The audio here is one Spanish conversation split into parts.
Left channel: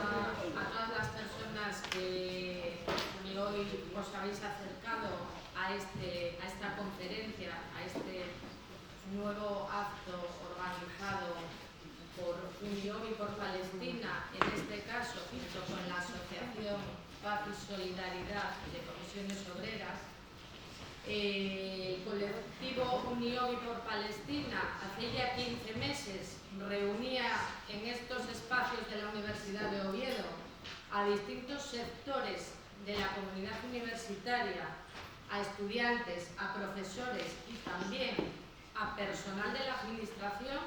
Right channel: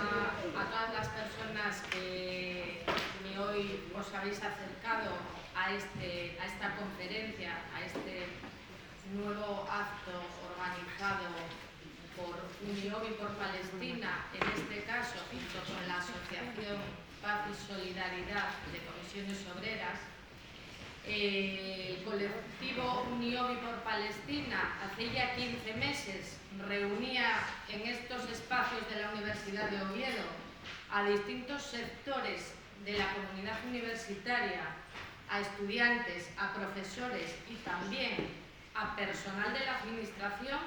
a todas las personas que hoy os habéis acercado a esta conferencia, a este nuevo acto organizado por Uniovi por Palestina, en este caso junto con la Asociación Paz y Solidaridad de Comisiones Obreras. El colectivo Uniovi por Palestina hace ya 15 meses reunía en estos espacios de la Universidad de Oviedo a distintos sectores de la comunidad universitaria, a estudiantes, a profesores y también a personal de la administración,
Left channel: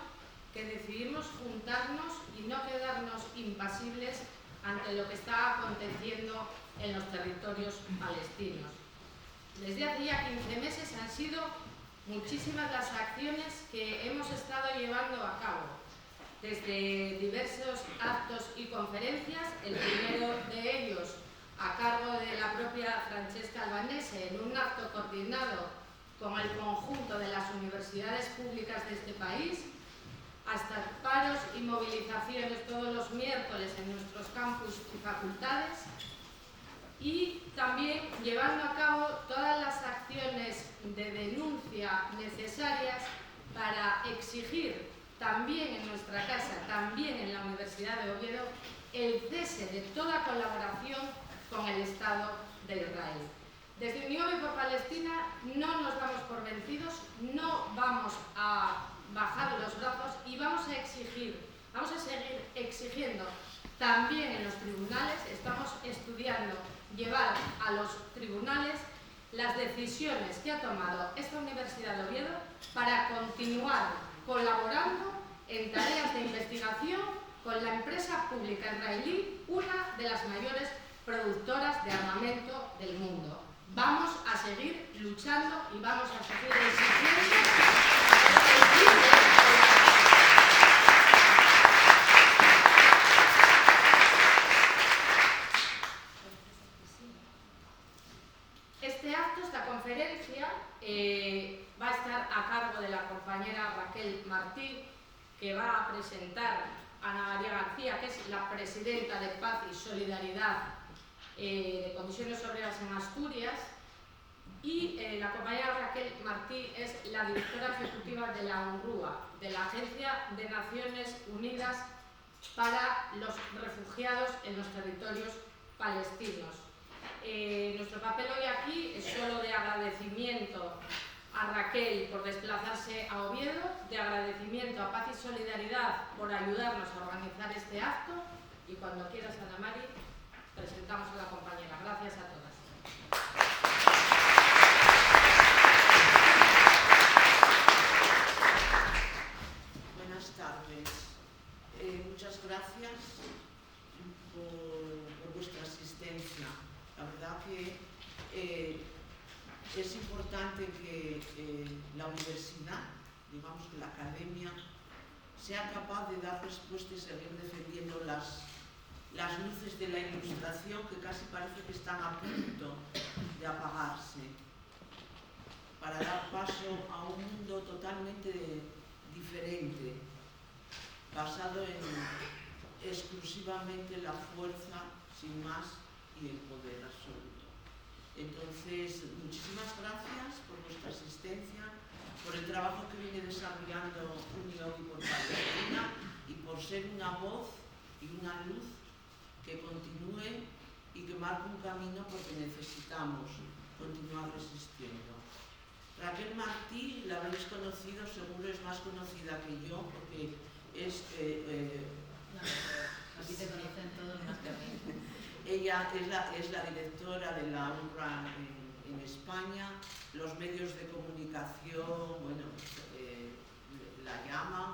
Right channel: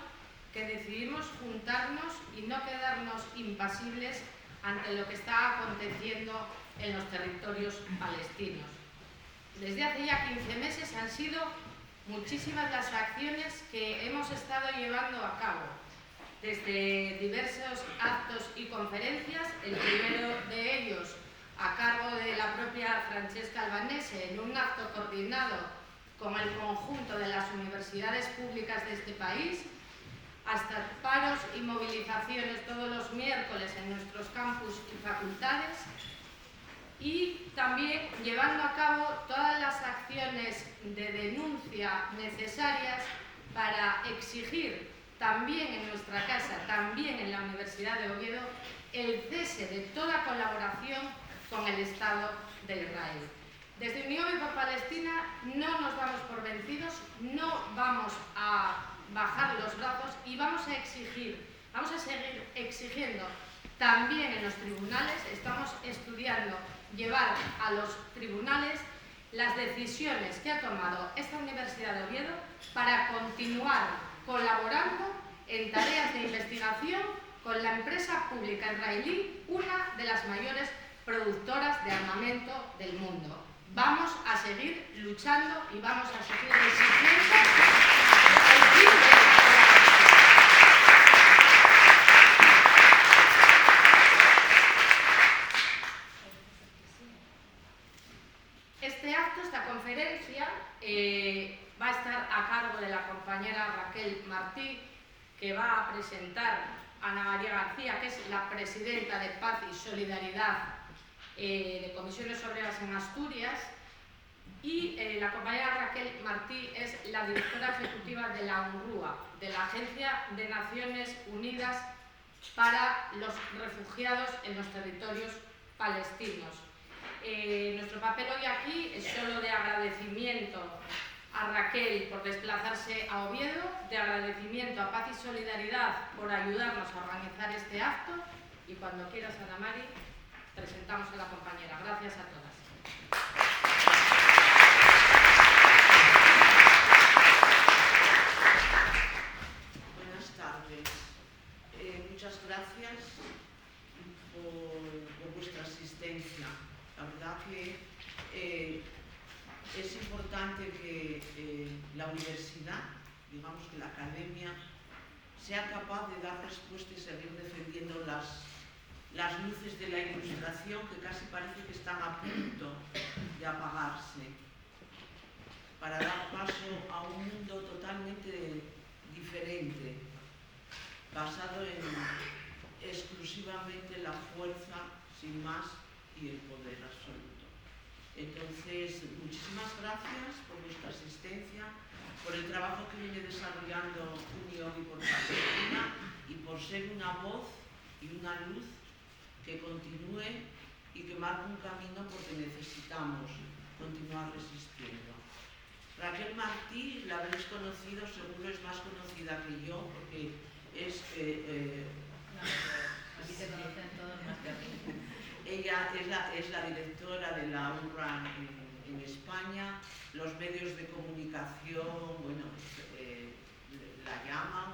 que decidimos juntarnos y no quedarnos impasibles ante lo que está aconteciendo en los territorios palestinos. Desde hace ya 15 meses han sido muchísimas las acciones que hemos estado llevando a cabo, desde diversos actos y conferencias, el primero de ellos a cargo de la propia Francesca Albanese, en un acto coordinado con el conjunto de las universidades públicas de este país, hasta paros y movilizaciones todos los miércoles en nuestros campus y facultades, y también llevando a cabo todas las acciones de denuncia necesarias para exigir también en nuestra casa, también en la Universidad de Oviedo, el cese de toda colaboración con el Estado de Israel. Desde Uniovi por Palestina no nos damos por vencidos, no vamos a bajar los brazos y vamos a seguir exigiendo también en los tribunales. Estamos estudiando llevar a los tribunales las decisiones que ha tomado esta Universidad de Oviedo para continuar colaborando en tareas de investigación con la empresa pública israelí, una de las mayores productoras de armamento del mundo. Vamos a seguir luchando y vamos a seguir exigiendo el fin de la Este acto, esta conferencia, va a estar a cargo de la compañera Raquel Martí, que va a presentar a Ana María García, que es la presidenta de Paz y Solidaridad de Comisiones Obreras en Asturias, y la compañera Raquel Martí es la directora ejecutiva de la UNRWA, de la Agencia de Naciones Unidas para los Refugiados en los Territorios Palestinos. Nuestro papel hoy aquí es solo de agradecimiento a Raquel por desplazarse a Oviedo, de agradecimiento a Paz y Solidaridad por ayudarnos a organizar este acto, y cuando quieras, Ana Mari, presentamos a la compañera. Gracias a todas. Buenas tardes. Muchas gracias por vuestra asistencia. La verdad que es importante que la universidad, digamos que la academia, sea capaz de dar respuesta y seguir defendiendo las luces de la ilustración, que casi parece que están a punto de apagarse, para dar paso a un mundo totalmente diferente, basado en exclusivamente la fuerza, sin más, y el poder absoluto. Entonces, muchísimas gracias por vuestra asistencia, por el trabajo que viene desarrollando Uniovi por Palestina y por ser una voz y una luz que continúe y que marque un camino, porque necesitamos continuar resistiendo. Raquel Martí, la habréis conocido, seguro es más conocida que yo, porque es... ella es la directora de la UNRWA en España. Los medios de comunicación, bueno, la llaman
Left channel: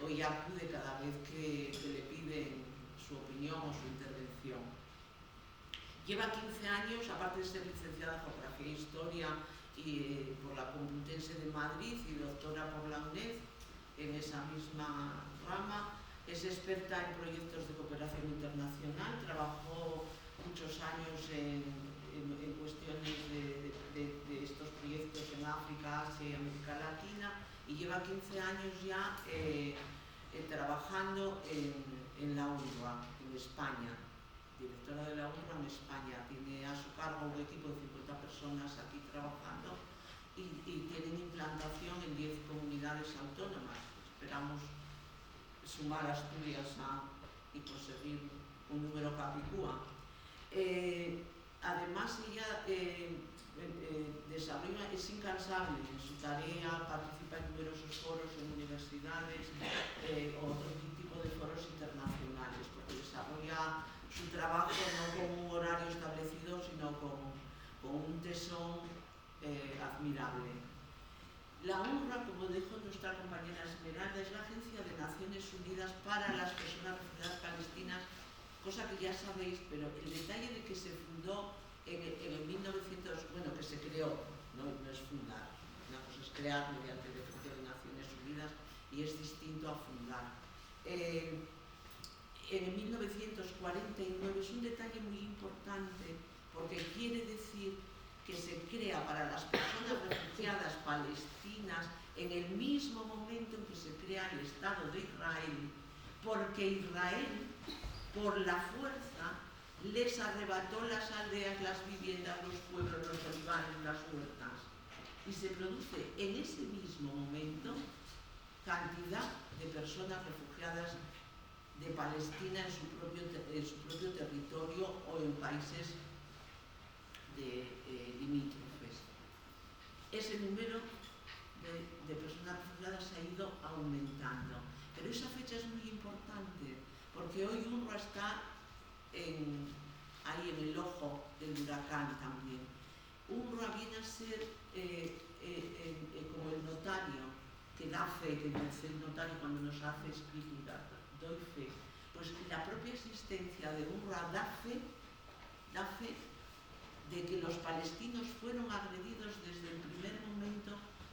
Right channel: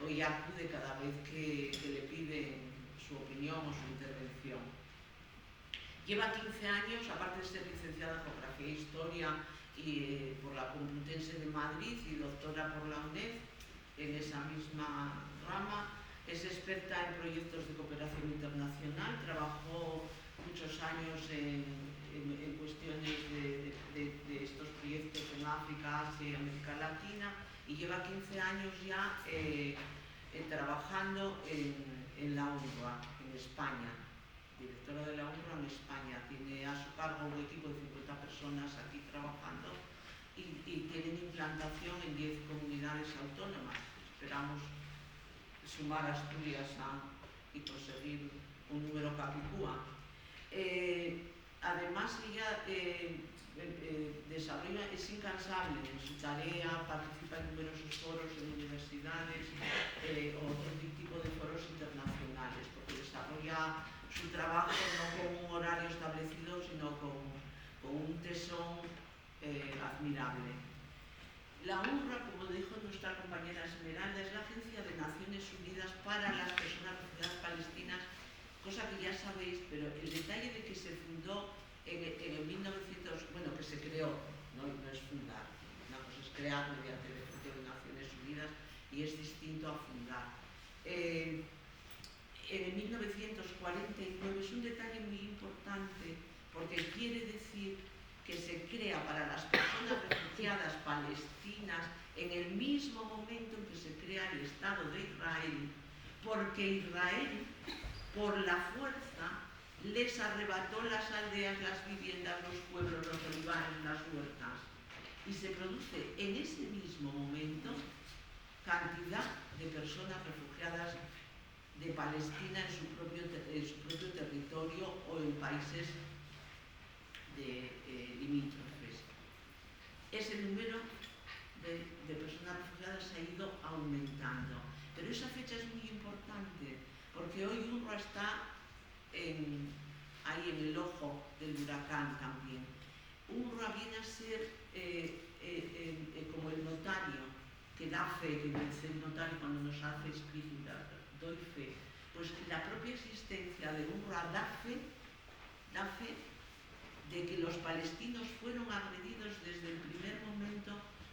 o ella acude cada vez que le piden su opinión o su intervención. Lleva 15 años, aparte de ser licenciada en Geografía e Historia por la Complutense de Madrid y doctora por la UNED en esa misma rama. Es experta en proyectos de cooperación internacional, trabajó muchos años en cuestiones de estos proyectos en África, Asia y América Latina, y lleva 15 años ya trabajando en la UNRWA, en en España, directora de la UNRWA en España, tiene a su cargo un equipo de 50 personas aquí trabajando y tienen implantación en 10 comunidades autónomas. Esperamos sumar Asturias y conseguir un número capicúa. Además, ella desarrolla, es incansable en su tarea, participa en numerosos foros en universidades o otro tipo de foros internacionales, porque desarrolla su trabajo no con un horario establecido, sino con un tesón admirable. La UNRWA, como dijo nuestra compañera Esmeralda, es la Agencia de Naciones Unidas para las Personas Refugiadas Palestinas, cosa que ya sabéis, pero el detalle de que se fundó en el 1900, bueno, que se creó, no es fundar, una cosa es crear mediante decreto de Naciones Unidas y es distinto a fundar. En el 1949 es un detalle muy importante porque quiere decir que se crea para las personas refugiadas palestinas en el mismo momento en que se crea el Estado de Israel, porque Israel, por la fuerza, les arrebató las aldeas, las viviendas, los pueblos, los olivares, las huertas. Y se produce en ese mismo momento cantidad de personas refugiadas de Palestina en su propio territorio o en países limítrofes. Ese número de personas refugiadas ha ido aumentando. Pero esa fecha es muy importante porque hoy UNRWA está ahí en el ojo del huracán también. UNRWA viene a ser como el notario que da fe, que dice el notario cuando nos hace escritura, doy fe. Pues la propia existencia de UNRWA da fe de que los palestinos fueron agredidos desde el primer momento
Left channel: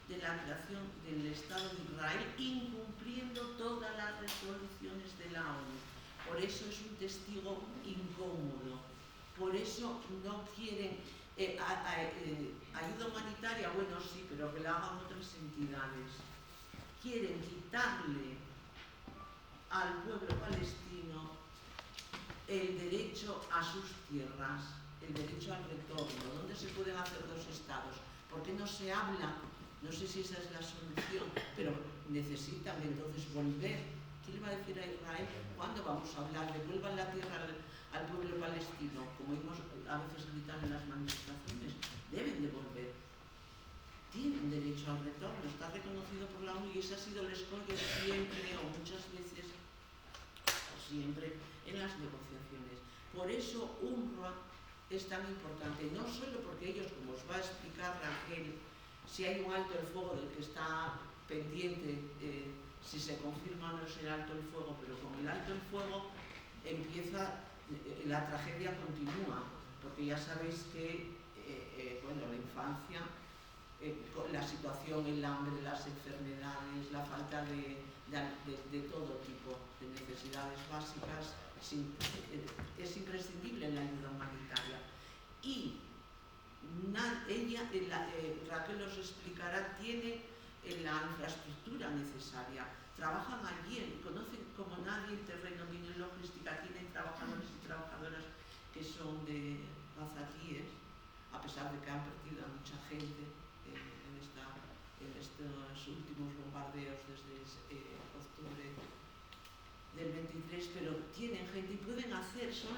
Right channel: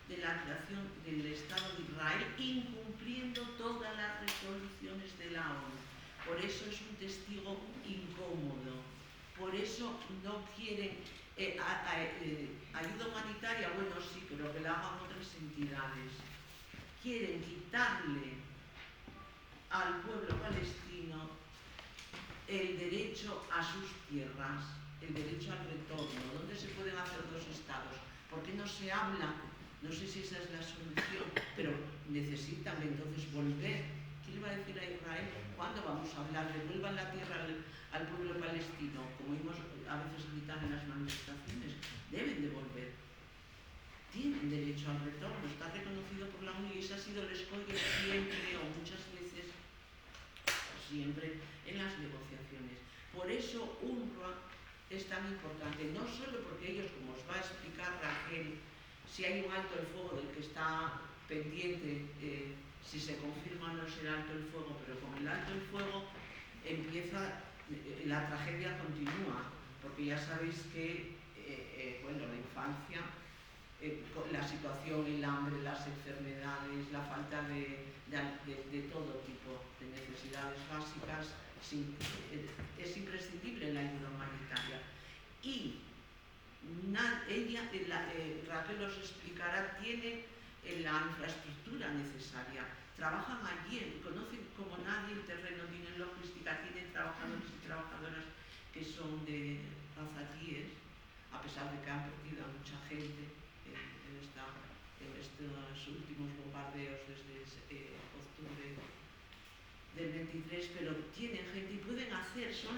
de la creación del Estado de Israel, incumpliendo todas las resoluciones de la ONU. Por eso es un testigo incómodo, por eso no quieren ayuda humanitaria, bueno sí, pero que la hagan otras entidades. Quieren quitarle al pueblo palestino el derecho a sus tierras, el derecho al retorno. ¿Dónde se pueden hacer dos estados? ¿Por qué no se habla? No sé si esa es la solución, pero necesitan entonces volver. ¿Qué le va a decir a Israel? ¿Cuándo vamos a hablar? Devuelvan la tierra al pueblo palestino, como oímos a veces gritar en las manifestaciones. Deben devolver. Tienen derecho al retorno, está reconocido por la ONU y ese ha sido el escollo siempre o muchas veces, siempre en las negociaciones. Por eso UNRWA es tan importante, no solo porque ellos, como os va a explicar Raquel, si hay un alto el fuego del que está pendiente, si se confirma o no es el alto el fuego, pero con el alto el fuego empieza, la tragedia continúa, porque ya sabéis que, bueno, la infancia, la situación, el hambre, las enfermedades, la falta de todo tipo de necesidades básicas, es imprescindible la ayuda humanitaria. Y Raquel os explicará, tiene la infraestructura necesaria, trabajan allí, conocen como nadie el terreno, tienen logística, tienen trabajadores y trabajadoras que son de azatíes, a pesar de que han perdido a mucha gente en estos últimos bombardeos desde octubre del 23, pero tienen gente y pueden hacer, son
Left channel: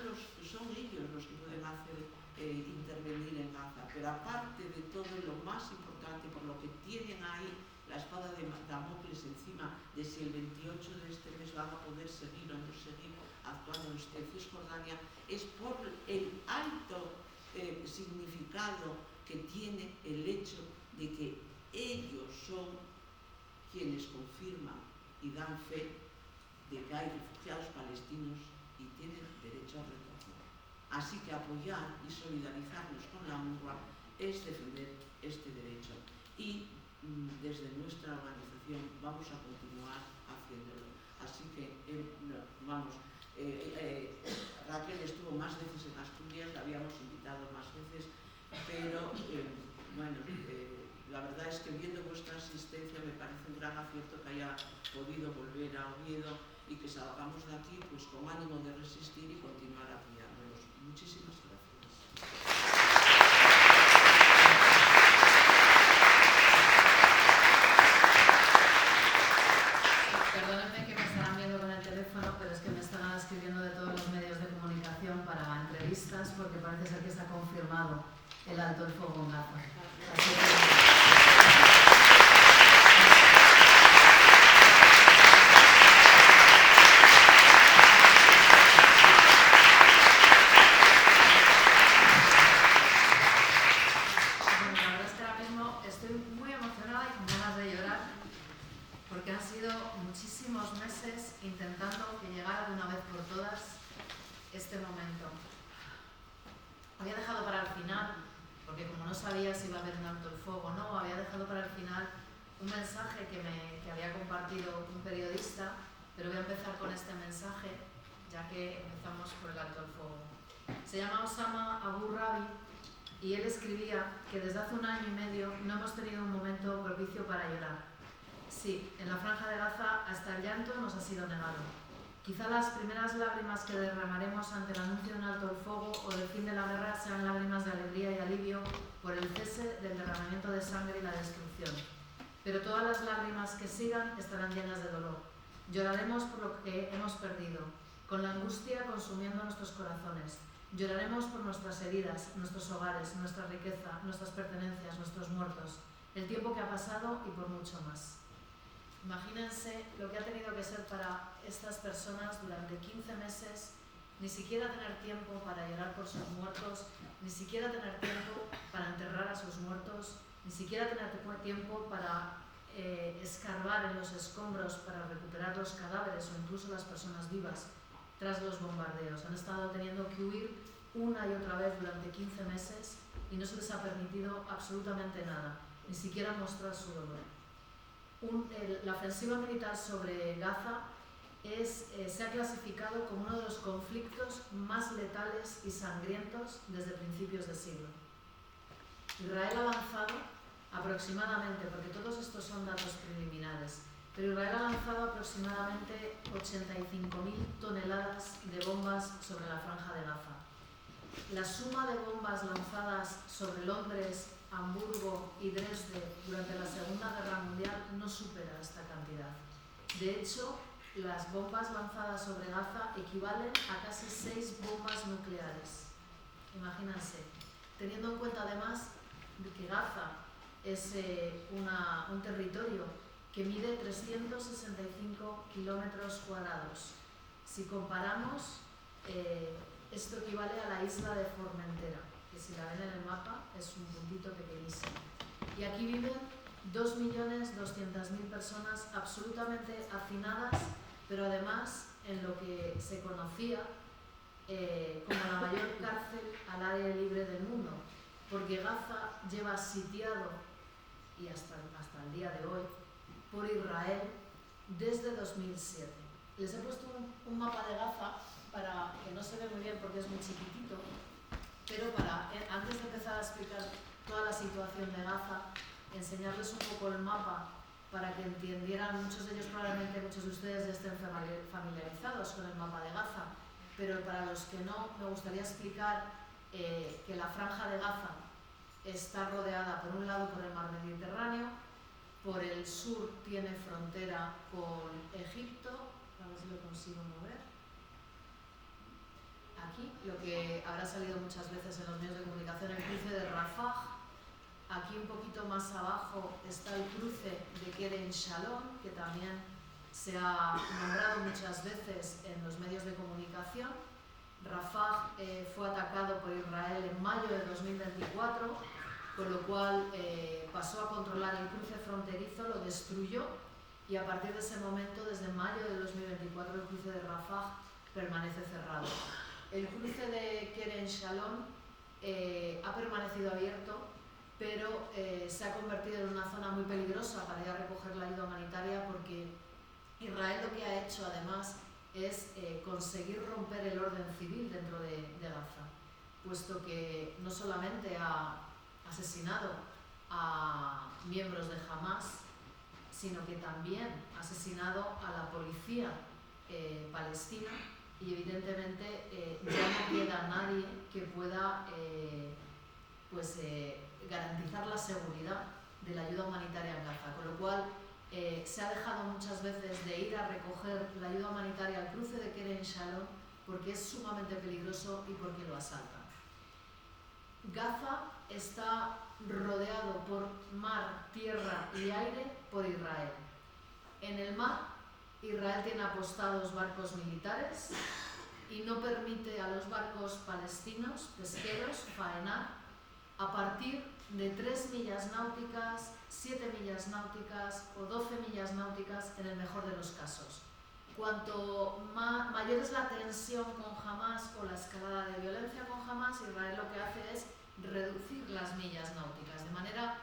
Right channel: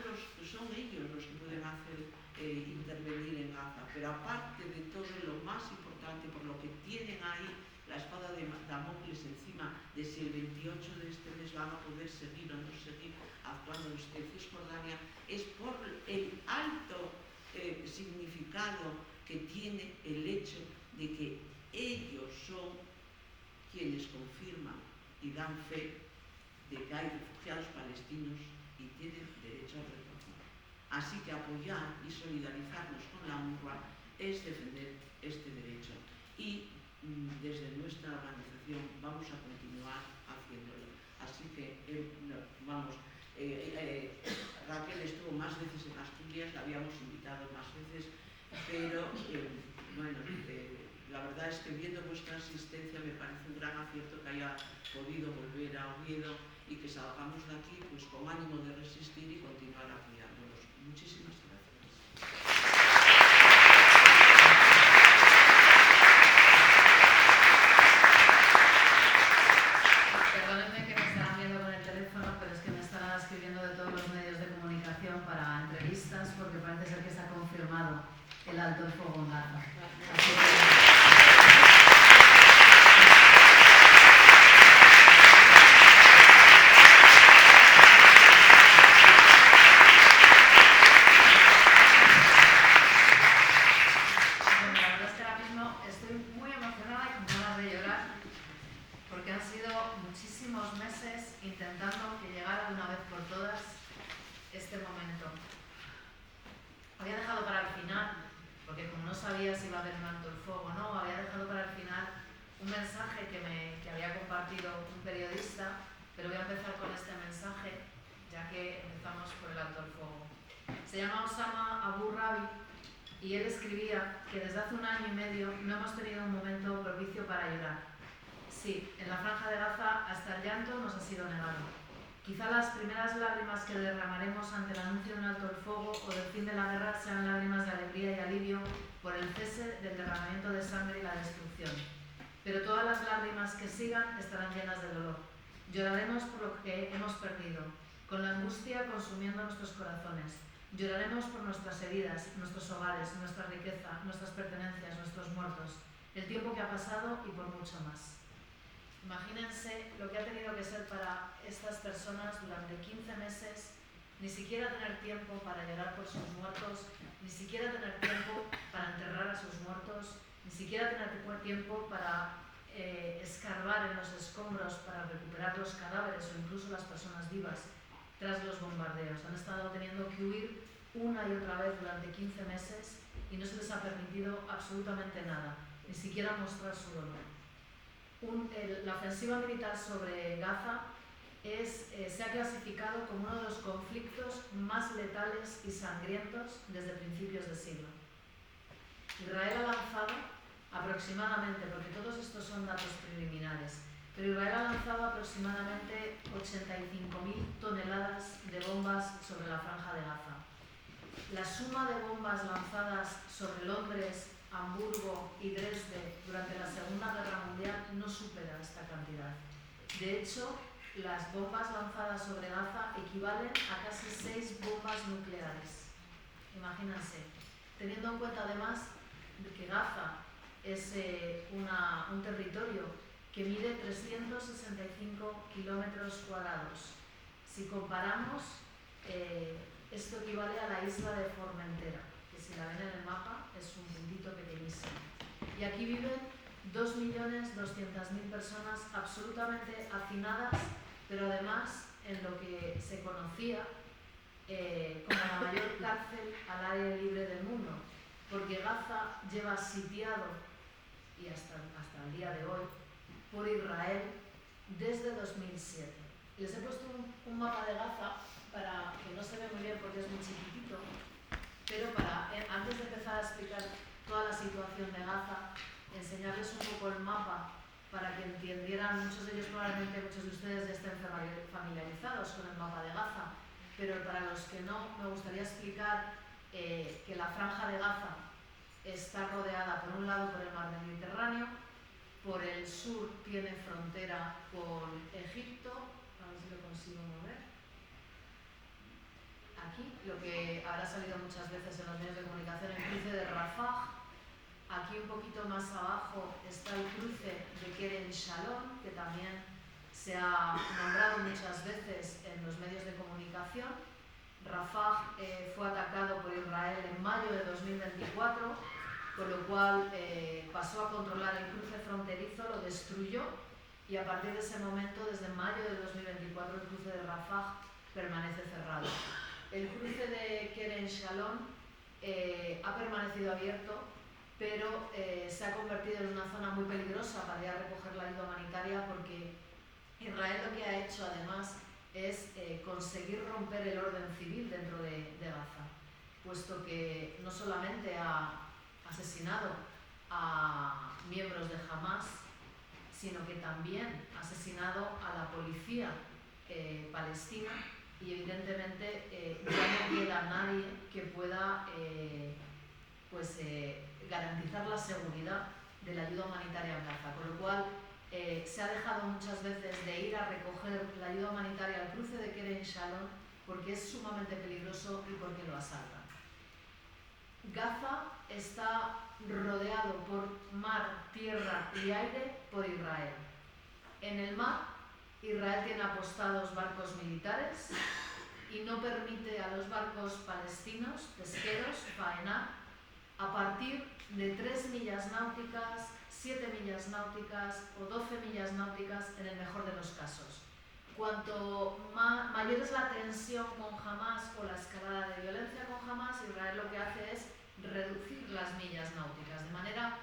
ellos los que pueden hacer intervenir en Gaza. Pero aparte de todo, lo más importante, por lo que tienen ahí la espada de Damocles encima de si el 28 de este mes van a poder seguir o no seguir actuando en Cisjordania, es por el alto significado que tiene el hecho de que ellos son quienes confirman y dan fe de que hay refugiados palestinos y tienen derecho al retorno. Así que apoyar y solidarizarnos con la UNRWA es defender este derecho. Y desde nuestra organización vamos a continuar haciéndolo. Así que, Raquel estuvo más veces en Asturias, la habíamos invitado más veces, pero la verdad es que viendo vuestra asistencia me parece un gran acierto que haya podido volver a Oviedo y que salgamos de aquí pues con ánimo de resistir y alto el fuego en Gaza. Intentando que llegara de una vez por todas este momento. Había dejado para el final, porque como no sabía si iba a haber un alto el fuego o no, había dejado para el final un mensaje que había compartido un periodista, pero voy a empezar con este mensaje, ya que empezamos por el alto el fuego. Se llama Osama Abu Rabi y él escribía que desde hace 1 año y medio no hemos tenido un momento propicio para llorar. Sí, en la Franja de Gaza hasta el llanto nos ha sido negado. Quizá las primeras lágrimas que derramaremos ante el anuncio de un alto el fuego o del fin de la guerra sean lágrimas de alegría y alivio por el cese del derramamiento de sangre y la destrucción. Pero todas las lágrimas que sigan estarán llenas de dolor. Lloraremos por lo que hemos perdido, con la angustia consumiendo nuestros corazones. Lloraremos por nuestras heridas, nuestros hogares, nuestra riqueza, nuestras pertenencias, nuestros muertos, el tiempo que ha pasado y por mucho más. Imagínense lo que ha tenido que ser para estas personas durante 15 meses, ni siquiera tener tiempo para llorar por sus muertos, ni siquiera tener tiempo para enterrar a sus muertos, ni siquiera tener tiempo para escarbar en los escombros para recuperar los cadáveres o incluso las personas vivas tras los bombardeos. Han estado teniendo que huir una y otra vez durante 15 meses y no se les ha permitido absolutamente nada, ni siquiera mostrar su dolor. La ofensiva militar sobre Gaza se ha clasificado como uno de los conflictos más letales y sangrientos desde principios de siglo. Israel ha lanzado aproximadamente, porque todos estos son datos preliminares, pero Israel ha lanzado aproximadamente 85.000 toneladas de bombas sobre la Franja de Gaza. La suma de bombas lanzadas sobre Londres, Hamburgo y Dresde durante la Segunda Guerra Mundial no supera esta cantidad. De hecho, las bombas lanzadas sobre Gaza equivalen a casi 6 bombas nucleares. Imagínense, teniendo en cuenta además de que Gaza es un territorio que mide 365 kilómetros cuadrados. Si comparamos, esto equivale a la isla de Formentera, que si la ven en el mapa es un puntito pequeñísimo. Y aquí viven 2.200.000 personas absolutamente hacinadas, pero además en lo que se conocía como la mayor cárcel al aire libre del mundo, porque Gaza lleva sitiado, y hasta el día de hoy, por Israel desde 2007. Les he puesto un mapa de Gaza para que no se ve muy bien porque es muy chiquitito, pero para, antes de empezar a explicar toda la situación de Gaza, enseñarles un poco el mapa para que entendieran, muchos de ellos probablemente, muchos de ustedes ya estén familiarizados con el mapa de Gaza, pero para los que no, me gustaría explicar que la Franja de Gaza está rodeada por un lado por el mar Mediterráneo, por el sur tiene frontera con Egipto, a ver si lo consigo mover. Aquí, lo que habrá salido muchas veces en los medios de comunicación, el cruce de Rafah. Aquí un poquito más abajo está el cruce de Kerem Shalom, que también se ha nombrado muchas veces en los medios de comunicación. Rafah fue atacado por Israel en mayo de 2024, con lo cual pasó a controlar el cruce fronterizo, lo destruyó y a partir de ese momento, desde mayo de 2024, el cruce de Rafah permanece cerrado. El cruce de Kerem Shalom ha permanecido abierto, pero se ha convertido en una zona muy peligrosa para ir a recoger la ayuda humanitaria, porque Israel lo que ha hecho además es conseguir romper el orden civil dentro de Gaza, puesto que no solamente ha asesinado a miembros de Hamas, sino que también ha asesinado a la policía palestina, y evidentemente ya no queda nadie que pueda garantizar la seguridad de la ayuda humanitaria en Gaza, con lo cual se ha dejado muchas veces de ir a recoger la ayuda humanitaria al cruce de Kerem Shalom porque es sumamente peligroso y porque lo asaltan. Gaza está rodeado por mar, tierra y aire por Israel. En el mar, Israel tiene apostados barcos militares y no permite a los barcos palestinos, pesqueros, faenar a partir de 3 millas náuticas, 7 millas náuticas o 12 millas náuticas en el mejor de los casos. Cuanto mayor es la tensión con Hamás o la escalada de violencia con Hamás, Israel lo que hace es reducir las millas náuticas, de manera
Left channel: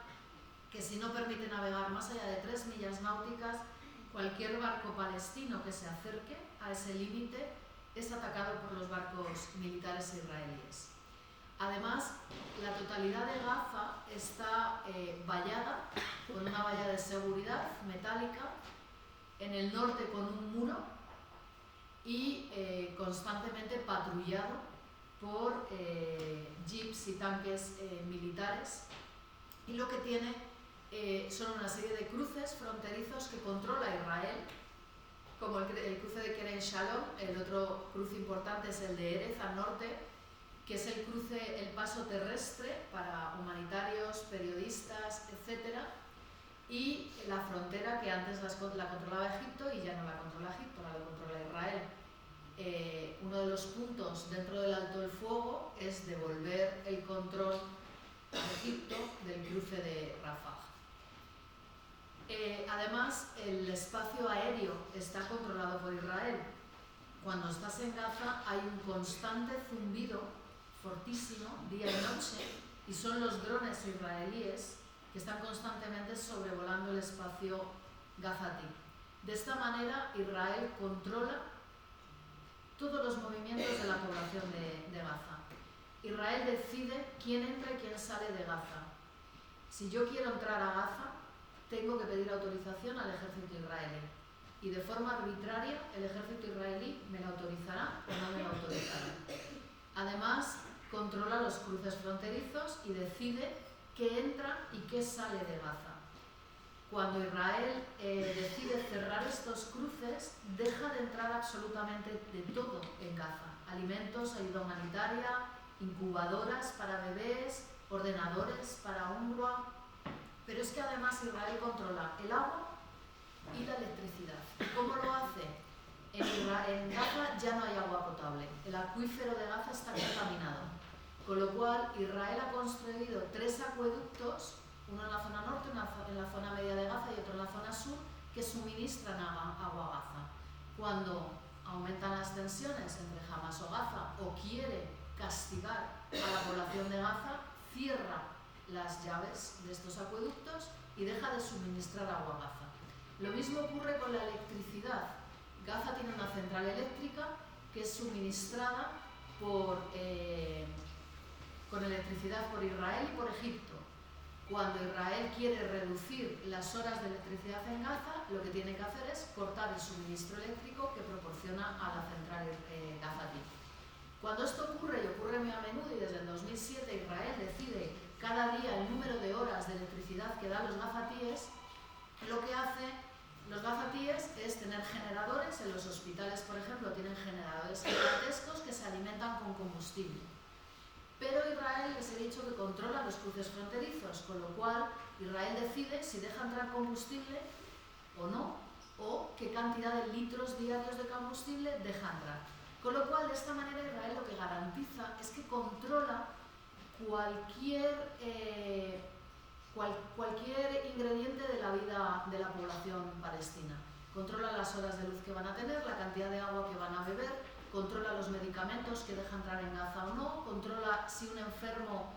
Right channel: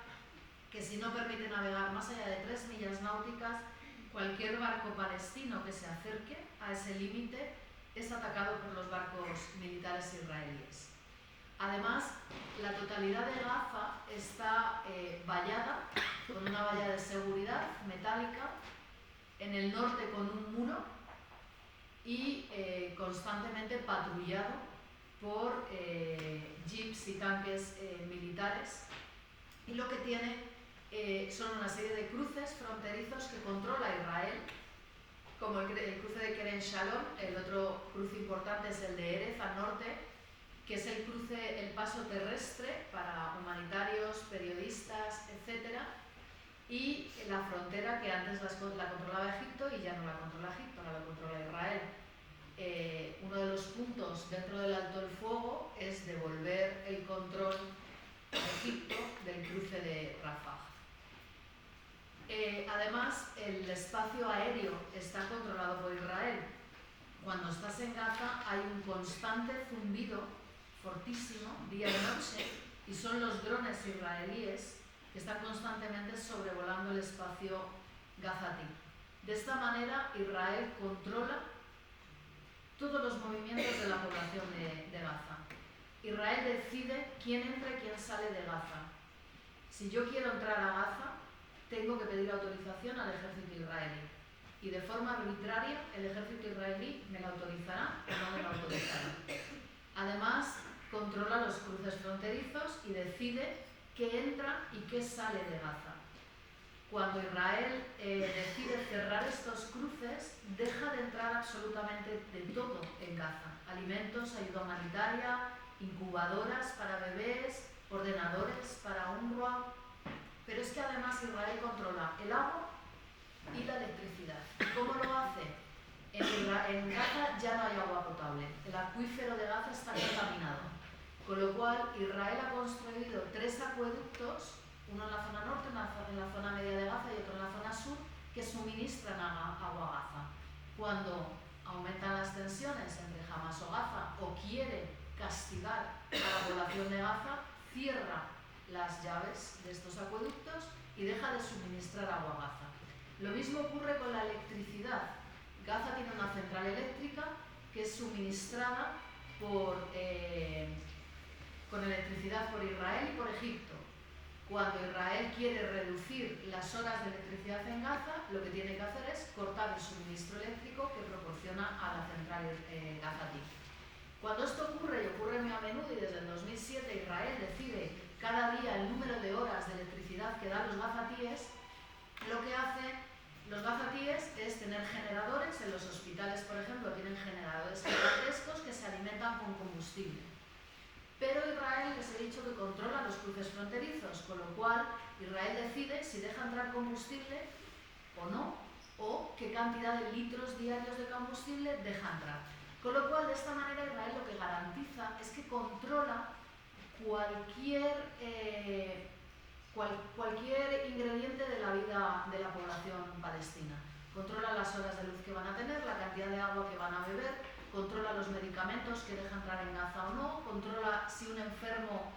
que si no permite navegar más allá de 3 millas náuticas, cualquier barco palestino que se acerque a ese límite es atacado por los barcos militares israelíes. Además, la totalidad de Gaza está vallada con una valla de seguridad metálica, en el norte con un muro y constantemente patrullado por jeeps y tanques militares, y lo que tiene son una serie de cruces fronterizos que controla Israel, como el cruce de Kerem Shalom. El otro cruce importante es el de Erez al norte, que es el paso terrestre para humanitarios, periodistas, etc. Y la frontera que antes la controlaba Egipto y ya no la controla Egipto, ahora la controla Israel. Uno de los puntos dentro del alto el fuego es devolver el control a Egipto del cruce de Rafah. Además, el espacio aéreo está controlado por Israel. Cuando estás en Gaza hay un constante zumbido fortísimo, día y noche, y son los drones israelíes que están constantemente sobrevolando el espacio gazatí. De esta manera, Israel controla todos los movimientos de la población de Gaza. Israel decide quién entra y quién sale de Gaza. Si yo quiero entrar a Gaza, tengo que pedir autorización al ejército israelí. Y de forma arbitraria, el ejército israelí me la autorizará o no me la autorizará. Además, controla los cruces fronterizos y decide qué entra y qué sale de Gaza. Cuando Israel decide cerrar estos cruces, deja de entrar absolutamente de todo en Gaza. Alimentos, ayuda humanitaria, incubadoras para bebés, ordenadores para UNRWA. Pero es que además Israel controla el agua y la electricidad. ¿Y cómo lo hace? En Gaza ya no hay agua potable. El acuífero de Gaza está contaminado. Con lo cual, Israel ha construido 3 acueductos, uno en la zona norte, en la zona media de Gaza y otro en la zona sur, que suministran agua a Gaza. Cuando aumentan las tensiones entre Hamás o Gaza, o quiere castigar a la población de Gaza, cierra las llaves de estos acueductos y deja de suministrar agua a Gaza. Lo mismo ocurre con la electricidad. Gaza tiene una central eléctrica que es suministrada con electricidad por Israel y por Egipto. Cuando Israel quiere reducir las horas de electricidad en Gaza, lo que tiene que hacer es cortar el suministro eléctrico que proporciona a la central gazatí. Cuando esto ocurre, y ocurre muy a menudo, y desde el 2007 Israel decide cada día el número de horas de electricidad que dan los gazatíes, lo que hace los gazatíes es tener generadores. En los hospitales, por ejemplo, tienen generadores gigantescos que se alimentan con combustible. Pero Israel, les he dicho que controla los cruces fronterizos, con lo cual Israel decide si deja entrar combustible o no, o qué cantidad de litros diarios de combustible deja entrar. Con lo cual, de esta manera, Israel lo que garantiza es que controla cualquier ingrediente de la vida de la población palestina. Controla las horas de luz que van a tener, la cantidad de agua que van a beber, controla los medicamentos que deja entrar en Gaza o no, controla si un enfermo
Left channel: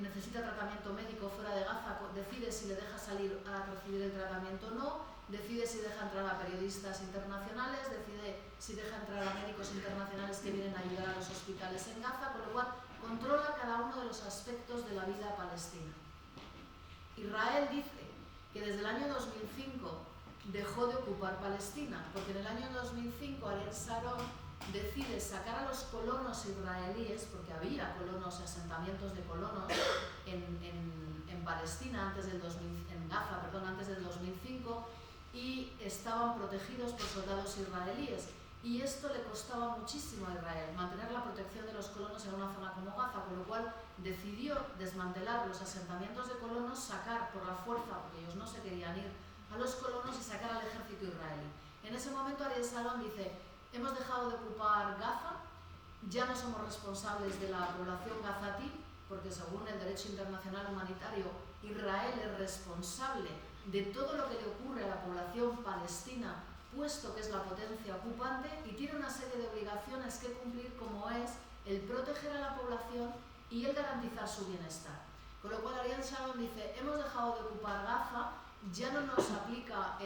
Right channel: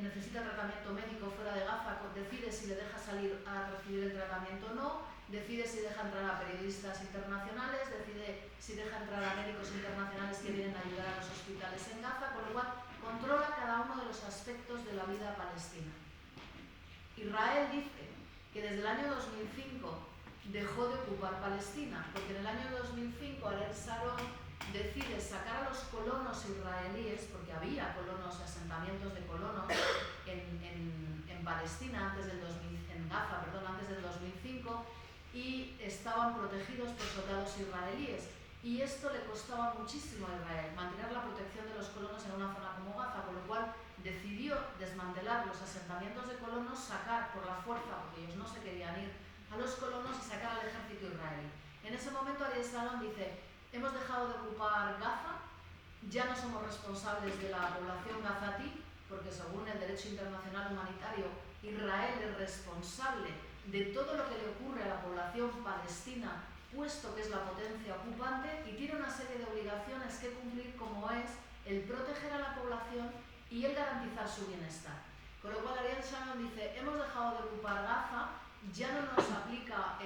necesita tratamiento médico fuera de Gaza, decide si le deja salir a recibir el tratamiento o no, decide si deja entrar a periodistas internacionales, decide si deja entrar a médicos internacionales que vienen a ayudar a los hospitales en Gaza, con lo cual controla cada uno de los aspectos de la vida palestina. Israel dice que desde el año 2005 dejó de ocupar Palestina, porque en el año 2005 Ariel Sharon decide sacar a los colonos israelíes, porque había colonos, asentamientos de colonos en Palestina en Gaza, antes del 2005, y estaban protegidos por soldados israelíes. y esto le costaba muchísimo a Israel, mantener la protección de los colonos en una zona como Gaza, con lo cual decidió desmantelar los asentamientos de colonos, sacar por la fuerza, porque ellos no se querían ir, a los colonos y sacar al ejército israelí. En ese momento Ariel Sharon dice: hemos dejado de ocupar Gaza, ya no somos responsables de la población gazatí, porque según el derecho internacional humanitario, Israel es responsable de todo lo que le ocurre a la población palestina, puesto que es la potencia ocupante, y tiene una serie de obligaciones que cumplir, como es el proteger a la población y el garantizar su bienestar. Con lo cual Ariel Sharon dice: hemos dejado de ocupar Gaza, ya no nos aplica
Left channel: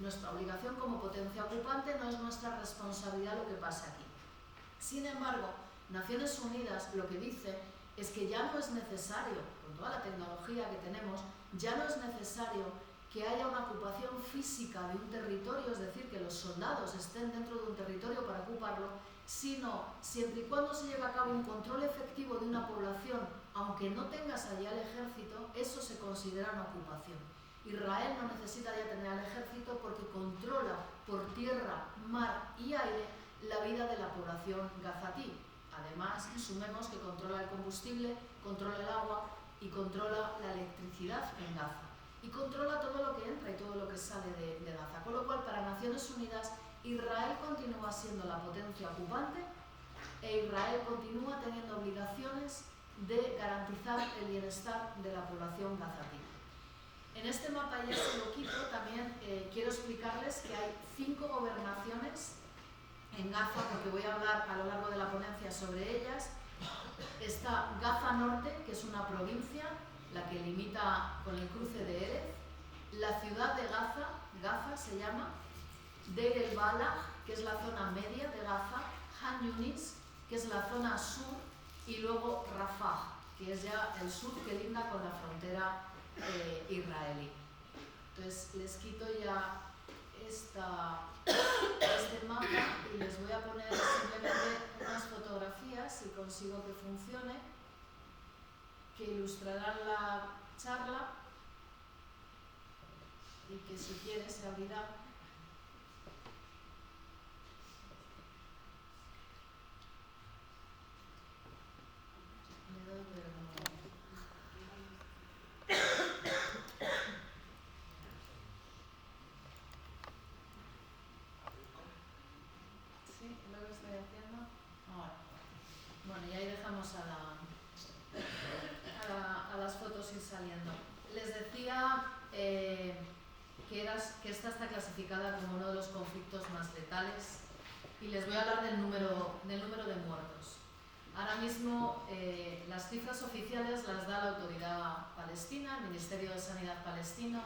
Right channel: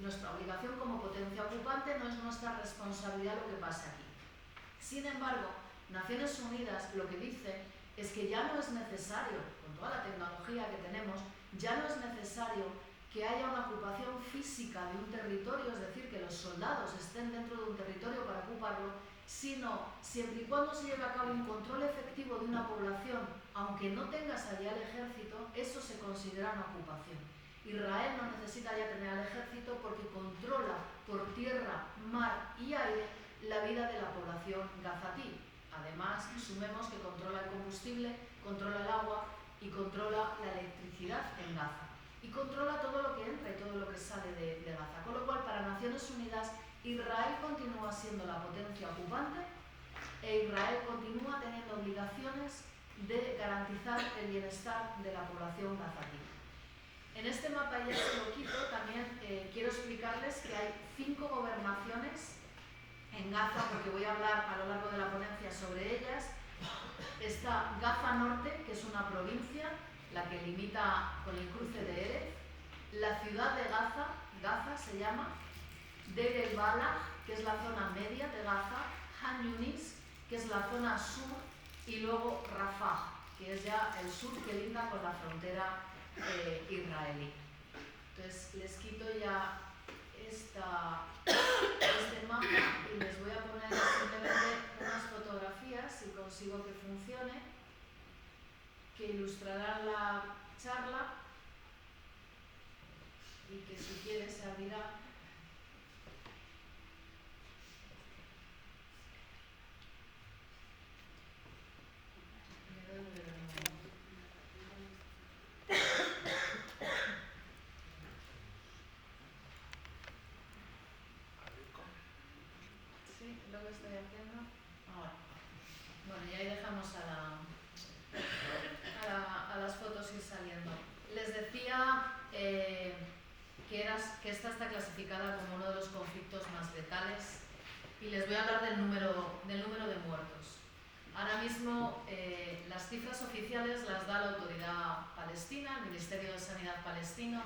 nuestra obligación como potencia ocupante, no es nuestra responsabilidad lo que pase aquí. Sin embargo, Naciones Unidas lo que dice es que ya no es necesario, con toda la tecnología que tenemos, ya no es necesario que haya una ocupación física de un territorio, es decir, que los soldados estén dentro de un territorio para ocuparlo, sino siempre y cuando se lleve a cabo un control efectivo de una población, aunque no tengas allá el ejército, eso se considera una ocupación. Israel no necesita ya tener al ejército porque controla por tierra, mar y aire la vida de la población gazatí. Además, sumemos que controla el combustible, controla el agua y controla la electricidad en Gaza. Y controla todo lo que entra y todo lo que sale de Gaza. Con lo cual, para Naciones Unidas, Israel continúa siendo la potencia ocupante e Israel continúa teniendo obligaciones de garantizar el bienestar de la población gazatí. En este mapa, ya se lo quito, también quiero explicarles que hay 5 gobernaciones en Gaza, porque voy a hablar a lo largo de la ponencia sobre ellas. Está Gaza Norte, que es una provincia, la que limita con el cruce de Erez, la ciudad de Gaza, Gaza se llama, Deir el-Balah, que es la zona media de Gaza, Han Yunis, que es la zona sur, y luego Rafah, que es ya el sur que linda con la frontera israelí. Entonces les quito ya este mapa y les voy a poner simplemente unas fotografías, si consigo que funcione, que ilustrarán la charla y que si quiere se abrirá. Me doy ¿Sí? ¿Lo que estoy haciendo? Ahora. Bueno, y ahí dejamos a las fotos ir saliendo. Les decía que esta está clasificada como uno de los conflictos más letales y les voy a hablar del número de muertos. Ahora mismo las cifras oficiales las da la autoridad palestina, el Ministerio de Sanidad palestino,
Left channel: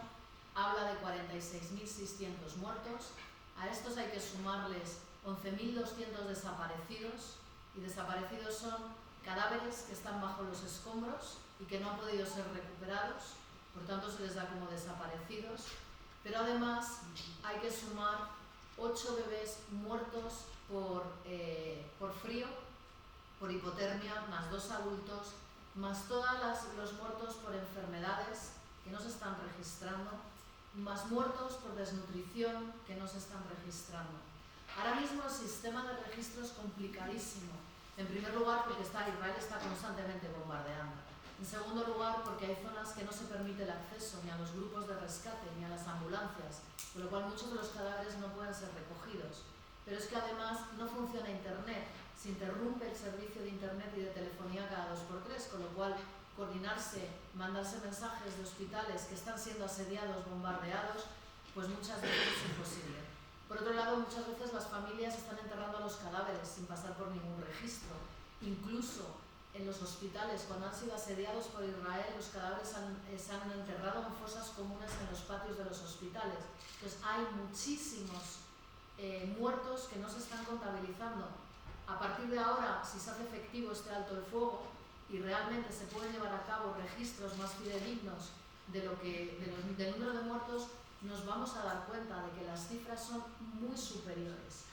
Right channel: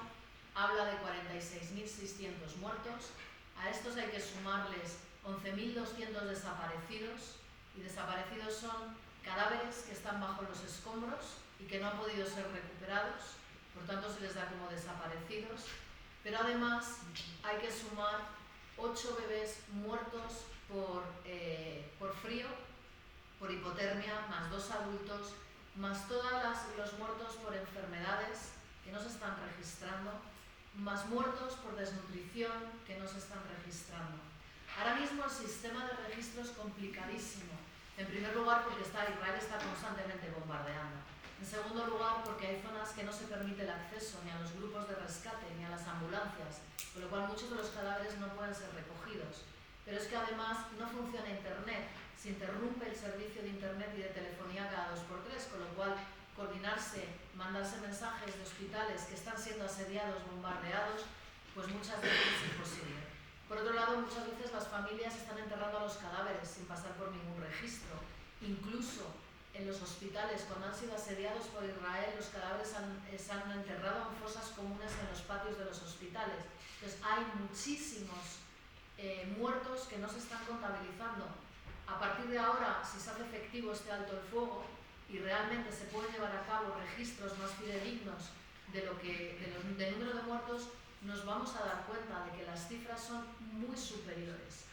habla de 46.600 muertos. A estos hay que sumarles 11.200 desaparecidos, y desaparecidos son cadáveres que están bajo los escombros y que no han podido ser recuperados, por tanto se les da como desaparecidos. Pero además hay que sumar 8 bebés muertos por frío, por hipotermia, más 2 adultos, más todos los muertos por enfermedades que no se están registrando, más muertos por desnutrición que no se están registrando. Ahora mismo el sistema de registro es complicadísimo. En primer lugar, porque Israel está constantemente bombardeando. En segundo lugar, porque hay zonas que no se permite el acceso ni a los grupos de rescate ni a las ambulancias, con lo cual muchos de los cadáveres no pueden ser recogidos. Pero es que además no funciona Internet, se interrumpe el servicio de Internet y de telefonía cada 2x3, con lo cual coordinarse, mandarse mensajes de hospitales que están siendo asediados, bombardeados, pues muchas veces es imposible. Por otro lado, muchas veces las familias están enterrando a los cadáveres sin pasar por ningún registro. Incluso en los hospitales, cuando han sido asediados por Israel, los cadáveres se han enterrado en fosas comunes en los patios de los hospitales. Entonces hay muchísimos muertos que no se están contabilizando. A partir de ahora, si se hace efectivo este alto el fuego y realmente se pueden llevar a cabo registros más fidedignos del número de muertos, nos vamos a dar cuenta de que las cifras son muy superiores.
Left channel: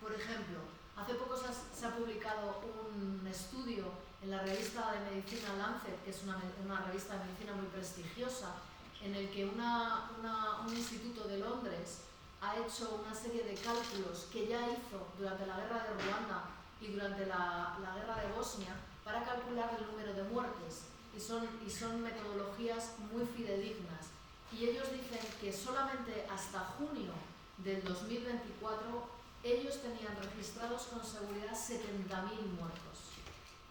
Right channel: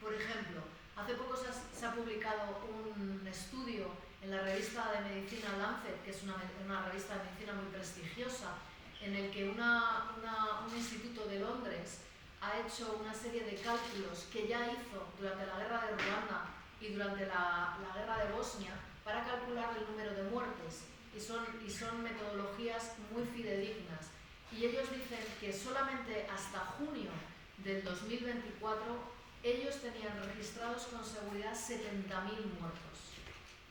Por ejemplo, hace poco se ha publicado un estudio en la revista de medicina Lancet, que es una revista de medicina muy prestigiosa, en el que un instituto de Londres ha hecho una serie de cálculos que ya hizo durante la guerra de Ruanda y durante la guerra de Bosnia para calcular el número de muertes y son metodologías muy fidedignas. Y ellos dicen que solamente hasta junio del 2024 ellos tenían registrados con seguridad 70.000 muertos.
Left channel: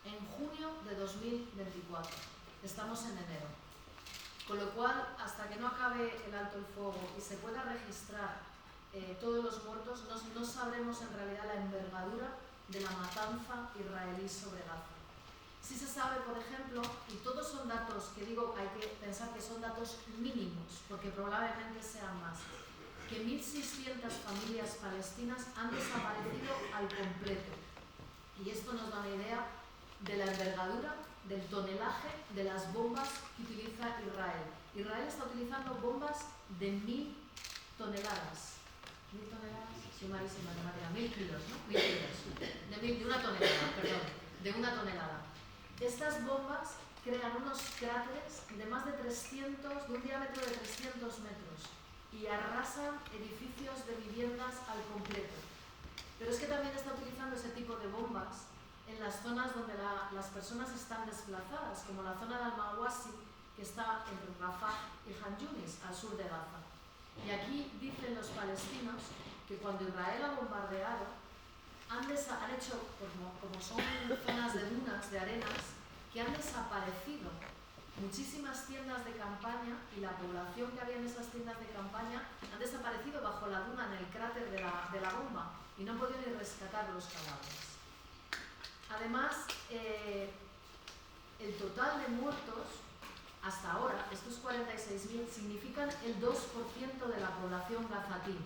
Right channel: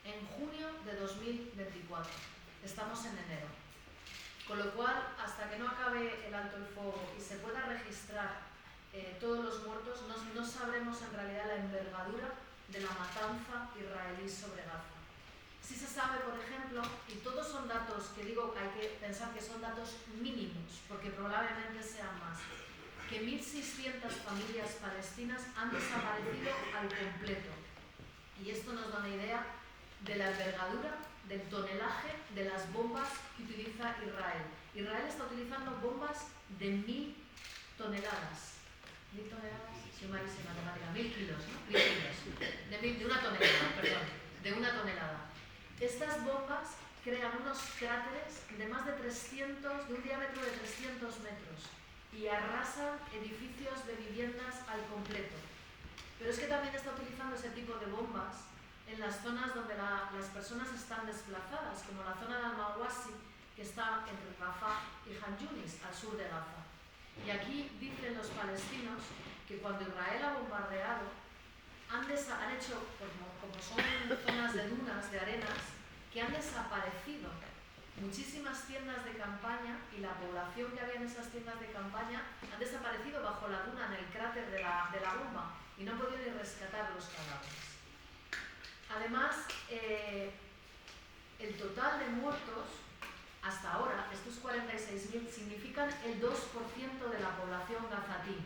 En junio de 2024. Estamos en enero. Con lo cual, hasta que no acabe el alto el fuego y se pueda registrar todos los muertos, no sabremos en realidad la envergadura de la matanza israelí sobre Gaza. Sí se sabe, por ejemplo, y todos son datos que digo, hay que pensar que son datos mínimos, porque probablemente sean más, que 1.600 familias palestinas han desaparecido al completo. Y esto nos da una idea de la envergadura, del tonelaje de las bombas que utiliza Israel. Israel está utilizando bombas de 1.000 toneladas. ¿1.000 toneladas? Soy malísima en matemática. 1.000 kilos, ¿no? 1.000 kilos. De una tonelada, perdón. De una tonelada. Estas bombas crean unos cráteres de más de 300, de un diámetro de 300 metros y arrasan edificios de viviendas al completo. Pero es que también está utilizando ese tipo de bombas en las zonas donde las personas están desplazadas, como la zona de Al-Mawasi, que está entre Rafah y Han Yunis, al sur de Gaza. Y aquí dicen los palestinos que cuando Israel ha bombardeado, han hecho, como son zonas de dunas, de arenas, que han desaparecido muchísimas tiendas de campaña y la población que había en esas tiendas de campaña han desaparecido bajo la duna en el cráter de la bomba y no han podido ni rescatar los cadáveres. Además, el total de muertos hasta ahora, estos 46.000, significan el 2% de la población gazatí.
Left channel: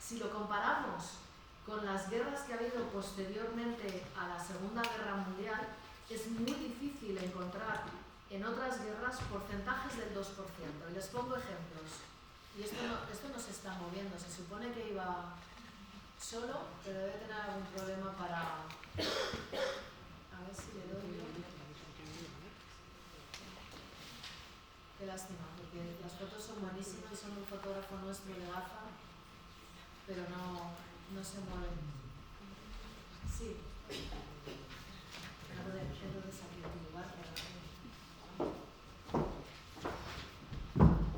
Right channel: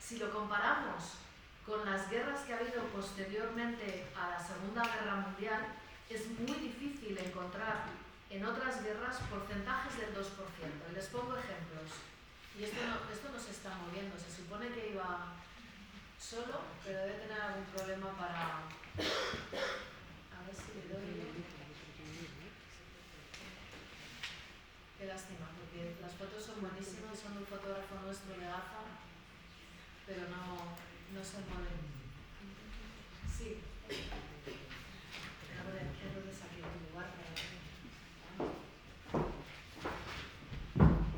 Si lo comparamos con las guerras que ha habido posteriormente a la Segunda Guerra Mundial, es muy difícil encontrar en otras guerras porcentajes del 2%. Y les pongo ejemplos. Y esto no se está moviendo. Se supone que iba solo, pero debe tener algún problema para... A ver si le doy... Qué lástima, porque las fotos son buenísimas, son un fotógrafo nuestro de Gaza, pero no se mueven. Sí. Entonces aquí en tu lugar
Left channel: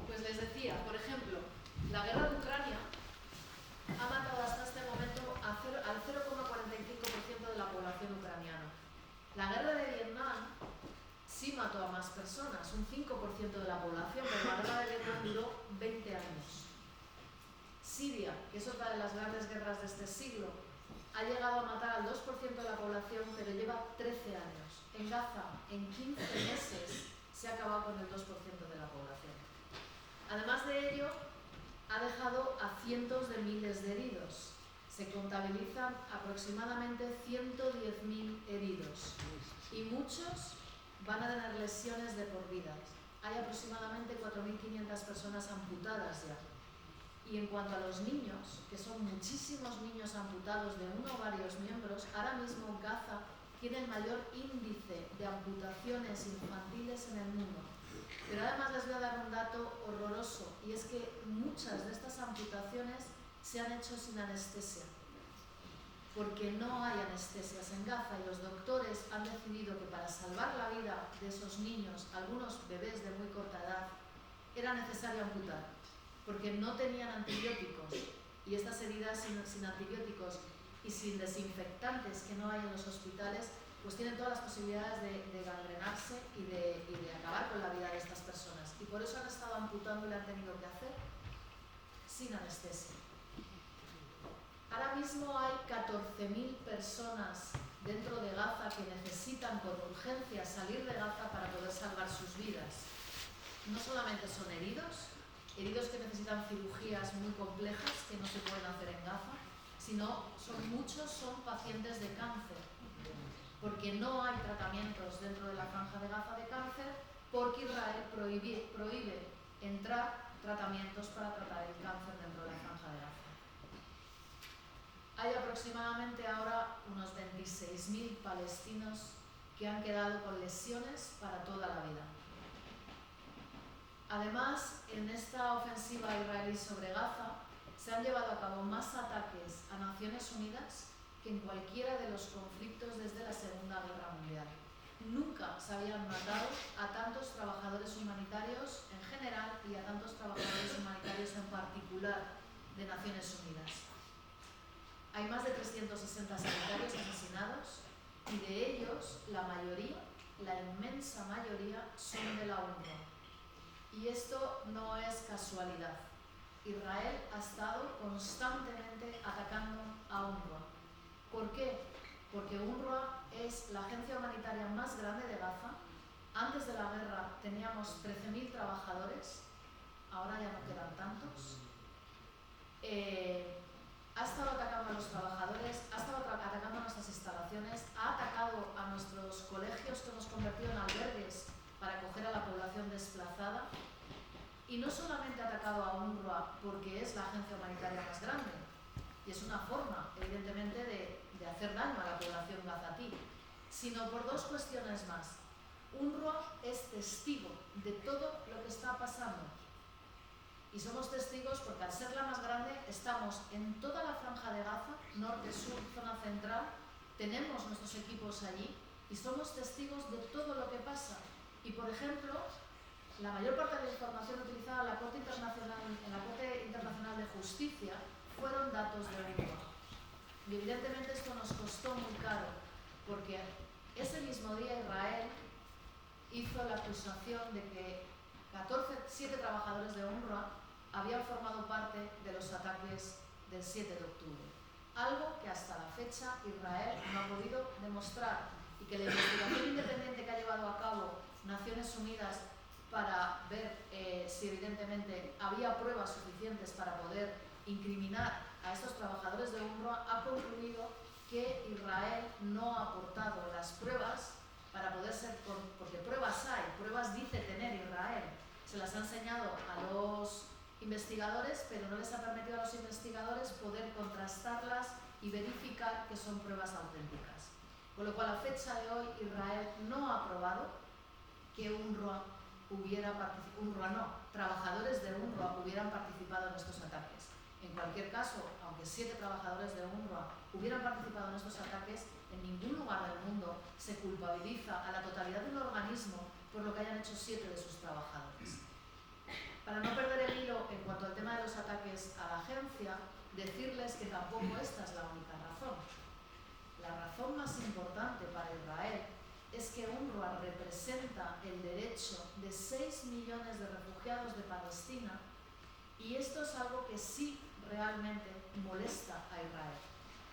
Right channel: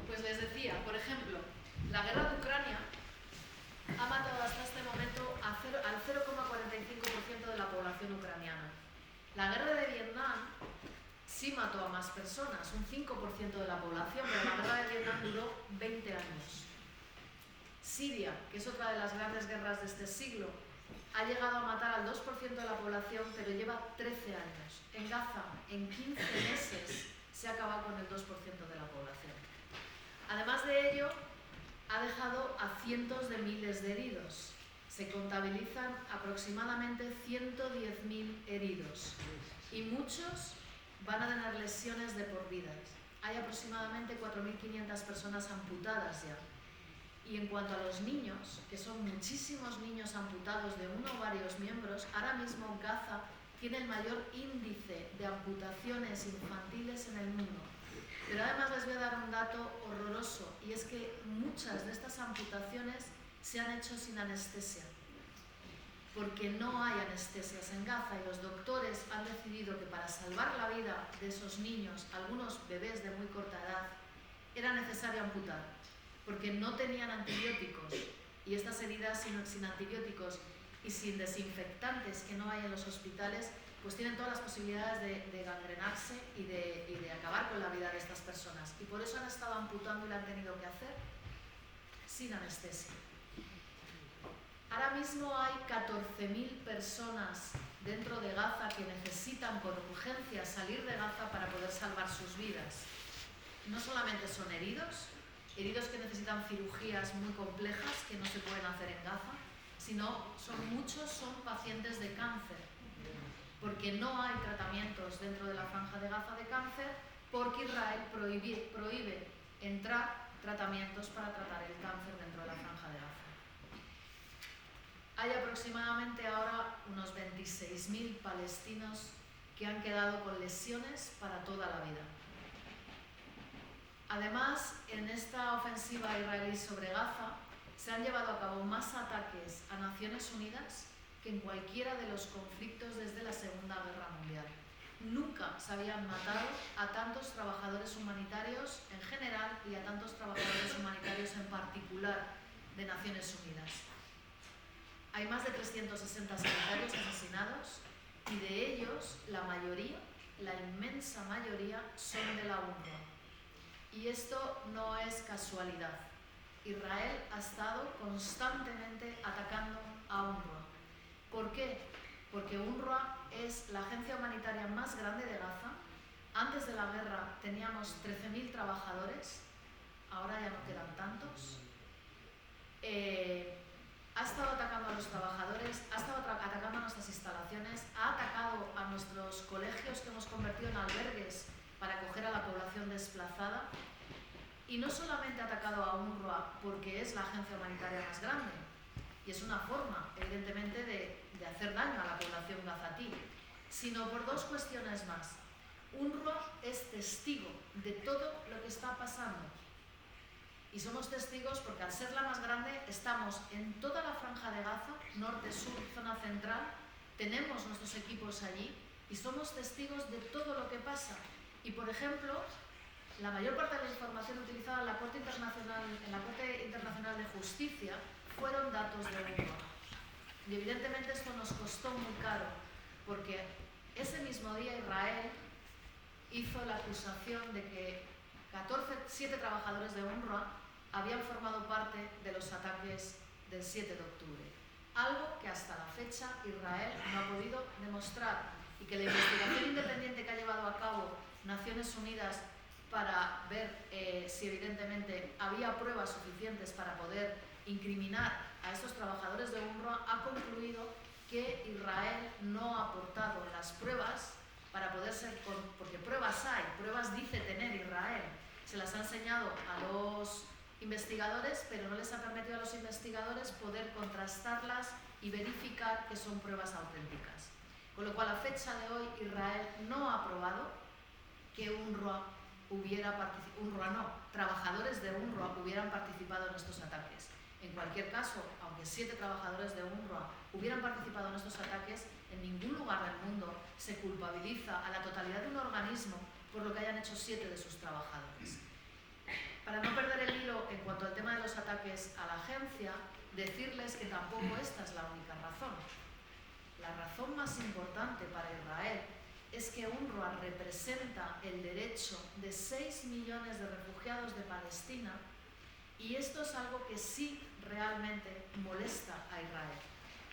Pues les decía, por ejemplo, la guerra de Ucrania ha matado hasta este momento al 0,45% de la población ucraniana. La guerra de Vietnam sí mató a más personas, un 5% de la población, pero la guerra de Vietnam duró 20 años. Siria, que es otra de las grandes guerras de este siglo, ha llegado a matar al 2% de la población, pero lleva 13 años. En Gaza, en 15 meses, se ha acabado con el 2% de la población. Además de ello, ha dejado a cientos de miles de heridos. Se contabilizan aproximadamente 110.000 heridos y muchos van a tener lesiones de por vida. Hay aproximadamente 4.500 personas amputadas ya. Y en cuanto a los niños, que son muchísimos niños amputados de uno o varios miembros, ahora mismo Gaza tiene el mayor índice de amputaciones infantiles en el mundo. Pero además les voy a dar un dato horroroso, y es que muchas de estas amputaciones se han hecho sin anestesia, porque no hay anestesias en Gaza y los doctores han decidido que para salvar la vida de esos niños, algunos bebés de muy corta edad, era necesario amputar, porque no tenían antibióticos, y estas heridas sin antibióticos y sin desinfectantes que no hay en los hospitales, pues tienen todas las posibilidades de gangrenarse y de acabar con la vida de estas personas. Y por eso han estado amputando y lo han tenido que hacer sin anestesia. Ahora mismo hay 14.000 personas dentro de Gaza que necesitan con urgencia salir de Gaza para poder salvar sus vidas. No solamente son heridos que necesitan cirugías muy complejas que no se pueden hacer en Gaza, sino muchos son pacientes de cáncer, porque no hay tratamientos dentro de la franja de Gaza de cáncer, porque Israel prohíbe entrar tratamientos para tratar el cáncer dentro de la franja de Gaza. Hay aproximadamente ahora unos 26.000 palestinos que han quedado con lesiones para toda la vida. Además, en esta ofensiva israelí sobre Gaza, se han llevado a cabo más ataques a Naciones Unidas que en cualquiera de los conflictos desde la Segunda Guerra Mundial. Nunca se habían matado a tantos trabajadores humanitarios en general y a tantos trabajadores humanitarios en particular de Naciones Unidas. Hay más de 360 sanitarios asesinados y de ellos la mayoría, la inmensa mayoría, son de la UNRWA. Y esto no es casualidad. Israel ha estado constantemente atacando a UNRWA. ¿Por qué? Porque UNRWA es la agencia humanitaria más grande de Gaza. Antes de la guerra teníamos 13.000 trabajadores, ahora ya no quedan tantos. Ha estado atacando a los trabajadores, ha estado atacando a nuestras instalaciones, ha atacado a nuestros colegios que hemos convertido en albergues para acoger a la población desplazada. Y no solamente ha atacado a UNRWA porque es la agencia humanitaria más grande, y es una forma, evidentemente, de hacer daño a la población gazatí, sino por dos cuestiones más. UNRWA es testigo de todo lo que está pasando. Y somos testigos porque al ser la más grande estamos en toda la franja de Gaza, norte, sur, zona central, tenemos nuestros equipos allí y somos testigos de todo lo que pasa. Y por ejemplo, la mayor parte de la información utilizada en la Corte Internacional de Justicia fueron datos de UNRWA. Y evidentemente esto nos costó muy caro, porque ese mismo día Israel hizo la acusación de que 7 trabajadores de UNRWA habían formado parte de los ataques del 7 de octubre. Algo que hasta la fecha Israel no ha podido demostrar y que la investigación independiente que ha llevado a cabo Naciones Unidas para ver si evidentemente había pruebas suficientes para poder incriminar a estos trabajadores de UNRWA ha concluido que Israel no ha aportado las pruebas para poder ser, porque pruebas hay, pruebas dice tener Israel, se las ha enseñado a los investigadores, pero no les ha permitido a los investigadores poder contrastarlas y verificar que son pruebas auténticas. Con lo cual, a fecha de hoy, Israel no ha probado que trabajadores de UNRWA hubieran participado en estos ataques. En cualquier caso, aunque 7 trabajadores de UNRWA hubieran participado en estos ataques, en ningún lugar del mundo se culpabiliza a la totalidad de un organismo por lo que hayan hecho 7 de sus trabajadores. Para no perder el hilo en cuanto al tema de los ataques a la agencia, decirles que tampoco esta es la única razón. La razón más importante para Israel es que UNRWA representa el derecho de 6 millones de refugiados de Palestina, y esto es algo que sí realmente molesta a Israel,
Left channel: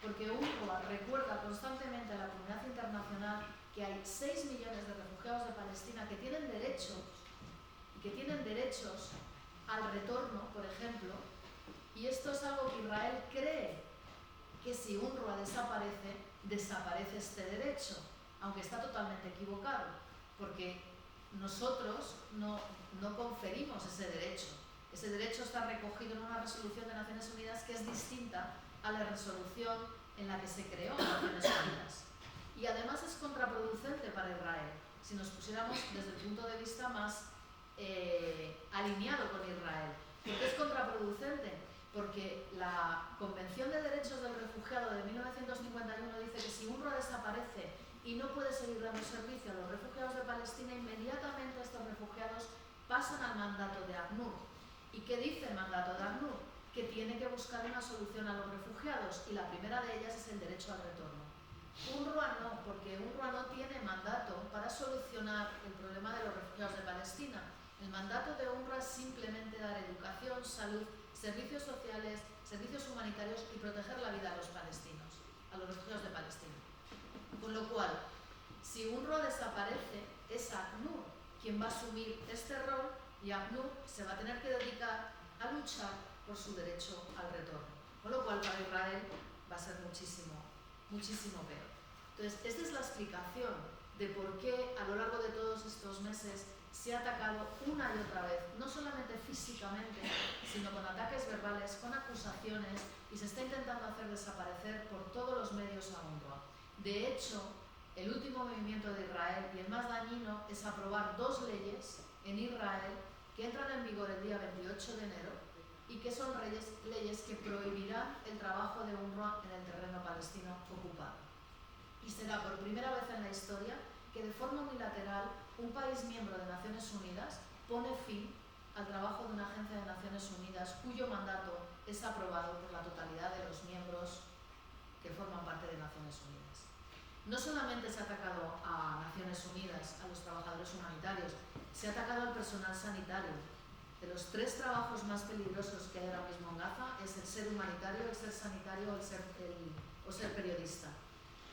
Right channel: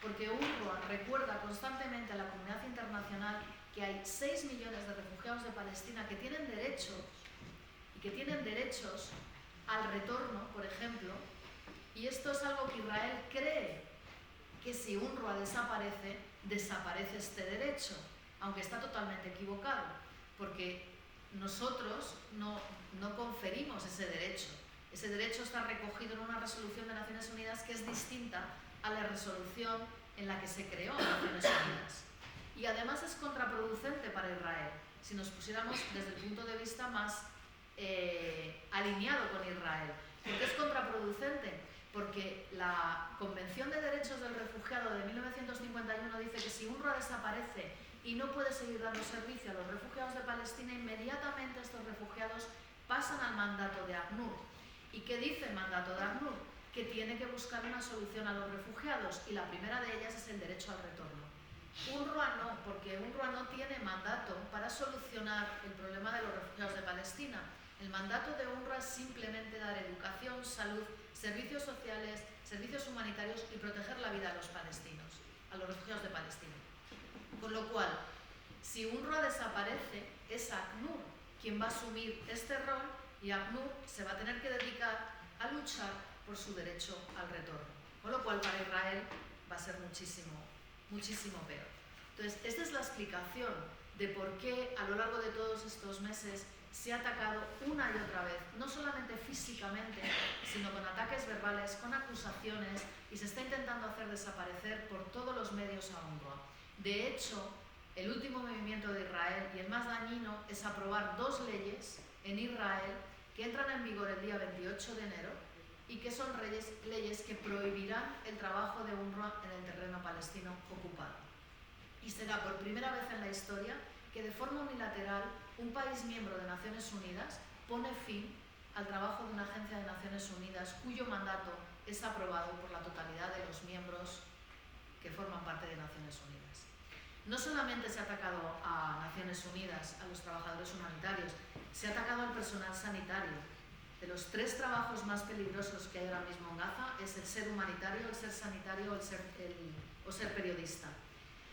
porque UNRWA recuerda constantemente a la comunidad internacional que hay 6 millones de refugiados de Palestina que tienen derechos y que tienen derechos al retorno, por ejemplo, y esto es algo que Israel cree que si UNRWA desaparece, desaparece este derecho, aunque está totalmente equivocado, porque nosotros no conferimos ese derecho. Ese derecho está recogido en una resolución de Naciones Unidas que es distinta a la resolución en la que se creó Naciones Unidas. Y además es contraproducente para Israel, si nos pusiéramos desde el punto de vista más alineado con Israel. ¿Por qué es contraproducente? Porque la Convención de Derechos del Refugiado de 1951 dice que si UNRWA desaparece y no puede seguir dando servicio a los refugiados de Palestina, inmediatamente estos refugiados pasan al mandato de ACNUR. ¿Y qué dice el mandato de ACNUR? Que tiene que buscar una solución a los refugiados, y la primera de ellas es el derecho al retorno. UNRWA no, porque UNRWA no tiene mandato para solucionar el problema de los refugiados de Palestina. El mandato de UNRWA es simplemente dar educación, salud, servicios sociales, servicios humanitarios y proteger la vida a los palestinos, a los refugiados de Palestina. Con lo cual, si UNRWA desaparece, es ACNUR quien va a asumir este rol, y ACNUR se va a tener que dedicar a luchar por su derecho al retorno. Con lo cual, para Israel va a ser muchísimo, muchísimo peor. Entonces, esta es la explicación de por qué a lo largo de todos estos meses se ha atacado una y otra vez, no solamente físicamente, sino con ataques verbales, con acusaciones, y se está intentando hacer desaparecer por todos los medios a UNRWA. De hecho, el último movimiento de Israel, y el más dañino, es aprobar 2 leyes en Israel que entran en vigor el día 28 de enero y que son leyes que prohibirán el trabajo de UNRWA en el terreno palestino ocupado. Y será por primera vez en la historia que de forma unilateral un país miembro de Naciones Unidas pone fin al trabajo de una agencia de Naciones Unidas cuyo mandato es aprobado por la totalidad de los miembros que forman parte de Naciones Unidas. No solamente se ha atacado a Naciones Unidas, a los trabajadores humanitarios, se ha atacado al personal sanitario. De los 3 trabajos más peligrosos que hay ahora mismo en Gaza es el ser humanitario, el ser sanitario o ser periodista.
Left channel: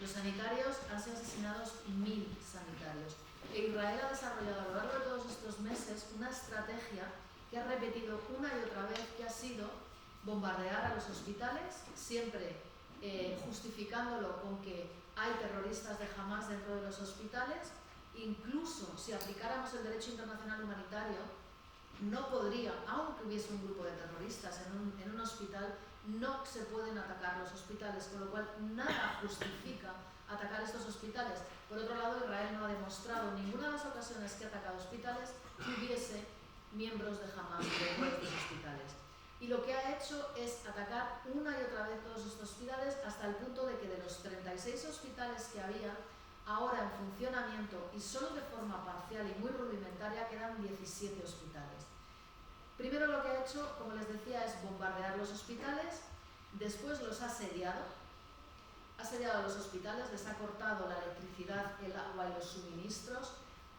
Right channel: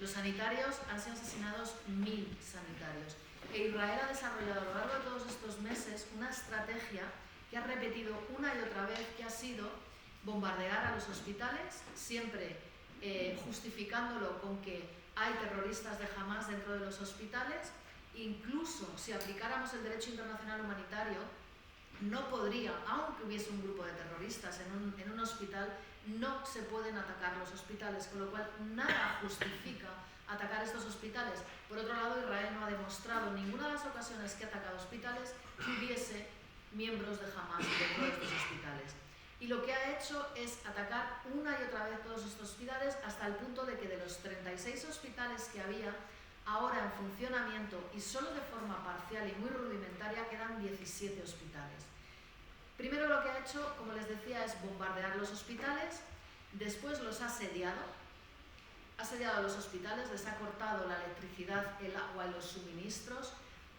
Los sanitarios han sido asesinados 1000 sanitarios. E Israel ha desarrollado a lo largo de todos estos meses una estrategia que ha repetido una y otra vez, que ha sido bombardear a los hospitales, siempre justificándolo con que hay terroristas de Hamás dentro de los hospitales. Incluso si aplicáramos el derecho internacional humanitario, no podría, aunque hubiese un grupo de terroristas en un hospital, no se pueden atacar los hospitales, con lo cual nada justifica atacar estos hospitales. Por otro lado, Israel no ha demostrado en ninguna de las ocasiones que ha atacado hospitales que hubiese miembros de Hamás dentro de estos hospitales. Y lo que ha hecho es atacar una y otra vez todos estos hospitales, hasta el punto de que de los 36 hospitales que había ahora en funcionamiento y solo de forma parcial y muy rudimentaria, quedan 17 hospitales. Primero lo que ha hecho, como les decía, es bombardear los hospitales, después los ha asediado los hospitales, les ha cortado la electricidad, el agua y los suministros,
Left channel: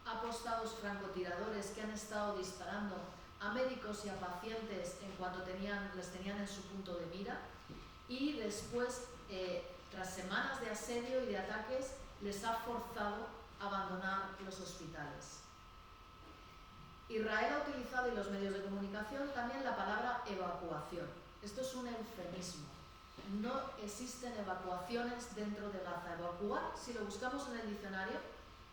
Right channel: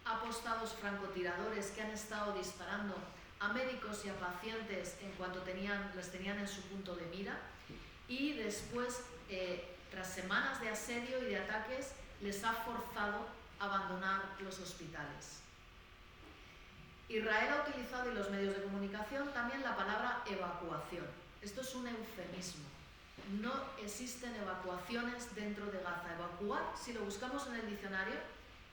ha postado francotiradores que han estado disparando a médicos y a pacientes en cuanto les tenían en su punto de mira, y después, tras semanas de asedio y de ataques, les ha forzado a abandonar los hospitales. Israel ha utilizado, y los medios de comunicación, también la palabra evacuación. Esto es un eufemismo. No existen evacuaciones dentro de Gaza. Evacuar, si lo buscamos en el diccionario,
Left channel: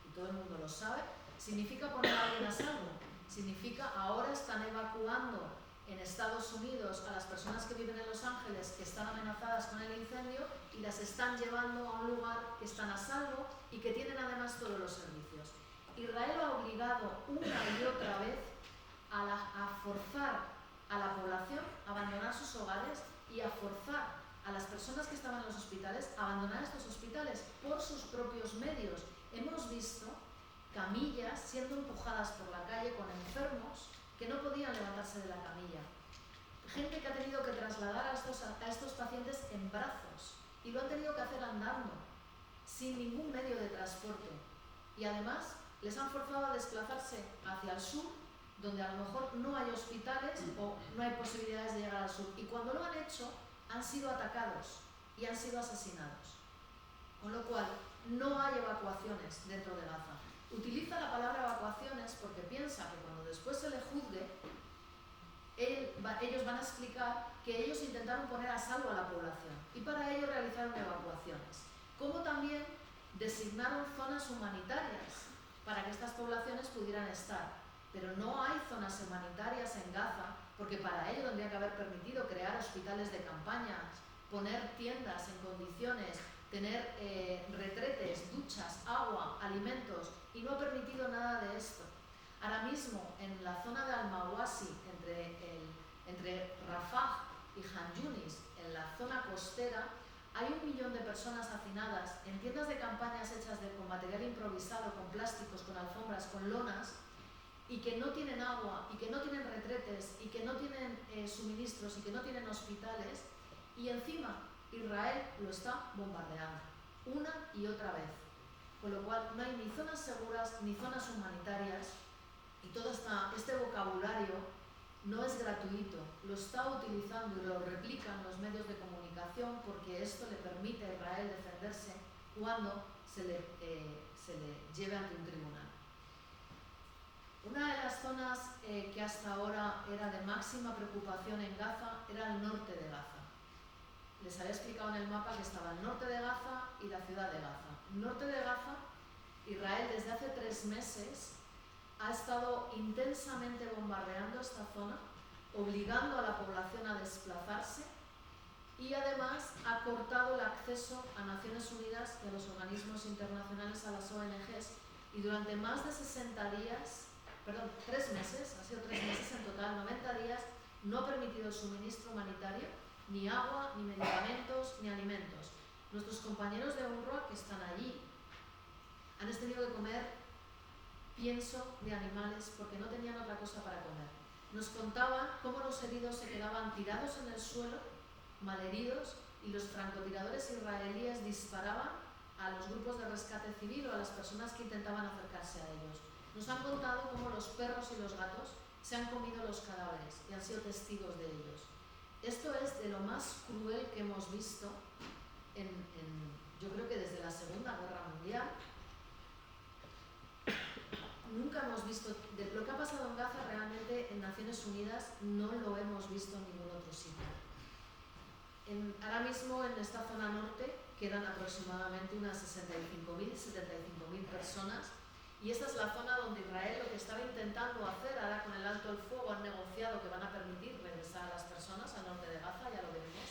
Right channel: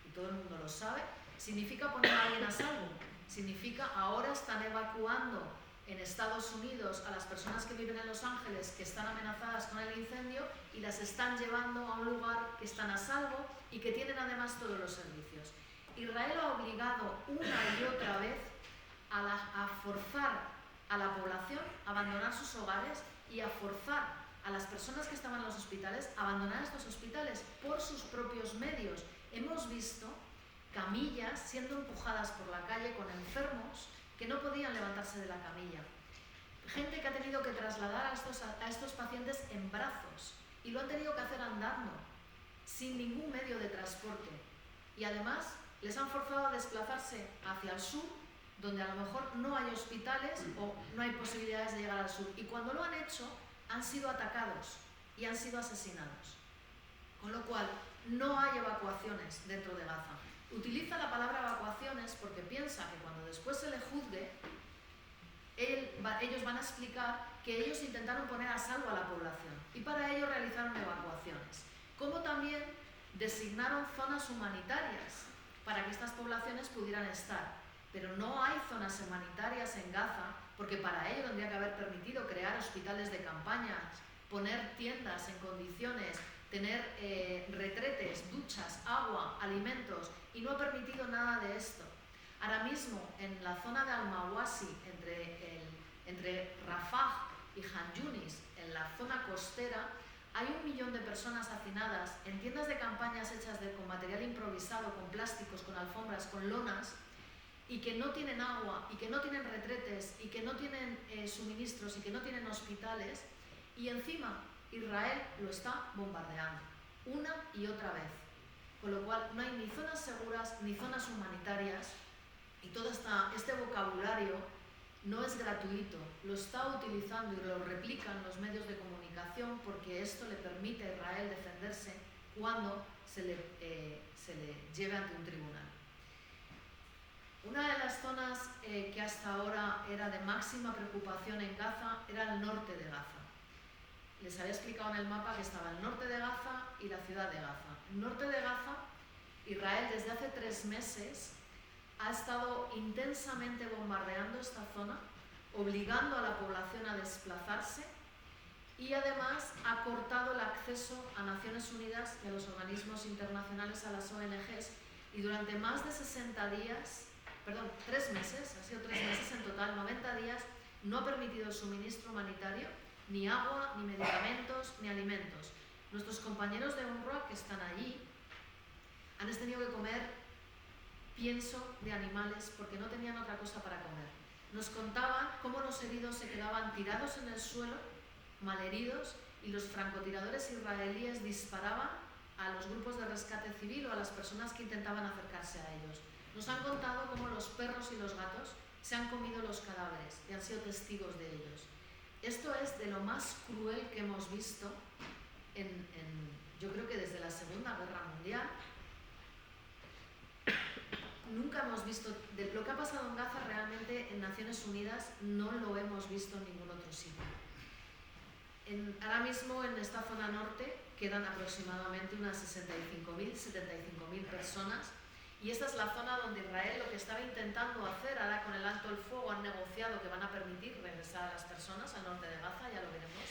y todo el mundo lo sabe, significa poner a alguien a salvo. Significa ahora están evacuando en Estados Unidos a las personas que viven en Los Ángeles, que están amenazadas con el incendio, y las están llevando a un lugar que están a salvo y que tienen además todos los servicios. Israel ha obligado una y otra vez a forzar a la población a abandonar sus hogares y a forzar a las personas que estaban en los hospitales a abandonar estos hospitales por sus propios medios. Hemos visto camillas siendo empujadas por la calle con enfermos que no podían levantarse de la camilla. Gente que ha tenido que trasladar a estos pacientes en brazos y lo han tenido que hacer andando, sin ningún medio de transporte. Y además les han forzado a desplazarse hacia el sur, donde a lo mejor no hay hospitales o no hay posibilidades de llegar al sur. Y cuando lo han hecho, han sido atacados y han sido asesinados. Con lo cual, no hay evacuaciones dentro de Gaza. Utiliza la palabra evacuaciones porque piensa que cuando después se le juzgue, ellos van a explicar que ellos intentaron poner a salvo a la población y para ello realizaron evacuaciones. Como también designaron zonas humanitarias para que estas poblaciones pudieran estar. Pero no hay zonas humanitarias en Gaza, porque para ello tendría que haber permitido crear hospitales de campaña, poner tiendas en condiciones, tener retretes, duchas, agua, alimentos, y no ha permitido nada de esto. Ahora mismo, en la zona de Al-Mawasi, entre Rafah y Han Yunis, en la zona costera, hay 1 millón de personas hacinadas en tiendas de campañas hechas con material improvisado, con plásticos, con alfombras, con lonas, y que no tienen agua, y que no tienen retretes, y que no tienen suministros, y que no tienen hospitales, y encima Israel lo está bombardeando una y otra vez. Con lo cual no hay ni zonas seguras ni zonas humanitarias, y todo este vocabulario no es gratuito, lo está utilizando y lo replican los medios de comunicación porque esto le permite a Israel defenderse cuando se le lleve ante un tribunal. Una de las zonas que hasta ahora era de máxima preocupación en Gaza era el norte de Gaza. Les había explicado en el mapa que estaba el norte de Gaza y la ciudad de Gaza. El norte de Gaza, Israel desde hace 3 meses ha estado intensamente bombardeando esta zona, obligando a la población a desplazarse, y además ha cortado el acceso a Naciones Unidas y a los organismos internacionales, a las ONGs, y durante más de 3 meses, ha sido 3 meses en total, 90 días, no ha permitido el suministro humanitario, ni agua, ni medicamentos, ni alimentos. Nuestros compañeros de UNRWA que están allí han tenido que comer pienso de animales porque no tenían otra cosa para comer. Nos contaban cómo los heridos se quedaban tirados en el suelo, malheridos, y los francotiradores israelíes disparaban a los grupos de rescate civil o a las personas que intentaban acercarse a ellos. Nos han contado cómo los perros y los gatos se han comido los cadáveres y han sido testigos de ellos. Esto es de lo más cruel que hemos visto yo creo que desde la Segunda Guerra Mundial. Nunca hemos visto, lo que ha pasado en Gaza realmente en Naciones Unidas no lo hemos visto en ningún otro sitio. Ahora mismo en esta zona norte quedan aproximadamente unas 65.000, 75.000 personas, y esta es la zona donde Israel lo que estaba intentando hacer ahora con el alto el fuego, han negociado que van a permitir regresar a las personas al norte de Gaza, ya lo veremos,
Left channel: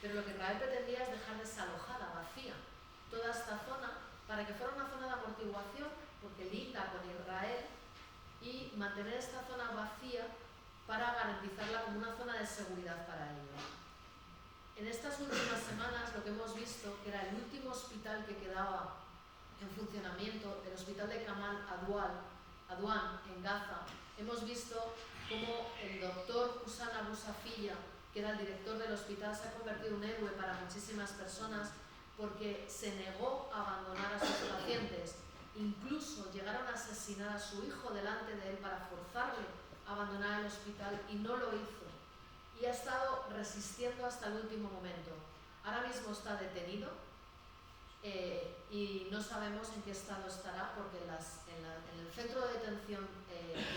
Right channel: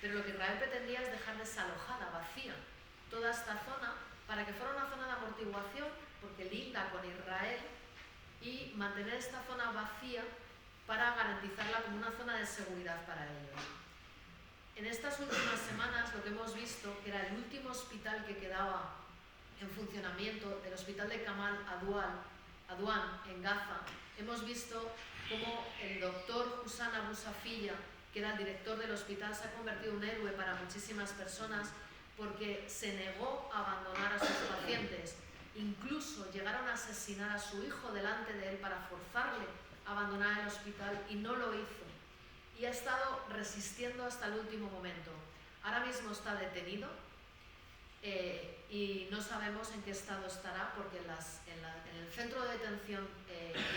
pero lo que Israel pretendía es dejar desalojada, vacía, toda esta zona para que fuera una zona de amortiguación, porque linda con Israel, y mantener esta zona vacía para garantizarla como una zona de seguridad para ellos. En estas últimas semanas lo que hemos visto, que era el último hospital que quedaba en funcionamiento, el hospital de Kamal Adwan en Gaza, hemos visto cómo el doctor Hussan Abu Safiya, que era el director del hospital, se ha convertido en un héroe para muchísimas personas porque se negó a abandonar a sus pacientes. Incluso llegaron a asesinar a su hijo delante de él para forzarle a abandonar el hospital y no lo hizo. Y ha estado resistiendo hasta el último momento. Ahora mismo está detenido y no sabemos en qué estado estará porque en el centro de detención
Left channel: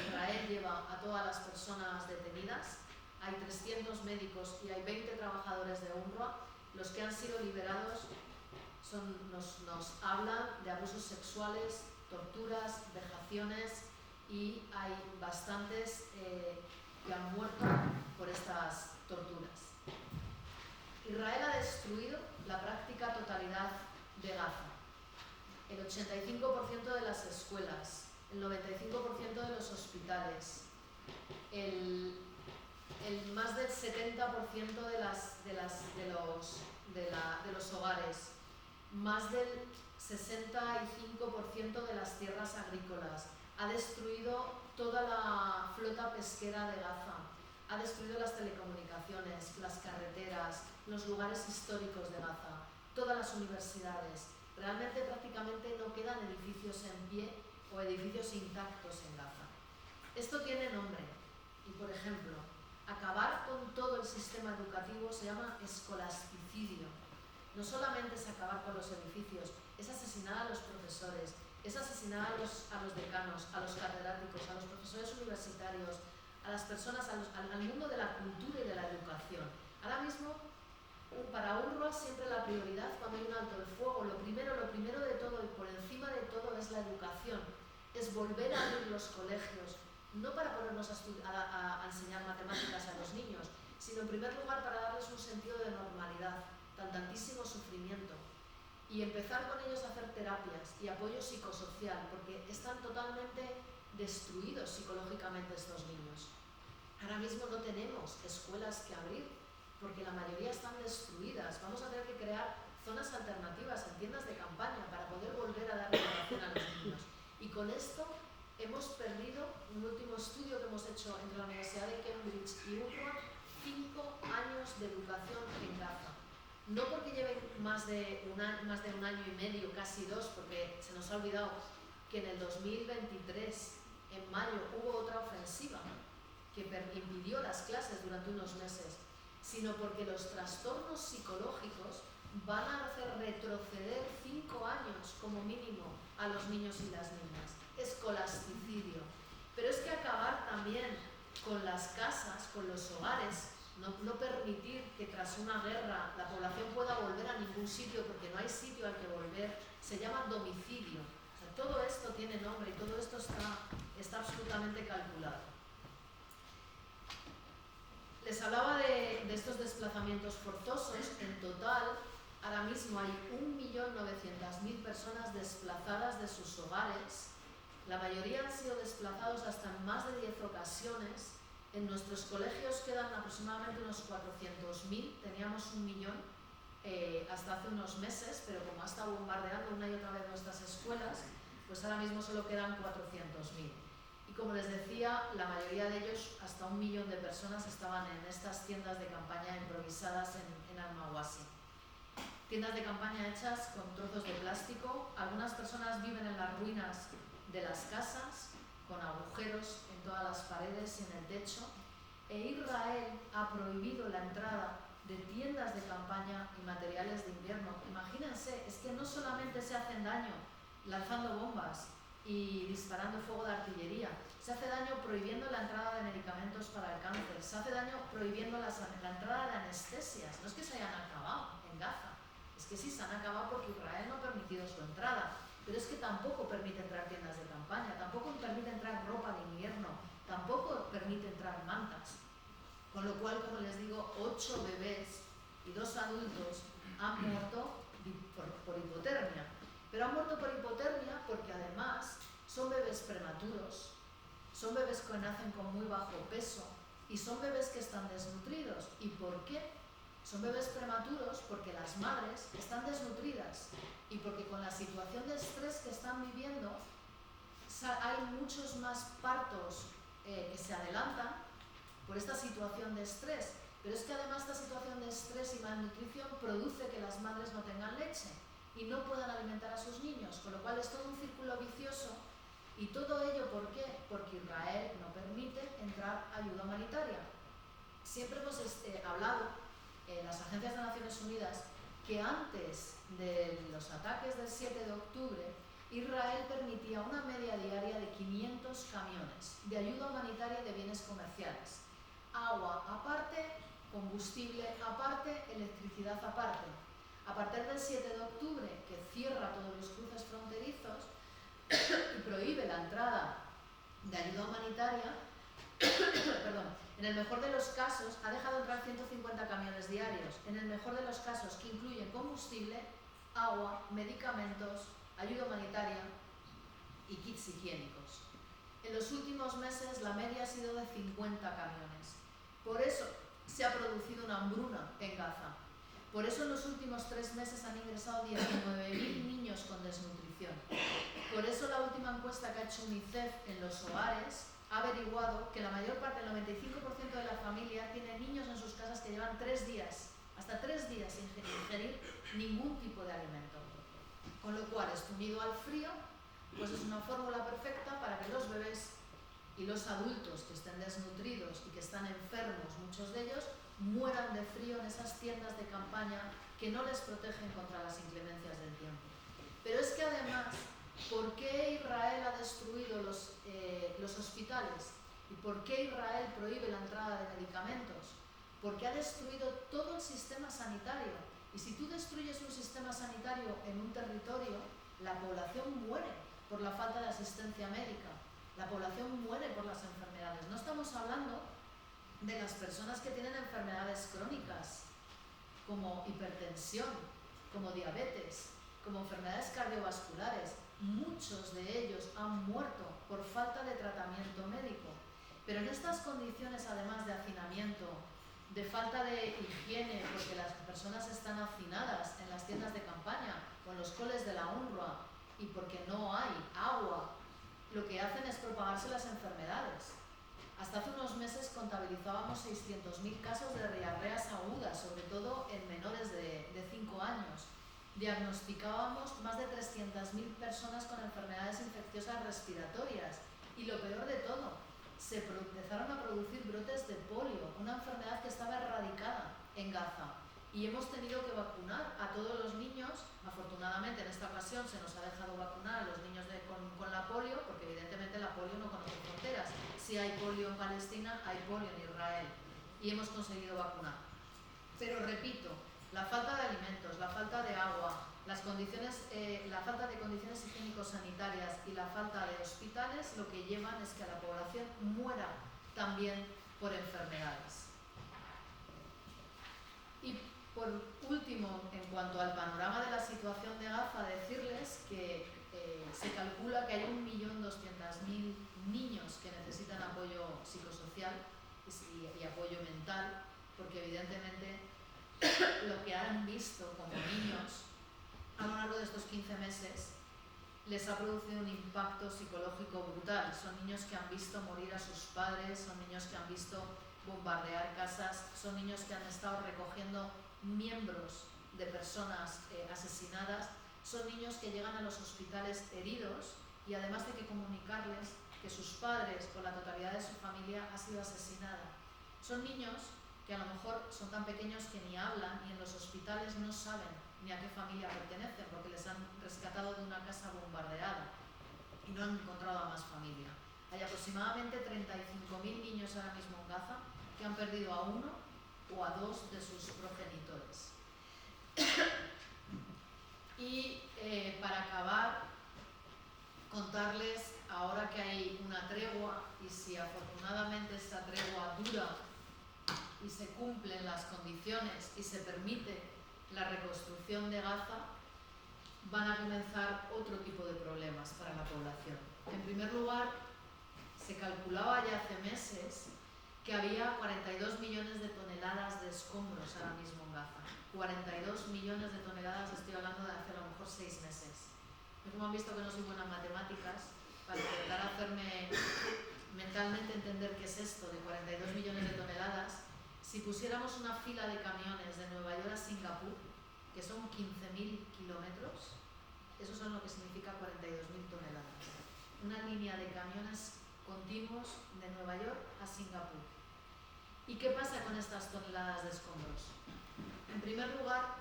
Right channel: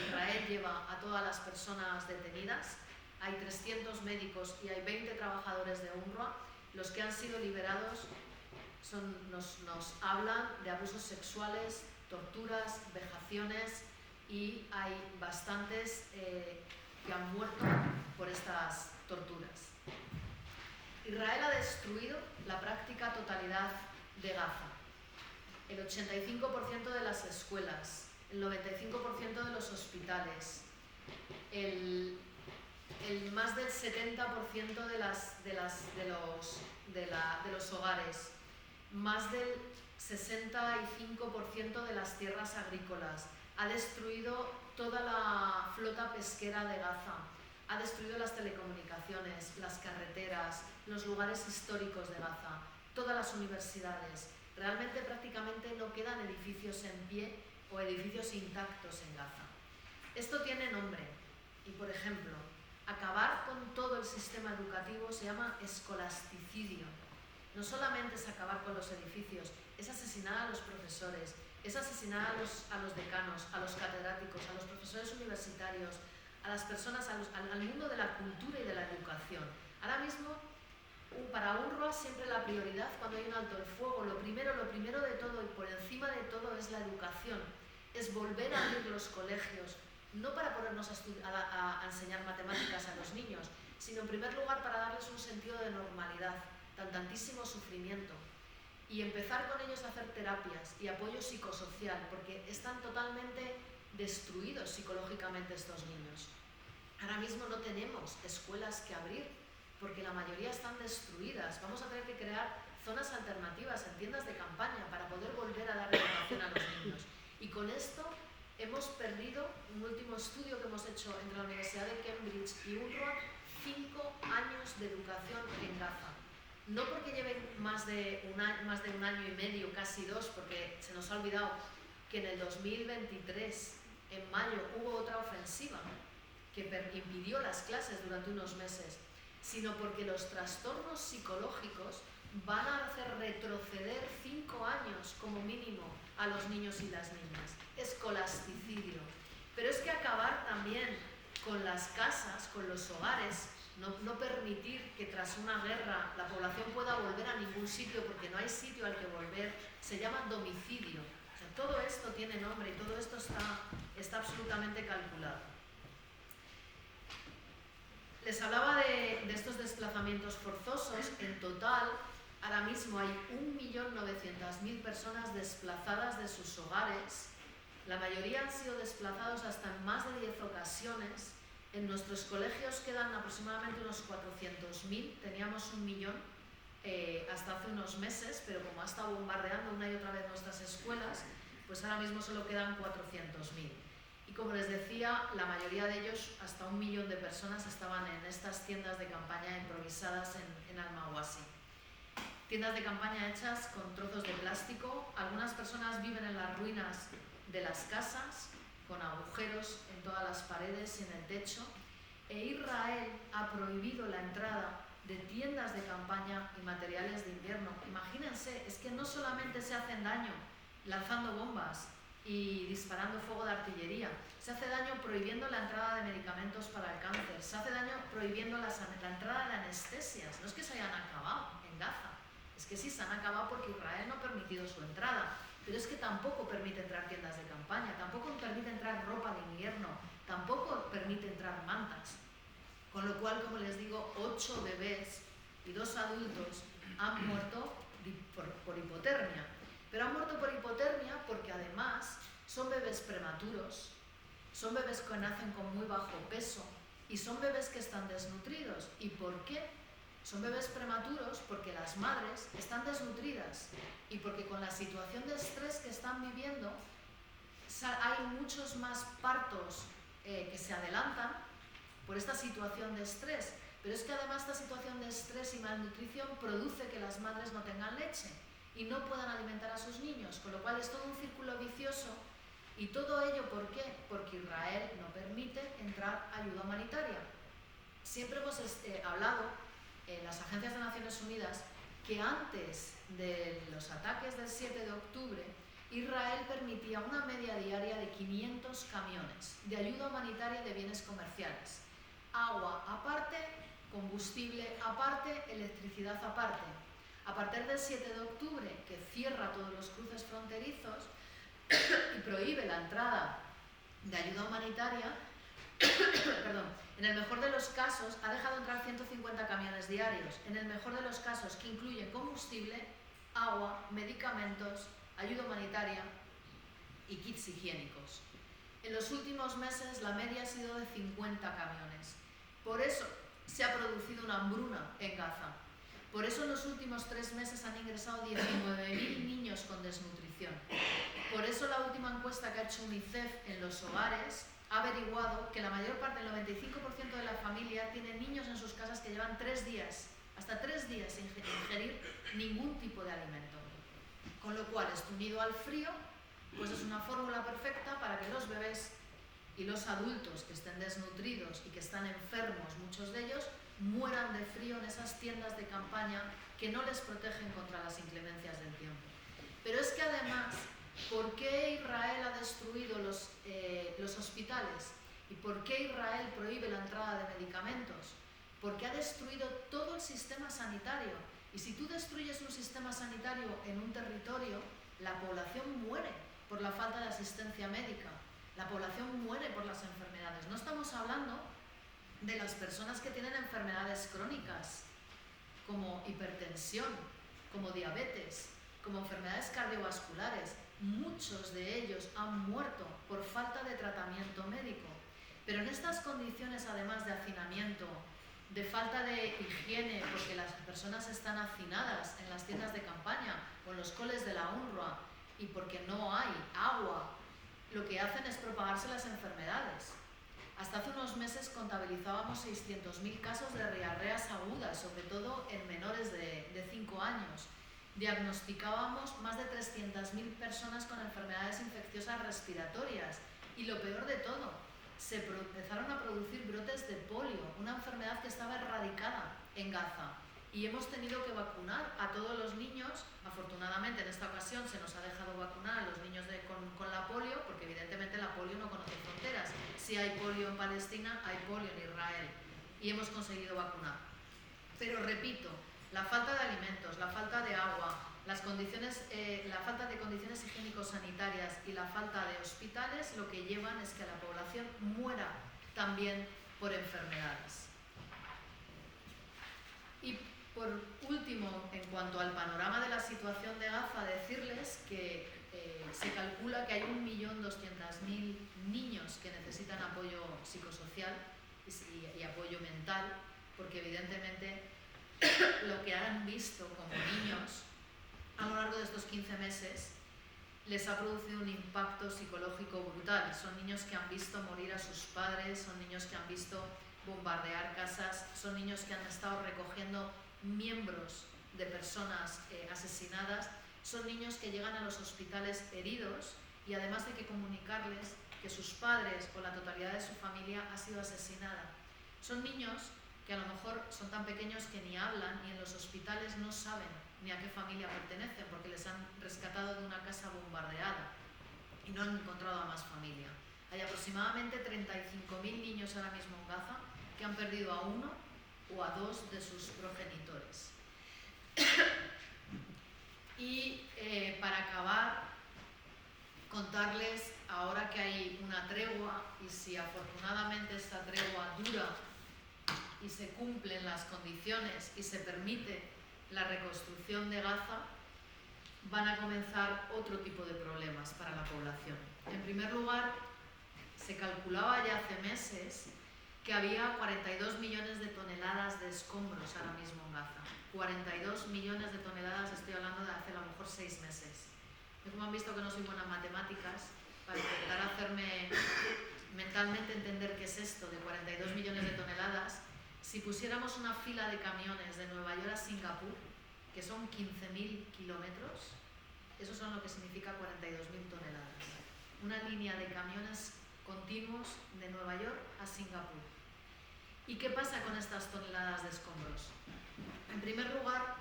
Israel lleva a todas las personas detenidas. Hay 300 médicos y hay 20 trabajadores de UNRWA. Los que han sido liberados nos hablan de abusos sexuales, torturas, vejaciones, y hay bastantes que han muerto por estas torturas. Israel ha destruido la práctica totalidad de Gaza. El 85% de las escuelas, el 95% de los hospitales, el más del 70% de los hogares, más del 65% de las tierras agrícolas, ha destruido toda la flota pesquera de Gaza, ha destruido las telecomunicaciones, las carreteras, los lugares históricos de Gaza, todas las universidades. Realmente prácticamente no quedan edificios en pie o edificios intactos en Gaza. Esto tiene nombre y, por ejemplo, acabar con todo el sistema educativo se llama escolasticidio. No solamente es acabar con los edificios, es asesinar a los profesores, es asesinar a los decanos, a los catedráticos, a los profesores universitarios, a las personas, al mundo de la cultura y de la educación. Ahora mismo, para UNRWA siempre la prioridad cuando hay un alto el fuego, lo primero de todo y por encima de todo es la educación, es volver a abrir los colegios, no para ponernos a enseñar matemáticas a los niños, sino en primer lugar para darles un sentido de normalidad, tantísimo sufrimiento, y empezar con ellos a hacer terapias y apoyo psicosocial, porque están totalmente destruidos psicológicamente estos niños. Ahora mismo no tenemos escuelas que abrir, porque la mayoría están destruidas. Vamos a tener que crear zonas alternativas en tiendas de campaña para poder volver a dar educación a los niños. Y con esto hemos perdido, un último estudio que hemos hecho entre la Universidad de Cambridge y UNRWA, 5 años de educación en Gaza. No porque lleven más de un año y medio, casi 2, porque se nos ha olvidado que en el 2023, en mayo, hubo otra ofensiva que impidió las clases durante unos meses, sino porque los trastornos psicológicos van a hacer retroceder 5 años como mínimo a los niños y las niñas. Escolasticidio. Pero es que acabar también con las casas, con los hogares, no permitir que tras una guerra la población pueda volver a ningún sitio porque no hay sitio al que volver, se llama domicilio. O sea, todo esto tiene nombre y todo esto está absolutamente calculado. Les hablaba de estos desplazamientos forzosos. En total, ahora mismo hay 1.900.000 personas desplazadas de sus hogares. La mayoría han sido desplazados hasta en más de 10 ocasiones En nuestros colegios quedan aproximadamente unos 400.000, teníamos 1 millón hasta hace unos meses, pero como ha estado bombardeando una y otra vez nuestras escuelas, pues ahora mismo solo quedan 400.000. Y como les decía, la mayoría de ellos, hasta 1 millón de personas, estaban en estas tiendas de campaña improvisadas en Almaguasi. Tiendas de campaña hechas con trozos de plástico. Algunas personas viven en las ruinas de las casas, con agujeros en todas las paredes y en el techo. E Israel ha prohibido la entrada de tiendas de campaña y materiales de invierno. Imagínense, es que no solamente se hacen daño lanzando bombas y disparando fuego de artillería, se hace daño prohibiendo la entrada de medicamentos para el cáncer, se hace daño prohibiendo la entrada de anestesias. No es que se hayan acabado en Gaza, es que sí se han acabado porque Israel no ha permitido su entrada, pero es que tampoco permite entrar tiendas de campaña, tampoco permite entrar ropa de invierno, tampoco permite entrar mantas. Con lo cual, como les digo, 8 bebés y 2 adultos han muerto por hipotermia. Pero han muerto por hipotermia porque además son bebés prematuros, son bebés que nacen con muy bajo peso y son bebés que están desnutridos. ¿Y por qué? Son bebés prematuros porque las madres están desnutridas y porque con la situación de estrés que están viviendo hay muchos más partos que se adelantan por esta situación de estrés. Pero es que además esta situación de estrés y malnutrición produce que las madres no tengan leche y no puedan alimentar a sus niños, con lo cual es todo un círculo vicioso. ¿Y todo ello por qué? Porque Israel no permite entrar ayuda humanitaria. Siempre hemos hablado en las agencias de Naciones Unidas que antes de los ataques del 7 de octubre, Israel permitía una media diaria de 500 camiones de ayuda humanitaria de bienes comerciales. Agua aparte, combustible aparte, electricidad aparte. A partir del 7 de octubre, que cierra todos los cruces fronterizos y prohíbe la entrada de ayuda humanitaria, en el mejor de los casos ha dejado entrar 150 camiones diarios, en el mejor de los casos que incluyen combustible, agua, medicamentos, ayuda humanitaria y kits higiénicos. En los últimos meses la media ha sido de 50 camiones. Por eso se ha producido una hambruna en Gaza. Por eso en los últimos 3 meses han ingresado 19.000 niños con desnutrición. Por eso la última encuesta que ha hecho UNICEF en los hogares ha averiguado que la mayor parte, el 95% de la familia, tiene niños en sus casas que llevan 3 días, hasta 3 días sin ingerir ningún tipo de alimento. Con lo cual, esto unido al frío, pues es una fórmula perfecta para que los bebés y los adultos que estén desnutridos y que están enfermos, muchos de ellos, mueran de frío en esas tiendas de campaña que no les protegen contra las inclemencias del tiempo. Pero es que además, ¿por qué Israel ha destruido los hospitales? ¿Y por qué Israel prohíbe la entrada de medicamentos? Porque ha destruido todo el sistema sanitario. Y si tú destruyes un sistema sanitario en un territorio, la población muere por la falta de asistencia médica. La población muere por las enfermedades. No estamos hablando de las personas que tienen enfermedades crónicas, como hipertensión, como diabetes, como enfermedades cardiovasculares. Muchos de ellos han muerto por falta de tratamiento médico. Pero en estas condiciones, además de hacinamiento, de falta de higiene, porque las personas están hacinadas en las tiendas de campaña, con los coles de la UNRWA, y porque no hay agua, lo que hacen es propagarse las enfermedades. Hasta hace unos meses contabilizábamos 600.000 casos de diarreas agudas, sobre todo en menores de 5 años. Diagnosticábamos más de 300.000 personas con enfermedades infecciosas respiratorias. Y lo peor de todo, se empezaron a producir brotes de polio, una enfermedad que estaba erradicada en Gaza. Y hemos tenido que vacunar a todos los niños. Afortunadamente en esta ocasión se nos ha dejado vacunar a los niños con la polio, porque evidentemente la polio no conoce fronteras. Si hay polio en Palestina, hay polio en Israel. Y hemos conseguido vacunar. Pero repito, la falta de alimentos, la falta de agua, la falta de condiciones higiénico-sanitarias y la falta de hospitales lo que llevan es que la población muera también por enfermedades. Y por último, en cuanto al panorama de la situación de Gaza, decirles que se calcula que hay 1.200.000 niños que necesitan apoyo psicosocial y apoyo mental, porque evidentemente lo que han visto como niños a lo largo de estos 15 meses les ha producido un impacto psicológico brutal. Son niños que han visto morir a sus padres, son niños que han visto bombardear casas, son niños que han estado recogiendo miembros de personas asesinadas, son niños que llegan a los hospitales heridos y además hay que comunicarles que sus padres o la totalidad de su familia ha sido asesinada. Son niños que a lo mejor son tan pequeños que ni hablan y en los hospitales no saben ni a qué familia pertenecen porque les han rescatado de una casa bombardeada y no han encontrado a más familia. Hay aproximadamente 35.000 niños ahora mismo en Gaza que han perdido a uno o a dos de sus progenitores. Y para acabar, contarles, ahora que hay una tregua, y si afortunadamente esta tregua dura y se cumplen las condiciones y se permite la reconstrucción de Gaza, van a comenzar otro tipo de problemas para la población. En primer lugar, se calculaba ya hace meses que había 42 millones de toneladas de escombros ahora mismo en Gaza. 42 millones de toneladas, estoy hablando de hace a lo mejor 6 meses. Y como han visto que no soy buena en matemáticas, para intentar hacerme mentalmente entender qué es esto de 42 millones de toneladas, si pusiéramos una fila de camiones de Nueva York a Singapur, que son 15.000 kilómetros, eso son lo que significa 42.000 toneladas. Una línea de camiones continuos de Nueva York a Singapur. ¿Y qué pasa con estas toneladas de escombros? En primer lugar,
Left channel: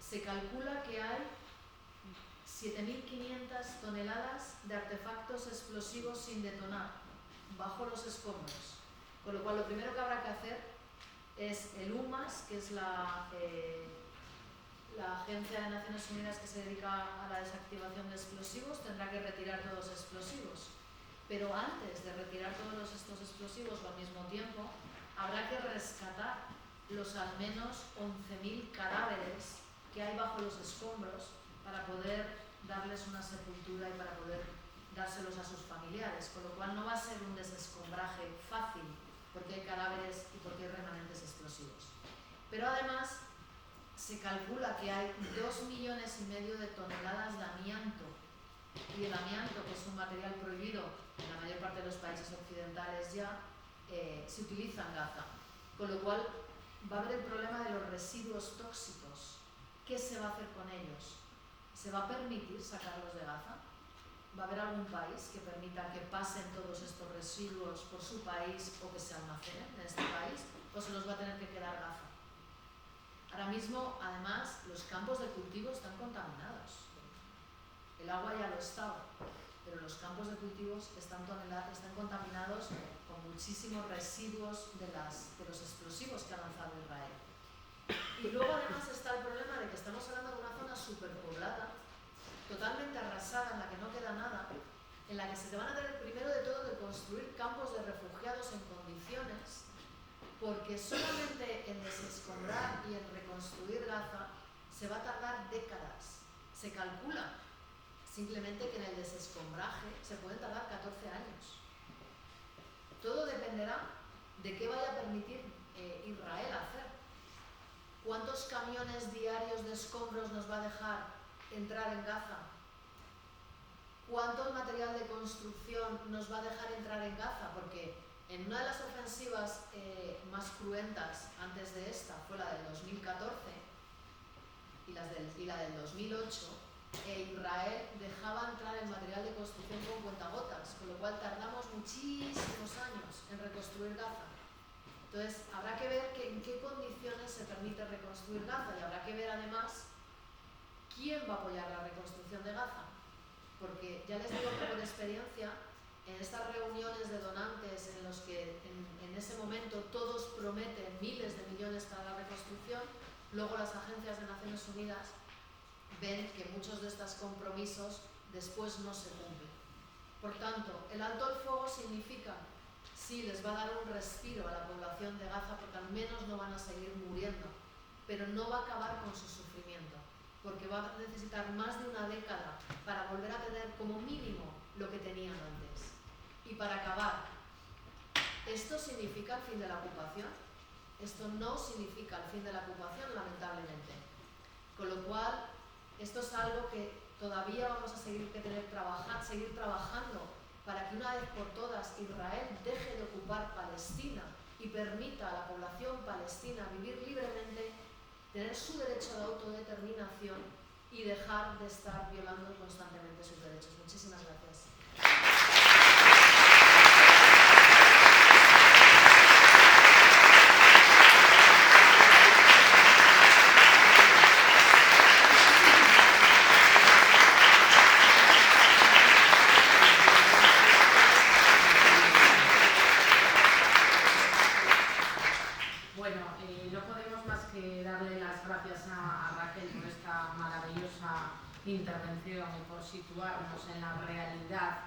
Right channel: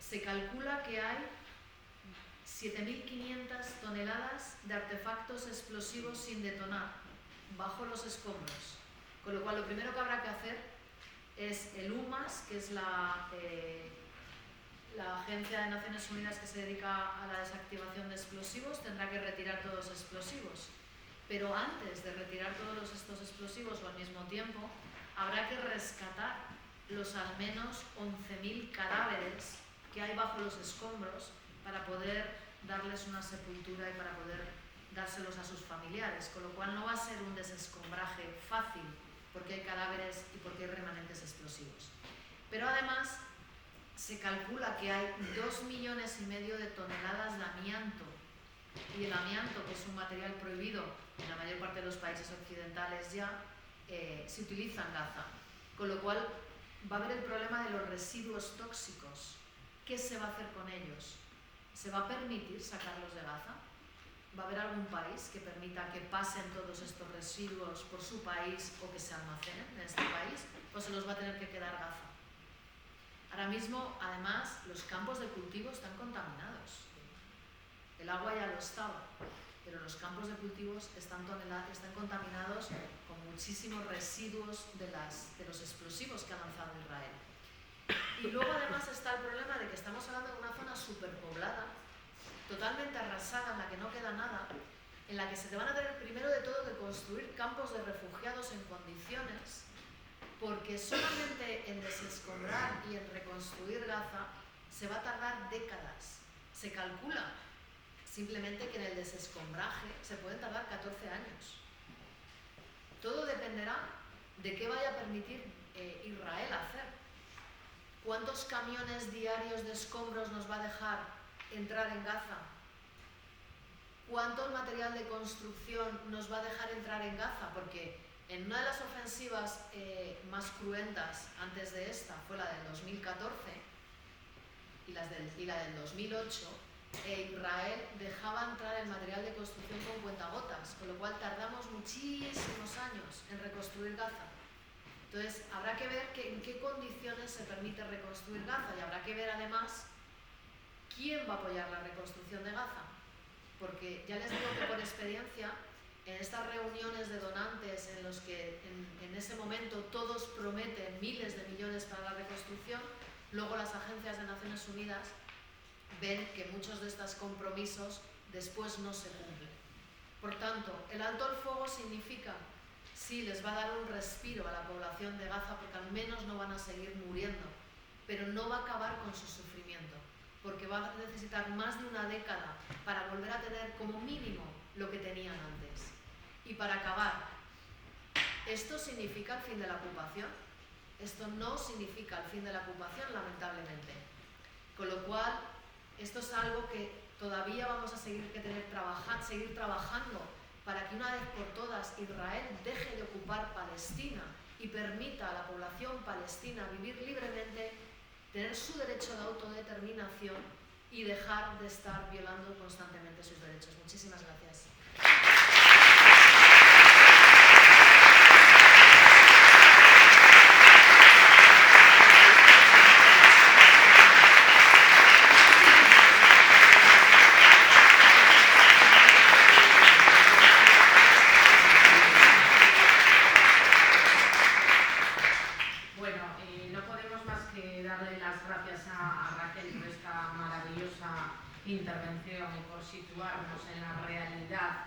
se calcula que hay 7.500 toneladas de artefactos explosivos sin detonar bajo los escombros. Con lo cual, lo primero que habrá que hacer es el UMAS, que es la Agencia de Naciones Unidas que se dedica a la desactivación de explosivos, tendrá que retirar todos los explosivos. Pero antes de retirar todos estos explosivos o al mismo tiempo, habrá que rescatar los al menos 11.000 cadáveres que hay bajo los escombros para poder darles una sepultura y para poder dárselos a sus familiares, con lo cual no va a ser un desescombraje fácil porque hay cadáveres y porque hay remanentes explosivos. Pero además se calcula que hay 2,5 millones de toneladas de amianto, y el amianto, que es un material prohibido en la mayor parte de los países occidentales ya, se utiliza en Gaza, con lo cual va a haber el problema de los residuos tóxicos. ¿Qué se va a hacer con ellos? ¿Se va a permitir sacarlos de Gaza? ¿Va a haber algún país que permita que pasen todos estos residuos por su país o que se almacenen en este país? ¿O se los va a tener que quedar Gaza? Ahora mismo, además, los campos de cultivo están contaminados. El agua ya lo estaba, pero los campos de cultivos están contaminados con muchísimos residuos de los explosivos que ha lanzado Israel. Y luego además está el problema de que estamos hablando de una zona superpoblada, totalmente arrasada, en la que no queda nada, en la que se te van a tener primero de todo que construir campos de refugiados en condiciones, porque solamente en desescombrar y en reconstruir Gaza se va a tardar décadas. Se calcula simplemente que en el desescombraje se pueden tardar 14 años. Todo dependerá de qué vaya a permitir Israel hacer. ¿Cuántos camiones diarios de escombros nos va a dejar entrar en Gaza? ¿Cuánto material de construcción nos va a dejar entrar en Gaza? Porque en una de las ofensivas más cruentas antes de esta fue la del 2014 y la del 2008, Israel dejaba entrar el material de construcción con cuentagotas, con lo cual tardamos muchísimos años en reconstruir Gaza. Entonces, habrá que ver en qué condiciones se permite reconstruir Gaza y habrá que ver además quién va a apoyar la reconstrucción de Gaza. Porque ya les digo que por experiencia, en estas reuniones de donantes en los que en ese momento todos prometen miles de millones para la reconstrucción, luego las agencias de Naciones Unidas ven que muchos de estos compromisos después no se cumplen. Por tanto, el alto el fuego significa, sí, les va a dar un respiro a la población de Gaza porque al menos no van a seguir muriendo, pero no va a acabar con su sufrimiento, porque va a necesitar más de una década para volver a tener como mínimo lo que tenían antes. Y para acabar, ¿Esto significa el fin de la ocupación? Esto no significa el fin de la ocupación, lamentablemente. Con lo cual, esto es algo que todavía vamos a seguir trabajando para que una vez por todas Israel deje de ocupar Palestina y permita a la población palestina vivir libremente, tener su derecho de autodeterminación y dejar de estar violando constantemente sus derechos. Muchísimas gracias. Intervención y por situarnos en la realidad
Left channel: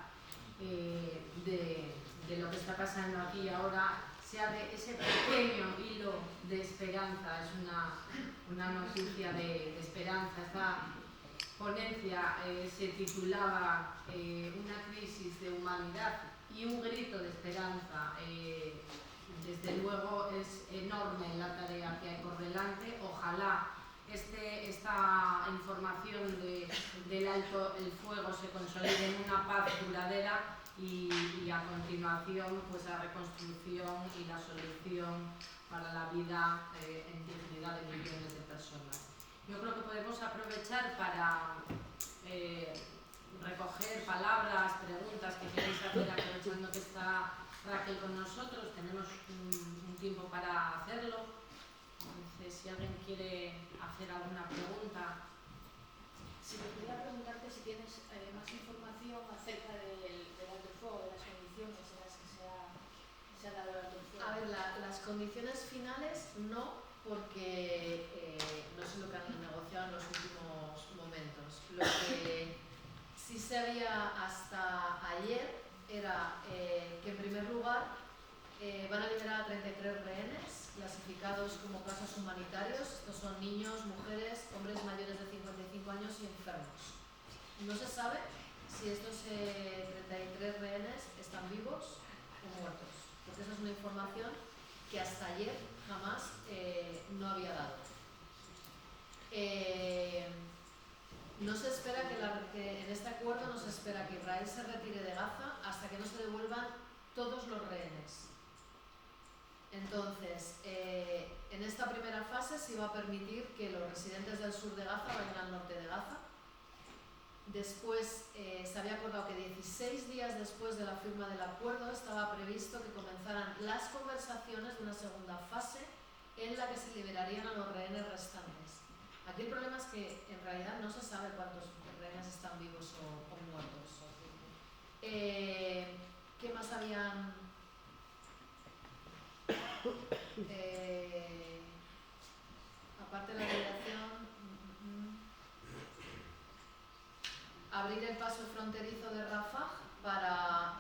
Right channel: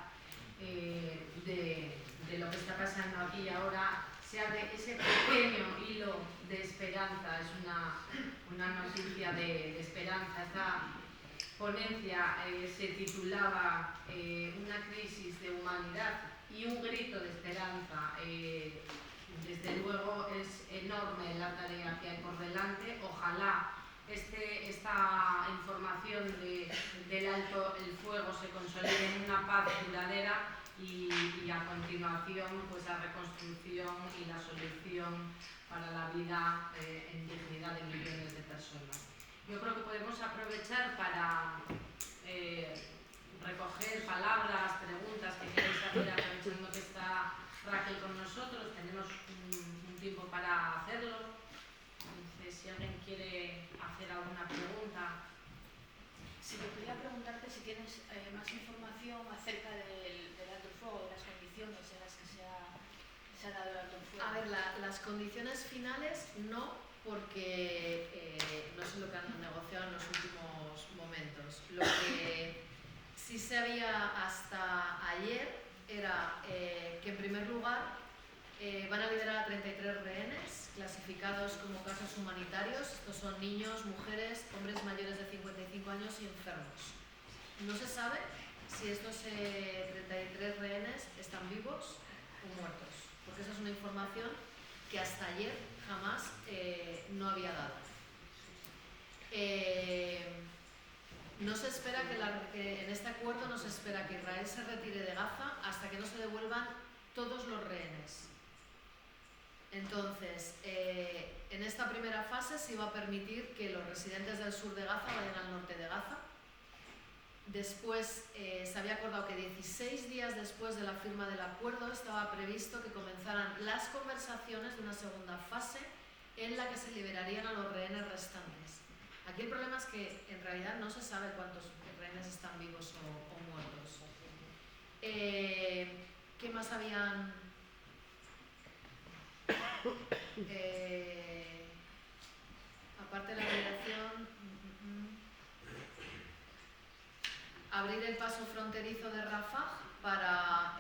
de lo que está pasando aquí y ahora, se abre ese pequeño hilo de esperanza. Es una noticia de esperanza. Esta ponencia se titulaba Una crisis de humanidad y un grito de esperanza. Desde luego es enorme la tarea que hay por delante. Ojalá esta información del alto el fuego se consolide en una paz duradera y a continuación pues la reconstrucción y la solución para la vida en dignidad de millones de personas. Yo creo que podemos aprovechar para recoger palabras, preguntas que queréis hacer, aprovechando que está Raquel con nosotros. Tenemos un tiempo para hacerlo. Entonces, si alguien quiere hacer alguna pregunta. Si me podría preguntarte si tienes más información acerca del alto el fuego, de las condiciones en las que se ha dado el alto el fuego. A ver, las condiciones finales no, porque no sé lo que han negociado en los últimos momentos. Lo que sí se había hasta ayer era que en primer lugar van a liberar a 33 rehenes clasificados como casos humanitarios. Estos son niños, mujeres, hombres mayores de 55 años y enfermos. No se sabe si estos 33 rehenes están vivos o muertos, porque esa es una información que hasta ayer jamás no había dado. No se espera que en este acuerdo no se espera que Israel se retire de Gaza hasta que no se devuelvan todos los rehenes. Entonces, en esta primera fase se iba a permitir que los residentes del sur de Gaza vayan al norte de Gaza. Después se había acordado que 16 días después de la firma del acuerdo estaba previsto que comenzaran las conversaciones de una segunda fase en la que se liberarían a los rehenes restantes. Aquí el problema es que en realidad no se sabe cuántos rehenes están vivos o muertos. ¿Qué más habían...? Aparte de la liberación, abrir el paso fronterizo de Rafah para,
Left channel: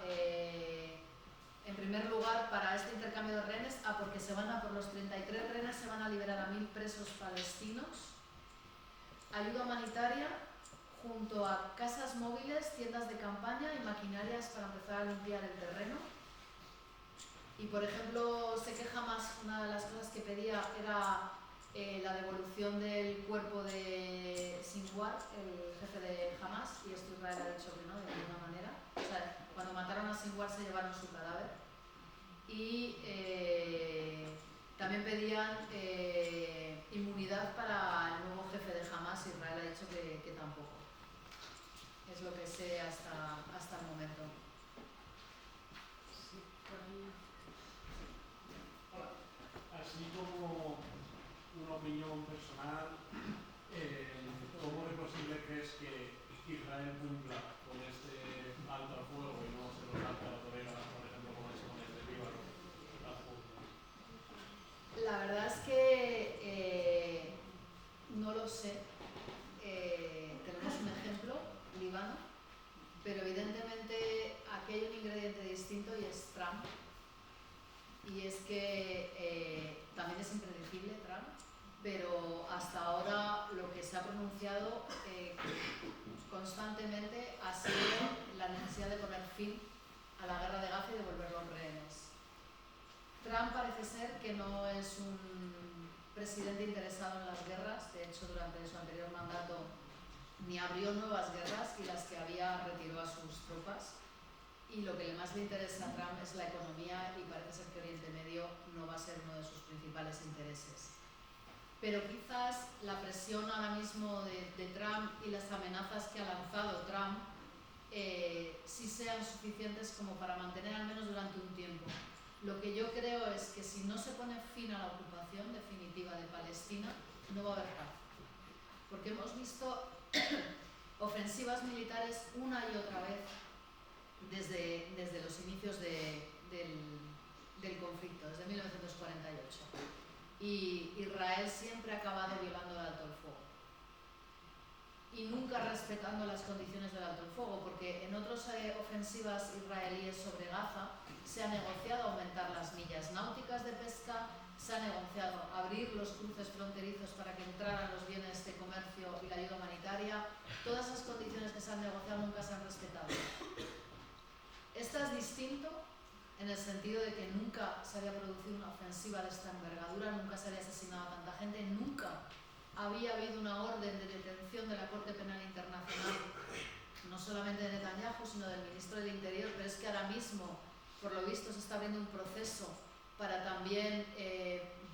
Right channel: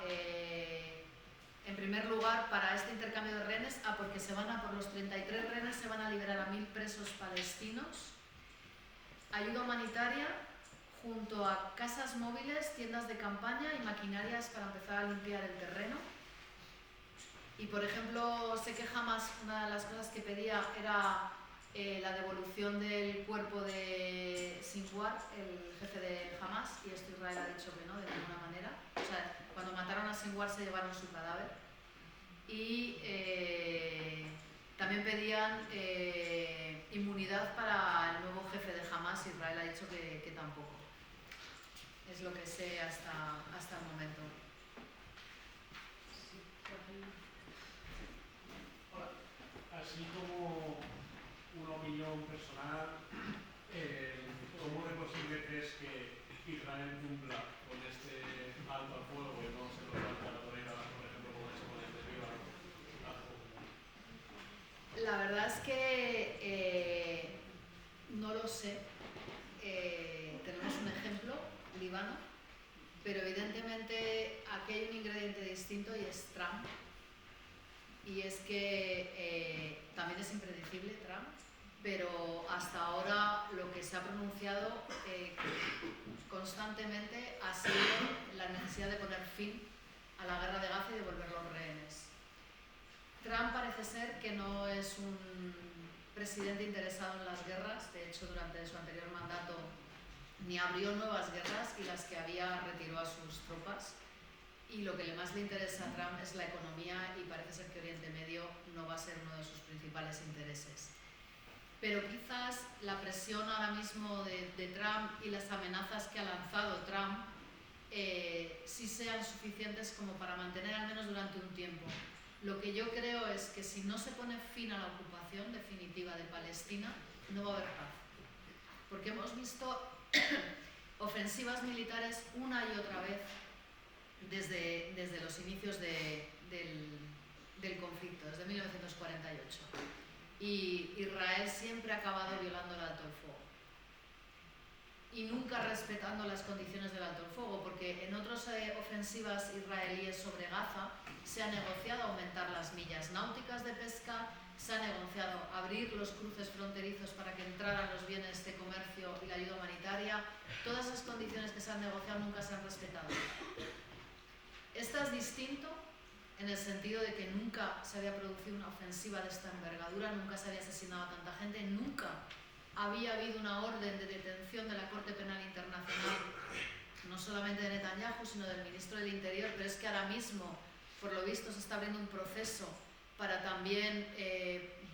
en primer lugar, para este intercambio de rehenes, porque por los 33 rehenes se van a liberar a 1000 presos palestinos. Ayuda humanitaria junto a casas móviles, tiendas de campaña y maquinarias para empezar a limpiar el terreno. Y, por ejemplo, sé que Hamas, una de las cosas que pedía era la devolución del cuerpo de Sinwar, el jefe de Hamas, y esto Israel ha dicho que no, de ninguna manera. O sea, cuando mataron a Sinwar se llevaron su cadáver. Y también pedían inmunidad para el nuevo jefe de Hamas, y Israel ha dicho que tampoco. Es lo que sé hasta el momento. Así como una opinión personal, ¿cómo de posible crees que Israel cumpla con este alto al fuego y no se lo salta a la torera, por ejemplo, como ha hecho con el de Líbano? La verdad es que no lo sé. Tenemos un ejemplo, Líbano, pero evidentemente aquí hay un ingrediente distinto y es Trump. Y es que también es impredecible Trump, pero hasta ahora lo que se ha pronunciado constantemente ha sido la necesidad de poner fin a la guerra de Gaza y devolver los rehenes. Trump parece ser que no es un presidente interesado en las guerras. De hecho, durante su anterior mandato ni abrió nuevas guerras y las que había retiró a sus tropas. Y lo que más le interesa a Trump es la economía y parece ser que Oriente Medio no va a ser uno de sus principales intereses. Pero quizás la presión ahora mismo de Trump y las amenazas que ha lanzado Trump sí sean suficientes como para mantener al menos durante un tiempo. Lo que yo creo es que si no se pone fin a la ocupación definitiva de Palestina, no va a haber paz. Porque hemos visto ofensivas militares una y otra vez desde los inicios del conflicto, desde 1948. Y Israel siempre ha acabado violando el alto el fuego. Y nunca respetando las condiciones del alto el fuego, porque en otras ofensivas israelíes sobre Gaza se ha negociado aumentar las millas náuticas de pesca, se ha negociado abrir los cruces fronterizos para que entraran los bienes de comercio y la ayuda humanitaria. Todas esas condiciones que se han negociado nunca se han respetado. Esta es distinto en el sentido de que nunca se había producido una ofensiva de esta envergadura, nunca se había asesinado a tanta gente, nunca había habido una orden de detención de la Corte Penal Internacional, no solamente de Netanyahu, sino del Ministro del Interior, pero es que ahora mismo, por lo visto, se está abriendo un proceso para también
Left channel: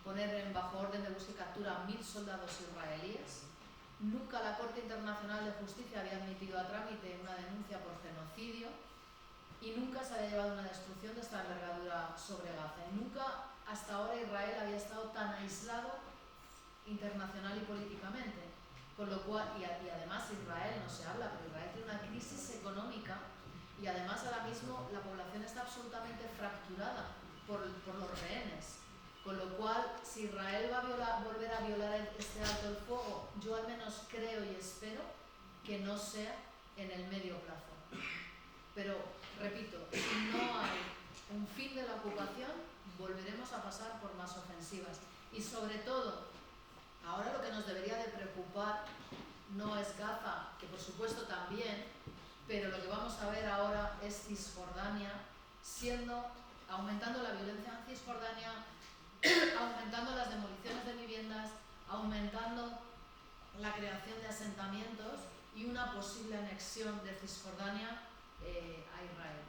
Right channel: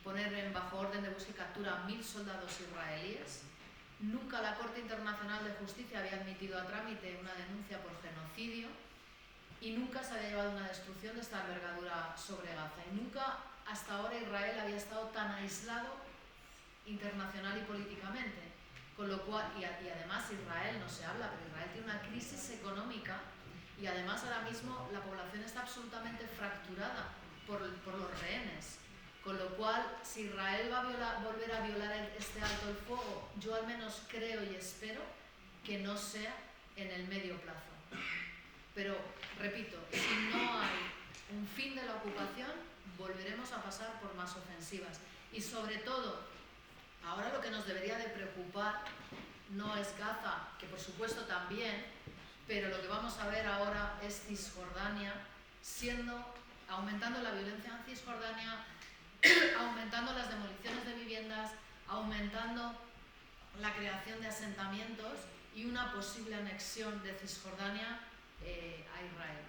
poner bajo orden de búsqueda y captura a 1000 soldados israelíes. Nunca la Corte Internacional de Justicia había admitido a trámite una denuncia por genocidio y nunca se había llevado una destrucción de esta envergadura sobre Gaza. Y nunca hasta ahora Israel había estado tan aislado internacional y políticamente. Con lo cual, y además Israel no se habla, pero Israel tiene una crisis económica y además ahora mismo la población está absolutamente fracturada por los rehenes. Con lo cual, si Israel va a volver a violar este alto el fuego, yo al menos creo y espero que no sea en el medio plazo. Pero, repito, si no hay un fin de la ocupación, volveremos a pasar por más ofensivas. Y sobre todo, ahora lo que nos debería de preocupar no es Gaza, que por supuesto también, pero lo que vamos a ver ahora es Cisjordania aumentando la violencia en Cisjordania, aumentando las demoliciones de viviendas, aumentando la creación de asentamientos y una posible anexión de Cisjordania a Israel.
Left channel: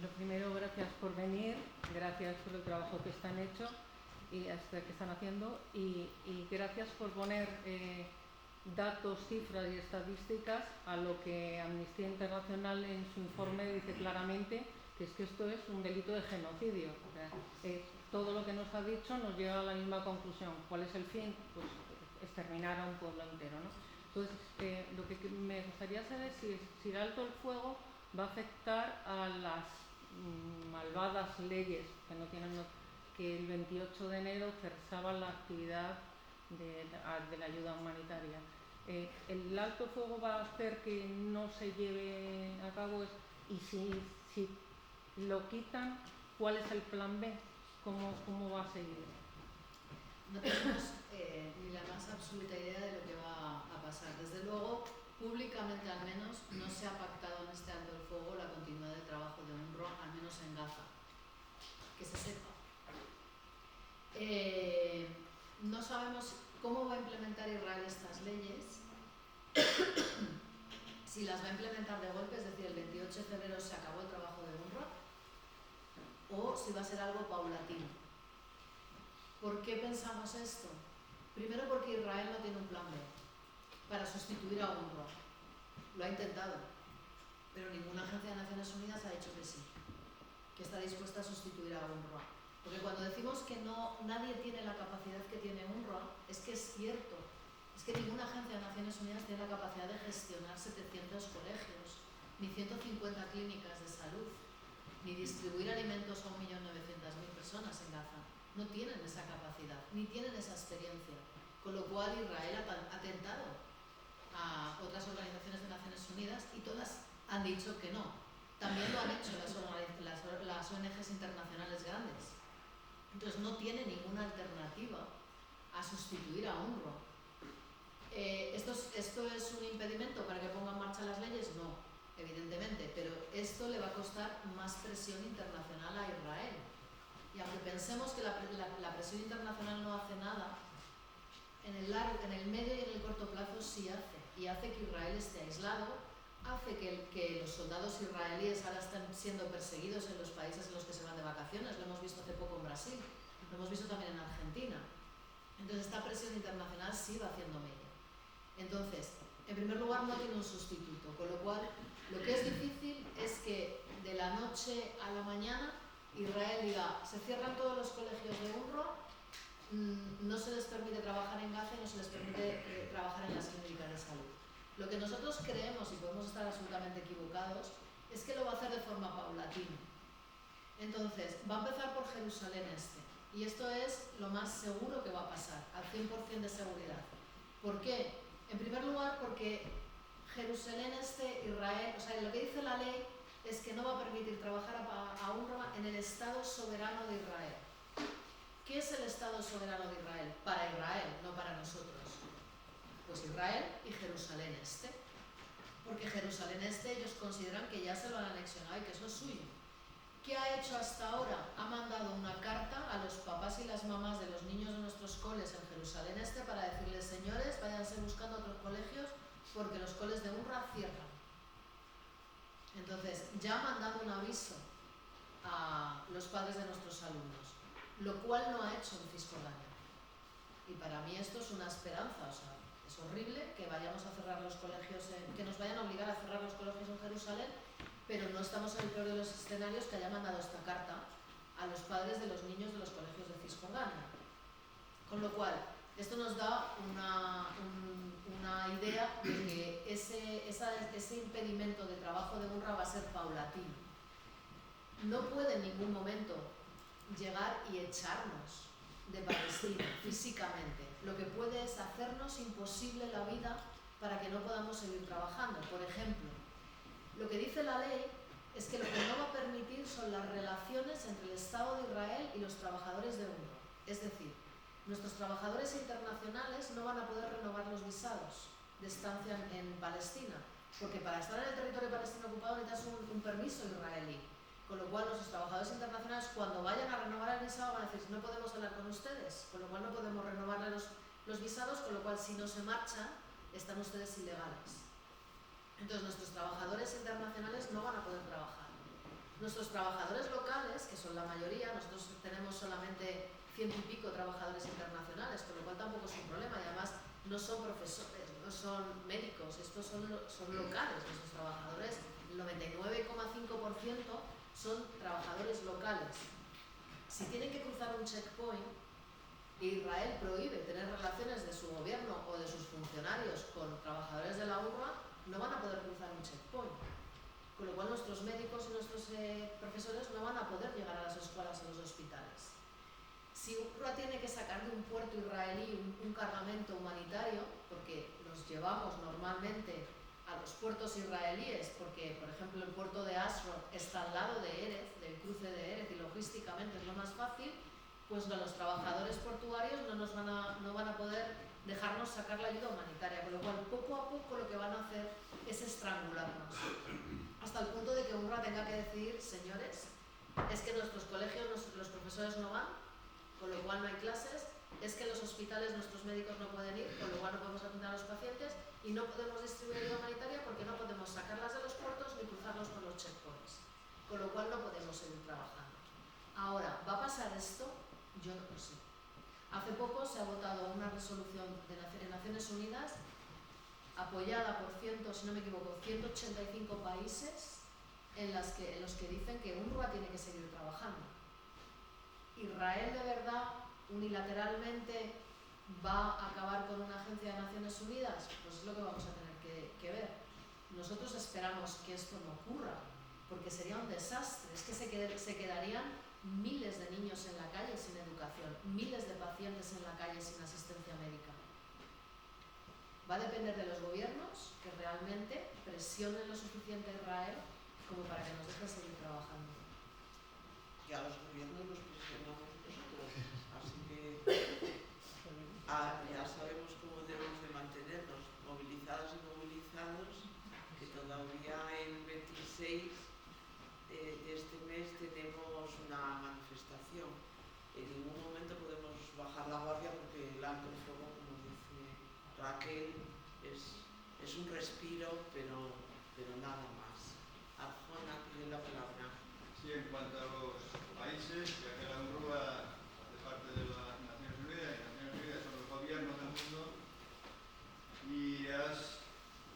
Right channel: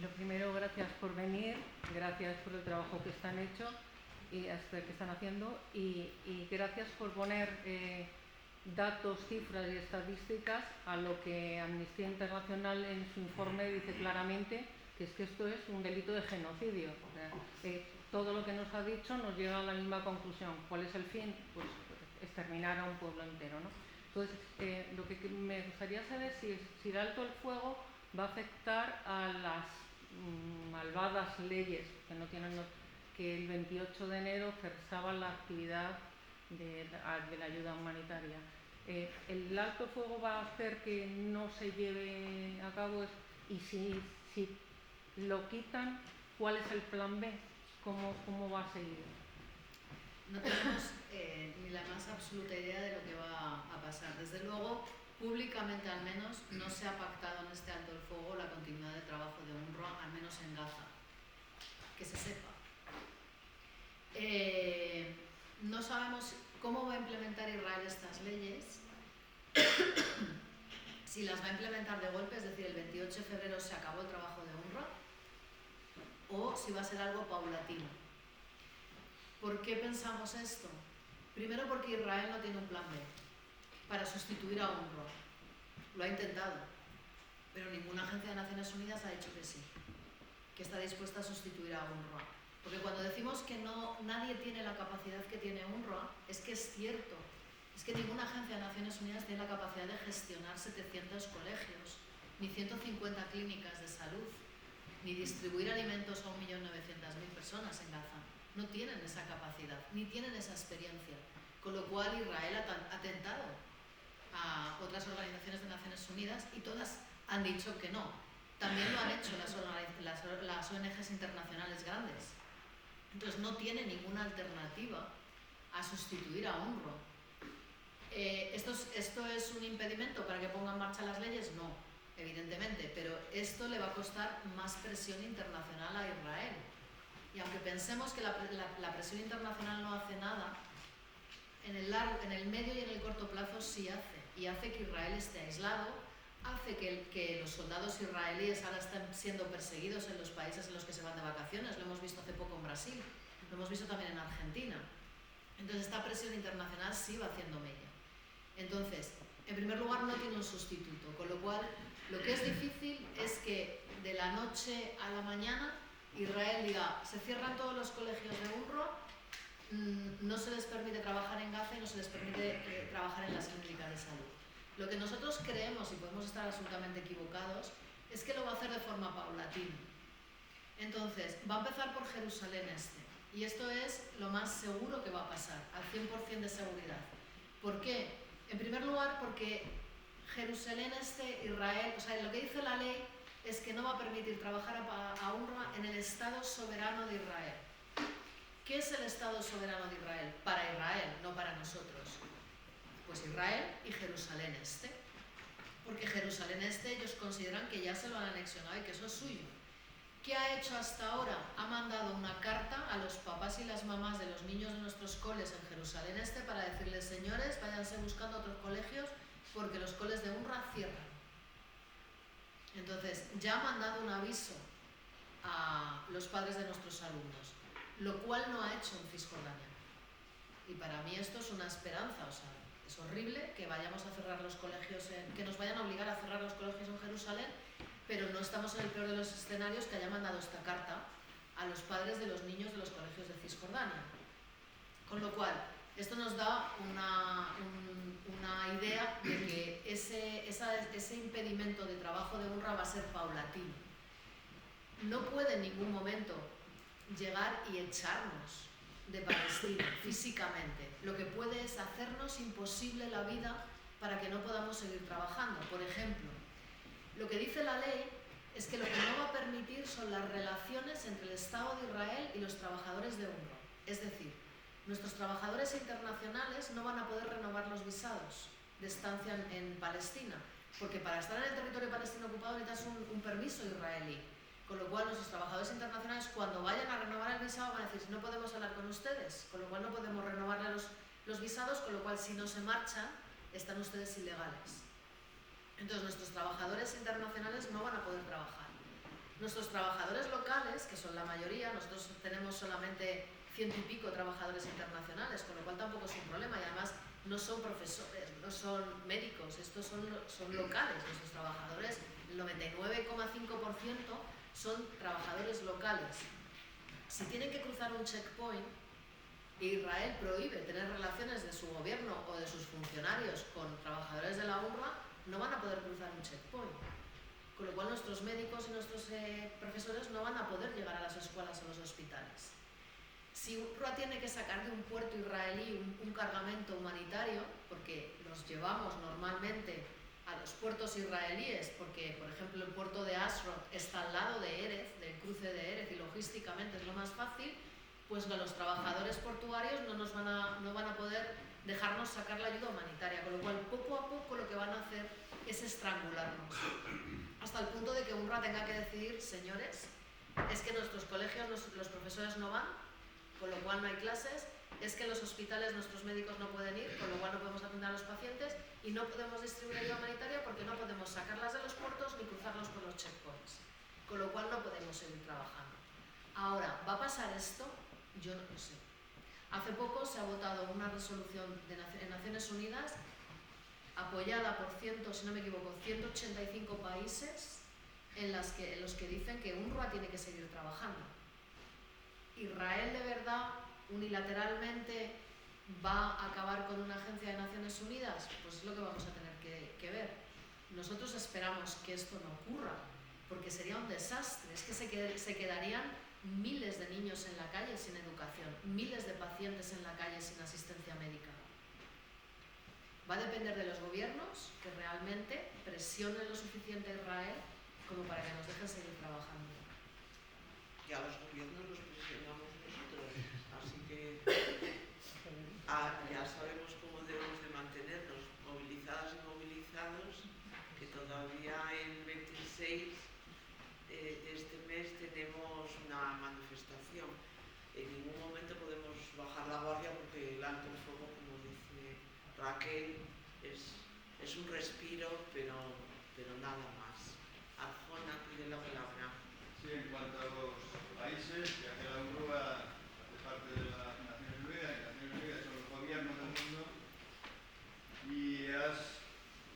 Lo primero, gracias por venir, gracias por el trabajo que están haciendo y gracias por poner datos, cifras y estadísticas a lo que Amnistía Internacional en su informe dice claramente, que es que esto es un delito de genocidio. O sea, todo lo que nos ha dicho nos lleva a la misma conclusión. ¿Cuál es el fin? Pues exterminar a un pueblo entero, ¿no? Entonces, lo que me gustaría saber es si el alto el fuego va a afectar a las malvadas leyes que el 28 de enero cesaban la actividad de la ayuda humanitaria. ¿El alto el fuego va a hacer que no se lleve a cabo? Y si lo quitan, ¿cuál es el plan B? ¿Cómo va a seguir? No tenemos ni la más absoluta idea de lo que va a pasar. Desde luego, públicamente al menos, no se ha pactado en este alto el fuego la continuidad de trabajo de UNRWA, al menos en Gaza. Que se sepa. No sabemos cómo va a implementar Israel estas leyes, si las va a implementar de golpe, es decir, el 28 de febrero se acabó el trabajo de UNRWA, o si va a ser algo paulatino. ¿Por qué pensamos esto? Primero porque Israel no tiene un plan B para sustituir a UNRWA. Lo ha intentado, pero ninguna agencia de Naciones Unidas ha dicho que sí, que está dispuesta a sustituir a UNRWA. Porque cuando decimos que nadie tiene la capacidad que tiene UNRWA, es que es cierto. Es que ninguna agencia de Naciones Unidas tiene la capacidad de gestionar 700 colegios, ni 150 clínicas de salud, ni distribuir alimentos a 1.900.000 personas en Gaza. No tienen esa capacidad, ni tienen esa experiencia. Con lo cual Israel ha tentado a otras organizaciones de Naciones Unidas y todas han dicho que no. También lo han hecho las ONGs internacionales grandes. Entonces no tiene ninguna alternativa a sustituir a UNRWA. ¿Esto es un impedimento para que ponga en marcha las leyes? No. evidentemente, pero esto le va a costar más presión internacional a Israel. Y aunque pensemos que la presión internacional no hace nada, en el medio y en el corto plazo sí hace. Y hace que Israel esté aislado, hace que los soldados israelíes ahora estén siendo perseguidos en los países en los que se van de vacaciones. Lo hemos visto hace poco en Brasil, lo hemos visto también en Argentina. Entonces esta presión internacional sí va haciendo mella. Entonces, en primer lugar no tiene un sustituto, con lo cual lo que es difícil es que de la noche a la mañana Israel diga, se cierran todos los colegios de UNRWA, no se les permite trabajar en Gaza y no se les permite trabajar en las clínicas de salud. Lo que nosotros creemos, y podemos estar absolutamente equivocados, es que lo va a hacer de forma paulatina. Entonces, va a empezar por Jerusalén Este, y esto es lo más seguro que va a pasar, al 100% de seguridad. ¿Por qué? En primer lugar, porque Jerusalén Este, Israel, o sea, lo que dice la ley es que no va a permitir trabajar a UNRWA en el Estado soberano de Israel. ¿Qué es el Estado soberano de Israel? Para Israel, no para nosotros. Pues Israel y Jerusalén Este. Porque Jerusalén Este ellos consideran que ya se lo han anexionado y que eso es suyo. ¿Qué ha hecho hasta ahora? Ha mandado una carta a los papás y las mamás de los niños de nuestros coles en Jerusalén Este para decirles, señores, váyanse buscando otros colegios porque los coles de UNRWA cierran. Entonces, ya ha mandado un aviso a los padres de nuestros alumnos, lo cual no ha hecho en Cisjordania. Y para mí esto es una esperanza, o sea, es horrible que vayamos a cerrar los colegios, que nos vayan a obligar a cerrar los colegios en Jerusalén, pero no estamos en el peor de los escenarios que haya mandado esta carta a los padres de los niños de los colegios de Cisjordania. Con lo cual, esto nos da una idea de que ese impedimento de trabajo de UNRWA va a ser paulatino. No puede en ningún momento llegar y echarnos de Palestina físicamente. Lo que puede es hacernos imposible la vida para que no podamos seguir trabajando. Por ejemplo, lo que dice la ley es que lo que no va a permitir son las relaciones entre el Estado de Israel y los trabajadores de UNRWA. Es decir, nuestros trabajadores internacionales no van a poder renovar los visados de estancia en Palestina, porque para estar en el territorio palestino ocupado necesitas un permiso israelí. Con lo cual, nuestros trabajadores internacionales, cuando vayan a renovar el visado, van a decir, no podemos hablar con ustedes, con lo cual no podemos renovarle los visados, con lo cual, si no se marchan, están ustedes ilegales. Entonces, nuestros trabajadores internacionales no van a poder trabajar. Nuestros trabajadores locales, que son la mayoría, nosotros tenemos solamente 100 y pico trabajadores internacionales, con lo cual tampoco es un problema, y además no son profesores, no son médicos, estos son locales. Nuestros trabajadores, el 99,5% son trabajadores locales. Si tienen que cruzar un checkpoint, Israel prohíbe tener relaciones de su gobierno o de sus funcionarios con trabajadores de la UNRWA, no van a poder cruzar un checkpoint. Con lo cual nuestros médicos y nuestros profesores no van a poder llegar a las escuelas o los hospitales. Si UNRWA tiene que sacar de un puerto israelí un cargamento humanitario, porque los llevamos normalmente a los puertos israelíes, porque por ejemplo el puerto de Ashdod está al lado de Erez, del cruce de Erez, y logísticamente es lo más fácil, pues los trabajadores portuarios no van a poder dejarnos sacar la ayuda humanitaria, con lo cual poco a poco lo que van a hacer es estrangularnos, hasta el punto de que UNRWA tenga que decidir, señores, es que nuestros colegios los profesores no van, con lo cual no hay clases, es que en los hospitales nuestros médicos no pueden ir, con lo cual no podemos atender a los pacientes y no podemos distribuir ayuda humanitaria porque no podemos sacarlas de los puertos ni cruzarlos por los checkpoints, con lo cual no podemos seguir trabajando. Ahora, ¿va a pasar esto? Yo no lo sé. Hace poco se ha votado una resolución en Naciones Unidas apoyada por si no me equivoco, 185 países en los que dicen que UNRWA tiene que seguir trabajando. ¿Israel de verdad unilateralmente va a acabar con una agencia de Naciones Unidas? Pues es lo que vamos a tener que ver. Nosotros esperamos que esto no ocurra, porque sería un desastre. Es que se quedarían miles de niños en la calle sin educación, miles de pacientes en la calle sin asistencia médica. Va a depender de los gobiernos que realmente presionen lo suficiente a Israel como para que nos dejen seguir trabajando. Y a los gobiernos los presionamos nosotros, así que ya sabemos cómo debemos de mantenernos movilizadas y movilizados, que todo todavía el 26 de este mes tenemos una manifestación. En ningún momento podemos bajar la guardia porque el alto el fuego, como dice Raquel, es un respiro, pero nada más. Arjona pide la palabra. Sí, en cuanto a los países, ya que la UNRWA hace parte de las Naciones Unidas, y las Naciones Unidas son los gobiernos del mundo, y has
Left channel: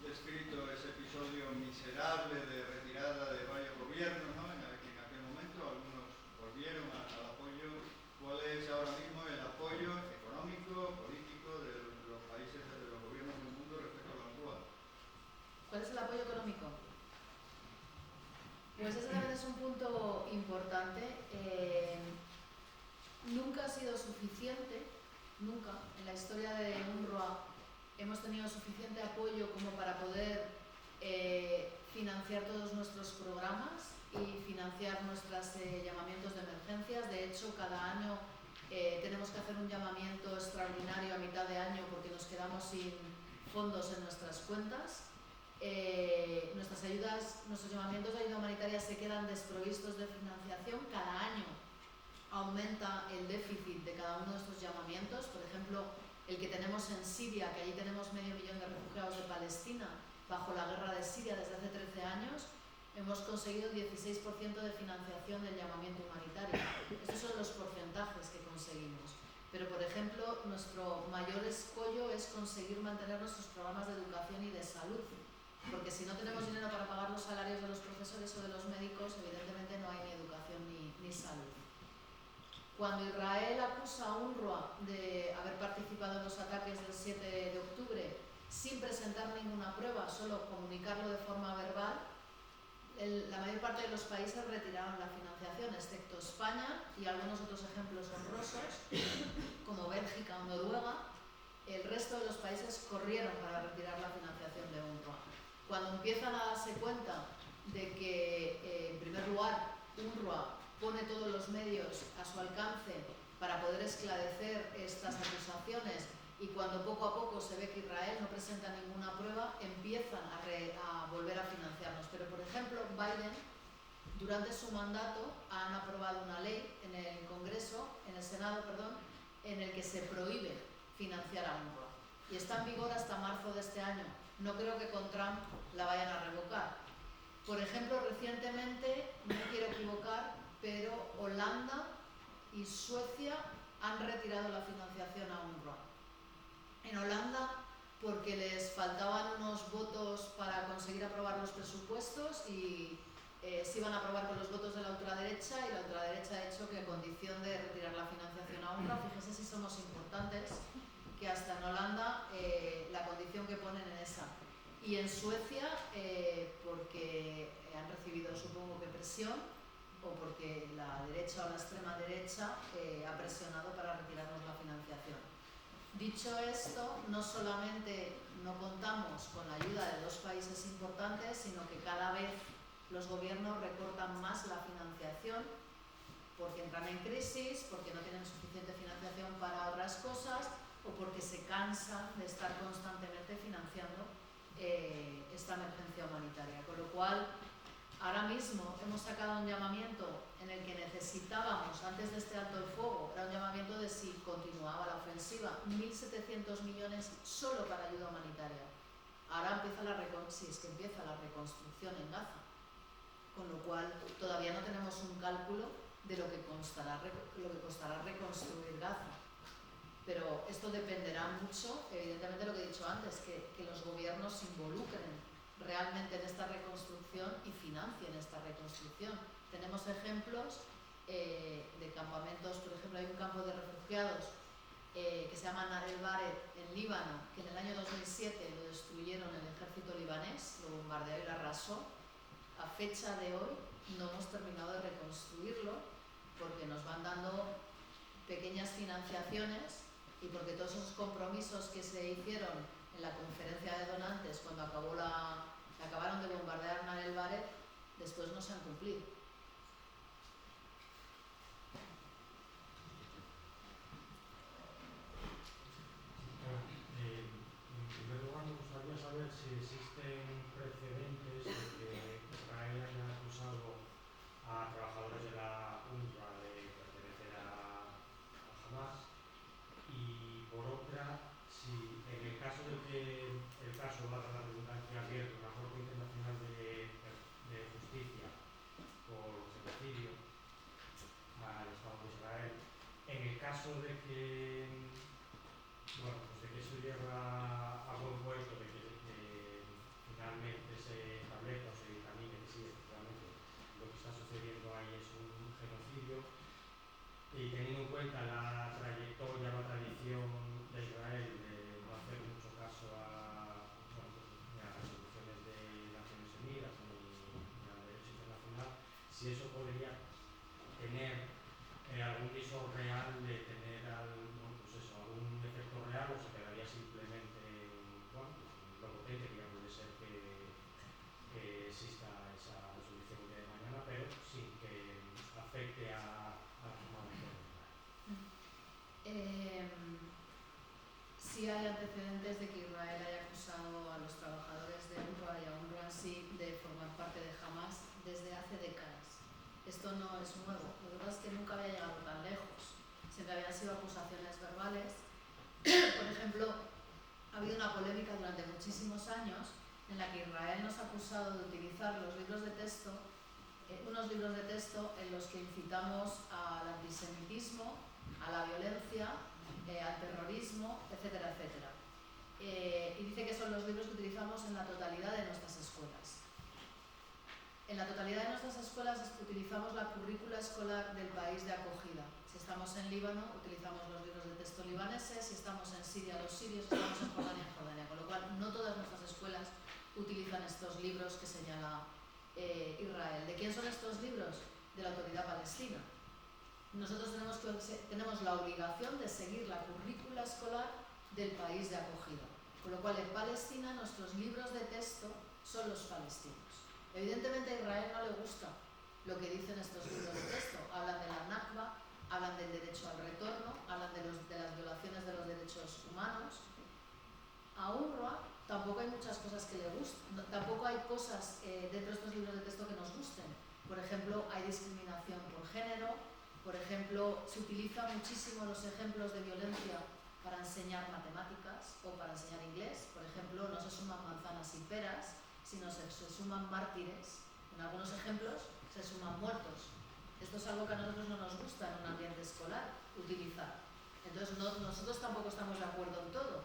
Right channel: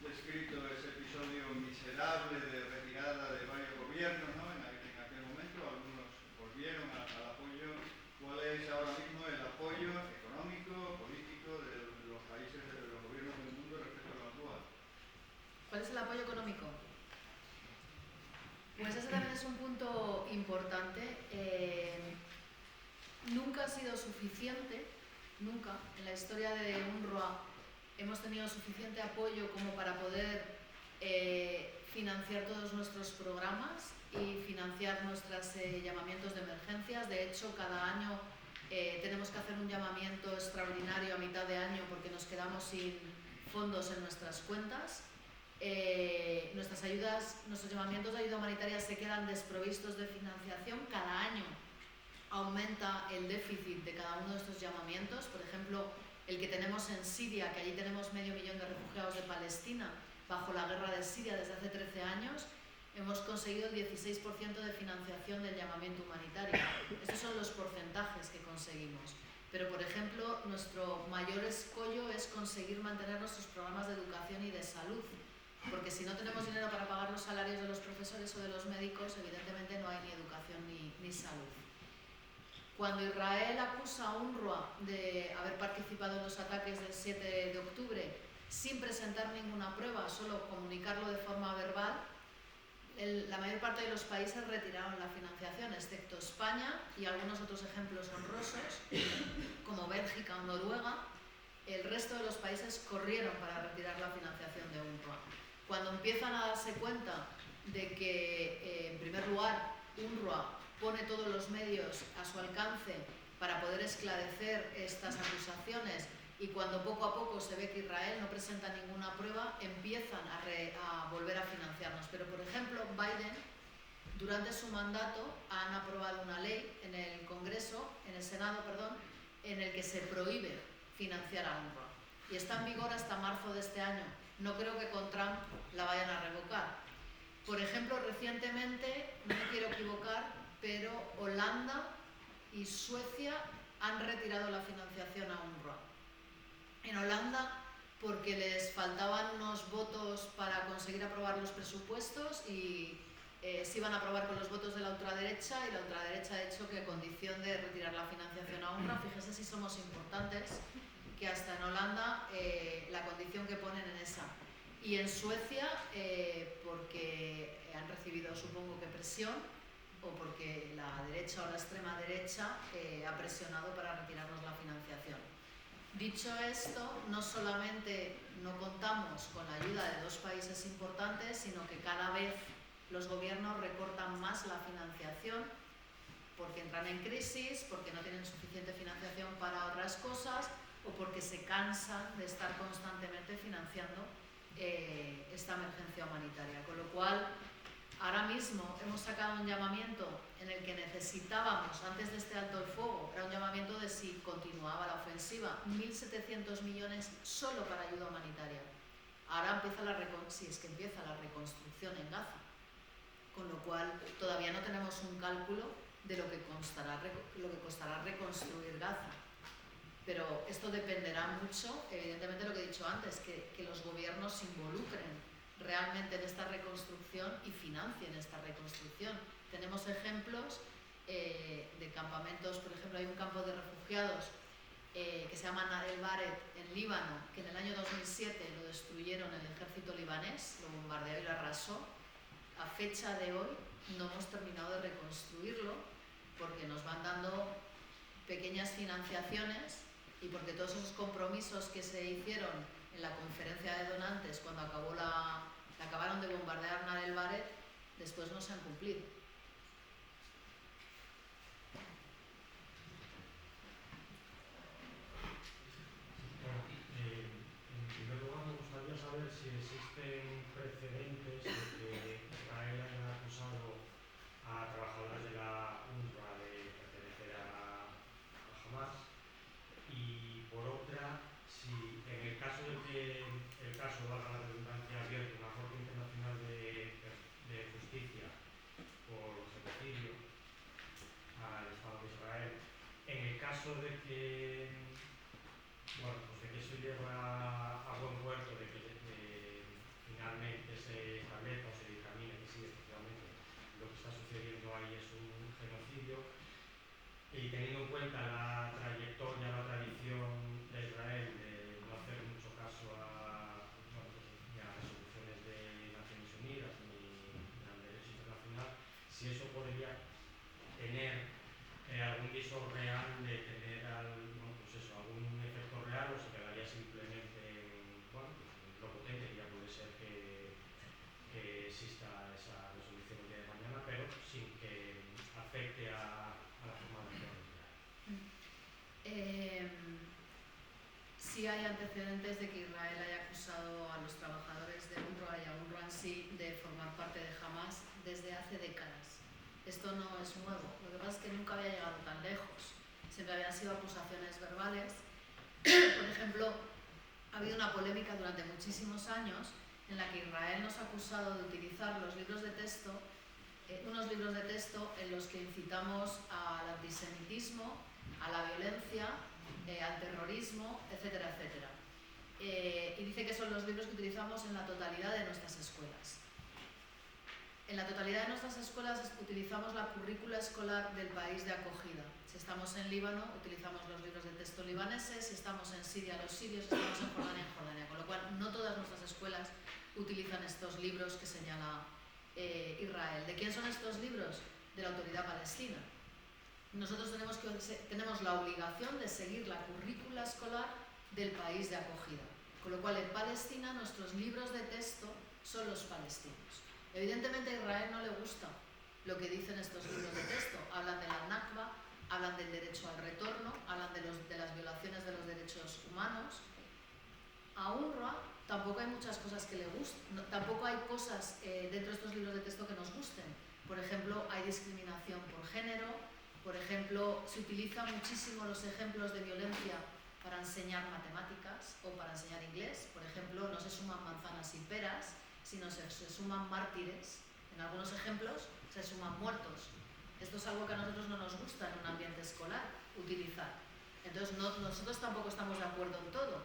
descrito ese episodio miserable de retirada de varios gobiernos, ¿no? En aquel momento algunos volvieron al apoyo. ¿Cuál es ahora mismo el apoyo económico, político de los países, de los gobiernos del mundo respecto a la UNRWA? ¿Cuál es el apoyo económico? Pues ese también es un punto importante. Nunca ha sido suficiente, nunca, en la historia de UNRWA hemos tenido suficiente apoyo como para poder financiar todos nuestros programas y financiar nuestros llamamientos de emergencias. De hecho, cada año tenemos que hacer un llamamiento extraordinario a mitad de año porque nos quedamos sin fondos en nuestras cuentas. Nuestros llamamientos de ayuda humanitaria se quedan desprovistos de financiación. Cada año aumenta el déficit de cada uno de estos llamamientos. Por ejemplo, el que tenemos en Siria, que allí tenemos 500.000 de refugiados de Palestina bajo la guerra de Siria desde hace 13 años, hemos conseguido el 16% de financiación del llamamiento humanitario. Estos son los porcentajes que conseguimos. Pero, por ejemplo, nuestro mayor escollo es conseguir mantener nuestros programas de educación y de salud, porque si no tenemos dinero para pagar los salarios de los profesores o de los médicos, evidentemente no hay ni educación ni salud. Cuando Israel acusa a UNRWA de haber participado en los ataques del 7 de octubre sin presentar ninguna prueba, solo comunicarlo de forma verbal, la mayor parte de los países retiraron la financiación, excepto España y algunos otros ejemplos honrosos, como Bélgica o Noruega. El resto de los países corrieron para retirar la financiación de UNRWA. Cuando empiezan a darse cuenta de que, en primer lugar, UNRWA pone todos los medios a su alcance para poder esclarecer estas acusaciones, y cuando poco a poco se ve que Israel no presenta ninguna prueba, empiezan a volver a financiarnos. Pero, por ejemplo, Biden, durante su mandato, han aprobado una ley en el Senado, en el que se prohíbe financiar a UNRWA. Y está en vigor hasta marzo de este año. No creo que con Trump la vayan a revocar. Por ejemplo, recientemente, no me quiero equivocar, pero Holanda y Suecia han retirado la financiación a UNRWA. En Holanda, porque les faltaban unos votos para conseguir aprobar los presupuestos y se iban a aprobar con los votos de la ultraderecha, y la ultraderecha ha hecho que, a condición de retirar la financiación a UNRWA, fíjese si somos importantes, que hasta en Holanda la condición que ponen en esa. Y en Suecia, porque han recibido, supongo que presión, o porque la derecha o la extrema derecha ha presionado para retirarnos la financiación. Dicho esto, no solamente no contamos con la ayuda de dos países importantes, sino que cada vez los gobiernos recortan más la financiación porque entran en crisis, porque no tienen suficiente financiación para otras cosas, o porque se cansan de estar constantemente financiando esta emergencia humanitaria. Con lo cual, ahora mismo hemos sacado un llamamiento en el que necesitábamos, antes de este alto el fuego, era un llamamiento de si continuaba la ofensiva, 1.700 millones solo para ayuda humanitaria. Ahora empieza si es que empieza la reconstrucción en Gaza, con lo cual todavía no tenemos un cálculo de lo que costará reconstruir Gaza. Pero esto dependerá mucho, evidentemente, de lo que he dicho antes, que los gobiernos se involucren realmente en esta reconstrucción y financien esta reconstrucción. Tenemos ejemplos de campamentos. Por ejemplo, hay un campo de refugiados que se llama Nar el Bared en Líbano, que en el año 2007 lo destruyeron el ejército libanés, lo bombardeó y lo arrasó. A fecha de hoy no hemos terminado de reconstruirlo porque nos van dando pequeñas financiaciones y porque todos esos compromisos que se hicieron en la conferencia de donantes cuando acabaron de bombardear Nar el Bared, después no se han cumplido. En primer lugar, me gustaría saber si existen precedentes caso, valga la redundancia, abierto una Corte Internacional de Justicia por genocidio al Estado de Israel. En el caso de que, bueno, pues de que eso lleva a buen puerto, de que finalmente se establezca o se dictamine que sí, efectivamente, lo que está sucediendo ahí es un genocidio, y teniendo en cuenta la trayectoria, la tradición de Israel de no hacer mucho caso a, bueno, pues, ni a resoluciones de Naciones Unidas ni al derecho internacional, si eso podría tener algún viso real de tener bueno, pues eso, algún efecto real, o se quedaría simplemente en, bueno, pues, lo potente que ya puede ser que exista esa resolución el día de mañana, pero sin que afecte a la forma de hacer. Sí hay antecedentes de que Israel haya acusado a los trabajadores de UNRWA y a UNRWA en sí de formar parte de Hamas desde hace décadas. Esto no es nuevo, lo que pasa es que nunca había llegado tan lejos. Siempre habían sido acusaciones verbales. Por ejemplo, ha habido una polémica durante muchísimos años en la que Israel nos ha acusado de utilizar los libros de texto, unos libros de texto en los que incitamos al antisemitismo, a la violencia, al terrorismo, etcétera, etcétera. Y dice que son los libros que utilizamos en la totalidad de nuestras escuelas. En la totalidad de nuestras escuelas utilizamos la currícula escolar del país de acogida. Si estamos en Líbano, utilizamos los libros de texto libaneses; si estamos en Siria, los sirios; si estamos en Jordania. Con lo cual, no todas nuestras escuelas utilizan estos libros que señala Israel. ¿De quién son estos libros? De la Autoridad Palestina. Nosotros tenemos la obligación de seguir la currícula escolar del país de acogida. Con lo cual, en Palestina, nuestros libros de texto son los palestinos. Evidentemente a Israel no le gusta lo que dicen estos libros de texto. Hablan de la Nakba, hablan del derecho al retorno, hablan de las violaciones de los derechos humanos. A UNRWA tampoco hay muchas cosas que le gusten, tampoco hay cosas dentro de estos libros de texto que nos gusten. Por ejemplo, hay discriminación por género. Por ejemplo, se utilizan muchísimo los ejemplos de violencia para enseñar matemáticas o para enseñar inglés. Por ejemplo, no se suman manzanas y peras, sino se suman mártires. En algunos ejemplos se suman muertos. Esto es algo que a nosotros no nos gusta en un ambiente escolar utilizar. Entonces nosotros tampoco estamos de acuerdo en todo,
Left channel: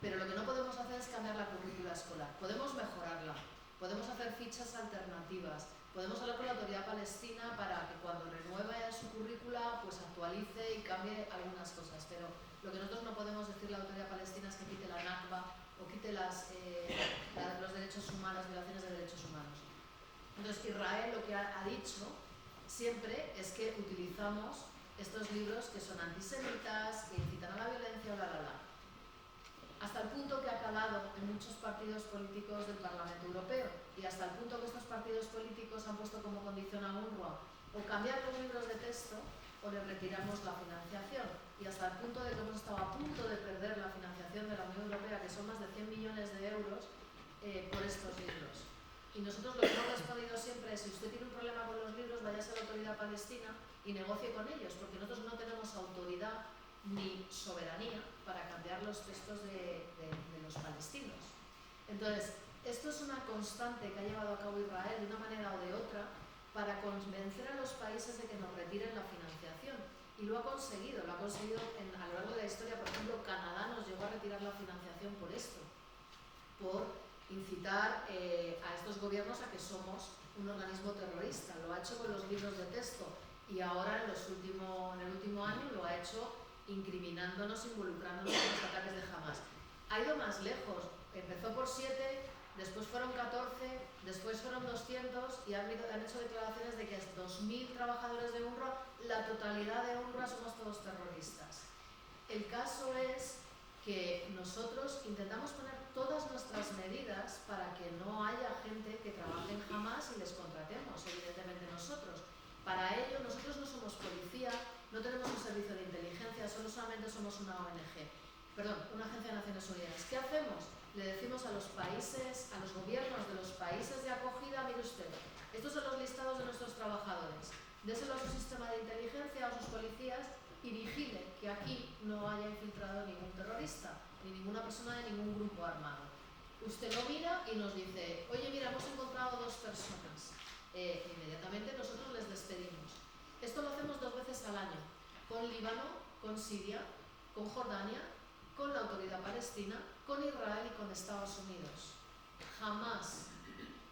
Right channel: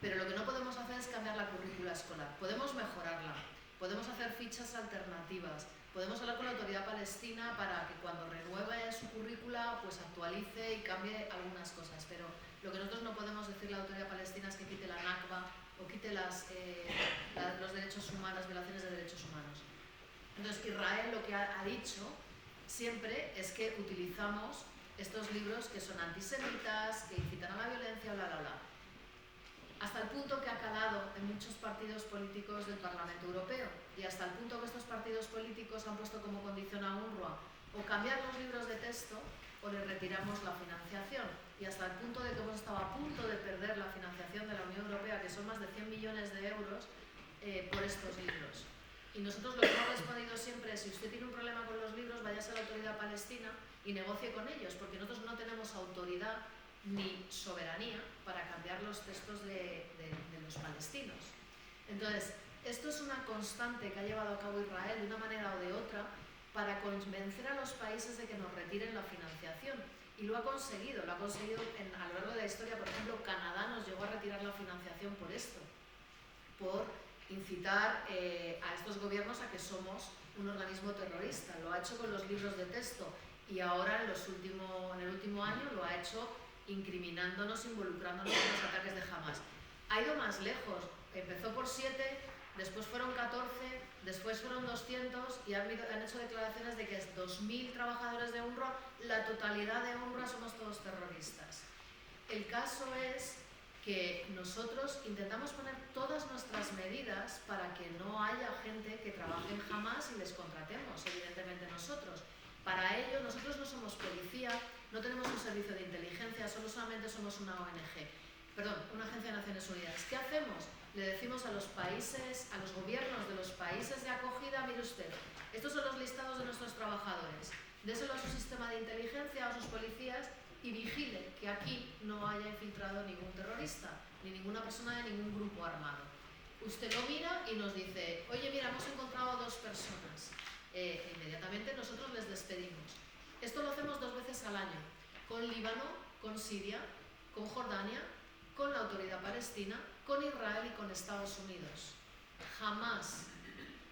pero lo que no podemos hacer es cambiar la currícula escolar. Podemos mejorarla, podemos hacer fichas alternativas, podemos hablar con la Autoridad Palestina para que cuando renueve su currícula pues actualice y cambie algunas cosas, pero lo que nosotros no podemos decirle a la Autoridad Palestina es que quite la Nakba o quite los derechos humanos, violaciones de derechos humanos. Entonces Israel lo que ha dicho siempre es que utilizamos estos libros que son antisemitas, que incitan a la violencia, bla, bla, bla. Hasta el punto que ha calado en muchos partidos políticos del Parlamento Europeo, y hasta el punto que estos partidos políticos han puesto como condición a UNRWA o cambiar los libros de texto o le retiramos la financiación, y hasta el punto de que hemos estado a punto de perder la financiación de la Unión Europea, que son más de 100 millones de euros por estos libros. Y nosotros lo que hemos respondido siempre es: si usted tiene un problema con los libros, váyase a la Autoridad Palestina y negocie con ellos, porque nosotros no tenemos autoridad ni soberanía para cambiar los textos de los palestinos. Entonces, esto es una constante que ha llevado a cabo Israel de una manera o de otra para convencer a los países de que nos retiren la financiación. Y lo ha conseguido a lo largo de la historia. Por ejemplo, Canadá nos llegó a retirar la financiación por esto, por incitar a estos gobiernos a que somos un organismo terrorista. Lo ha hecho con los libros de texto y ahora en el último año lo ha hecho incriminándonos, involucrándonos en los ataques de Hamas. Ha ido más lejos, empezó por 7, después fueron 14, después fueron 200 y han hecho declaraciones de que es 2.000 trabajadores de UNRWA, la totalidad de UNRWA somos todos terroristas. El caso es que nosotros intentamos poner todas nuestras medidas para que no haya gente que trabaje en Hamas y les contratemos, evidentemente nosotros. Para ello, nosotros no somos policía, no tenemos un servicio de inteligencia, solamente somos una ONG, una agencia de Naciones Unidas. ¿Qué hacemos? Le decimos a los países, a los gobiernos de los países de acogida: mire usted, estos son los listados de nuestros trabajadores, déselo a su sistema de inteligencia, a sus policías, y vigile que aquí no haya infiltrado ningún terrorista, ni ninguna persona de ningún grupo armado. usted lo mira y nos dice, oye, mira, hemos encontrado 2 personas. Inmediatamente nosotros les despedimos. Esto lo hacemos 2 veces al año, con Líbano, con Siria, con Jordania, con la Autoridad Palestina, con Israel y con Estados Unidos. Jamás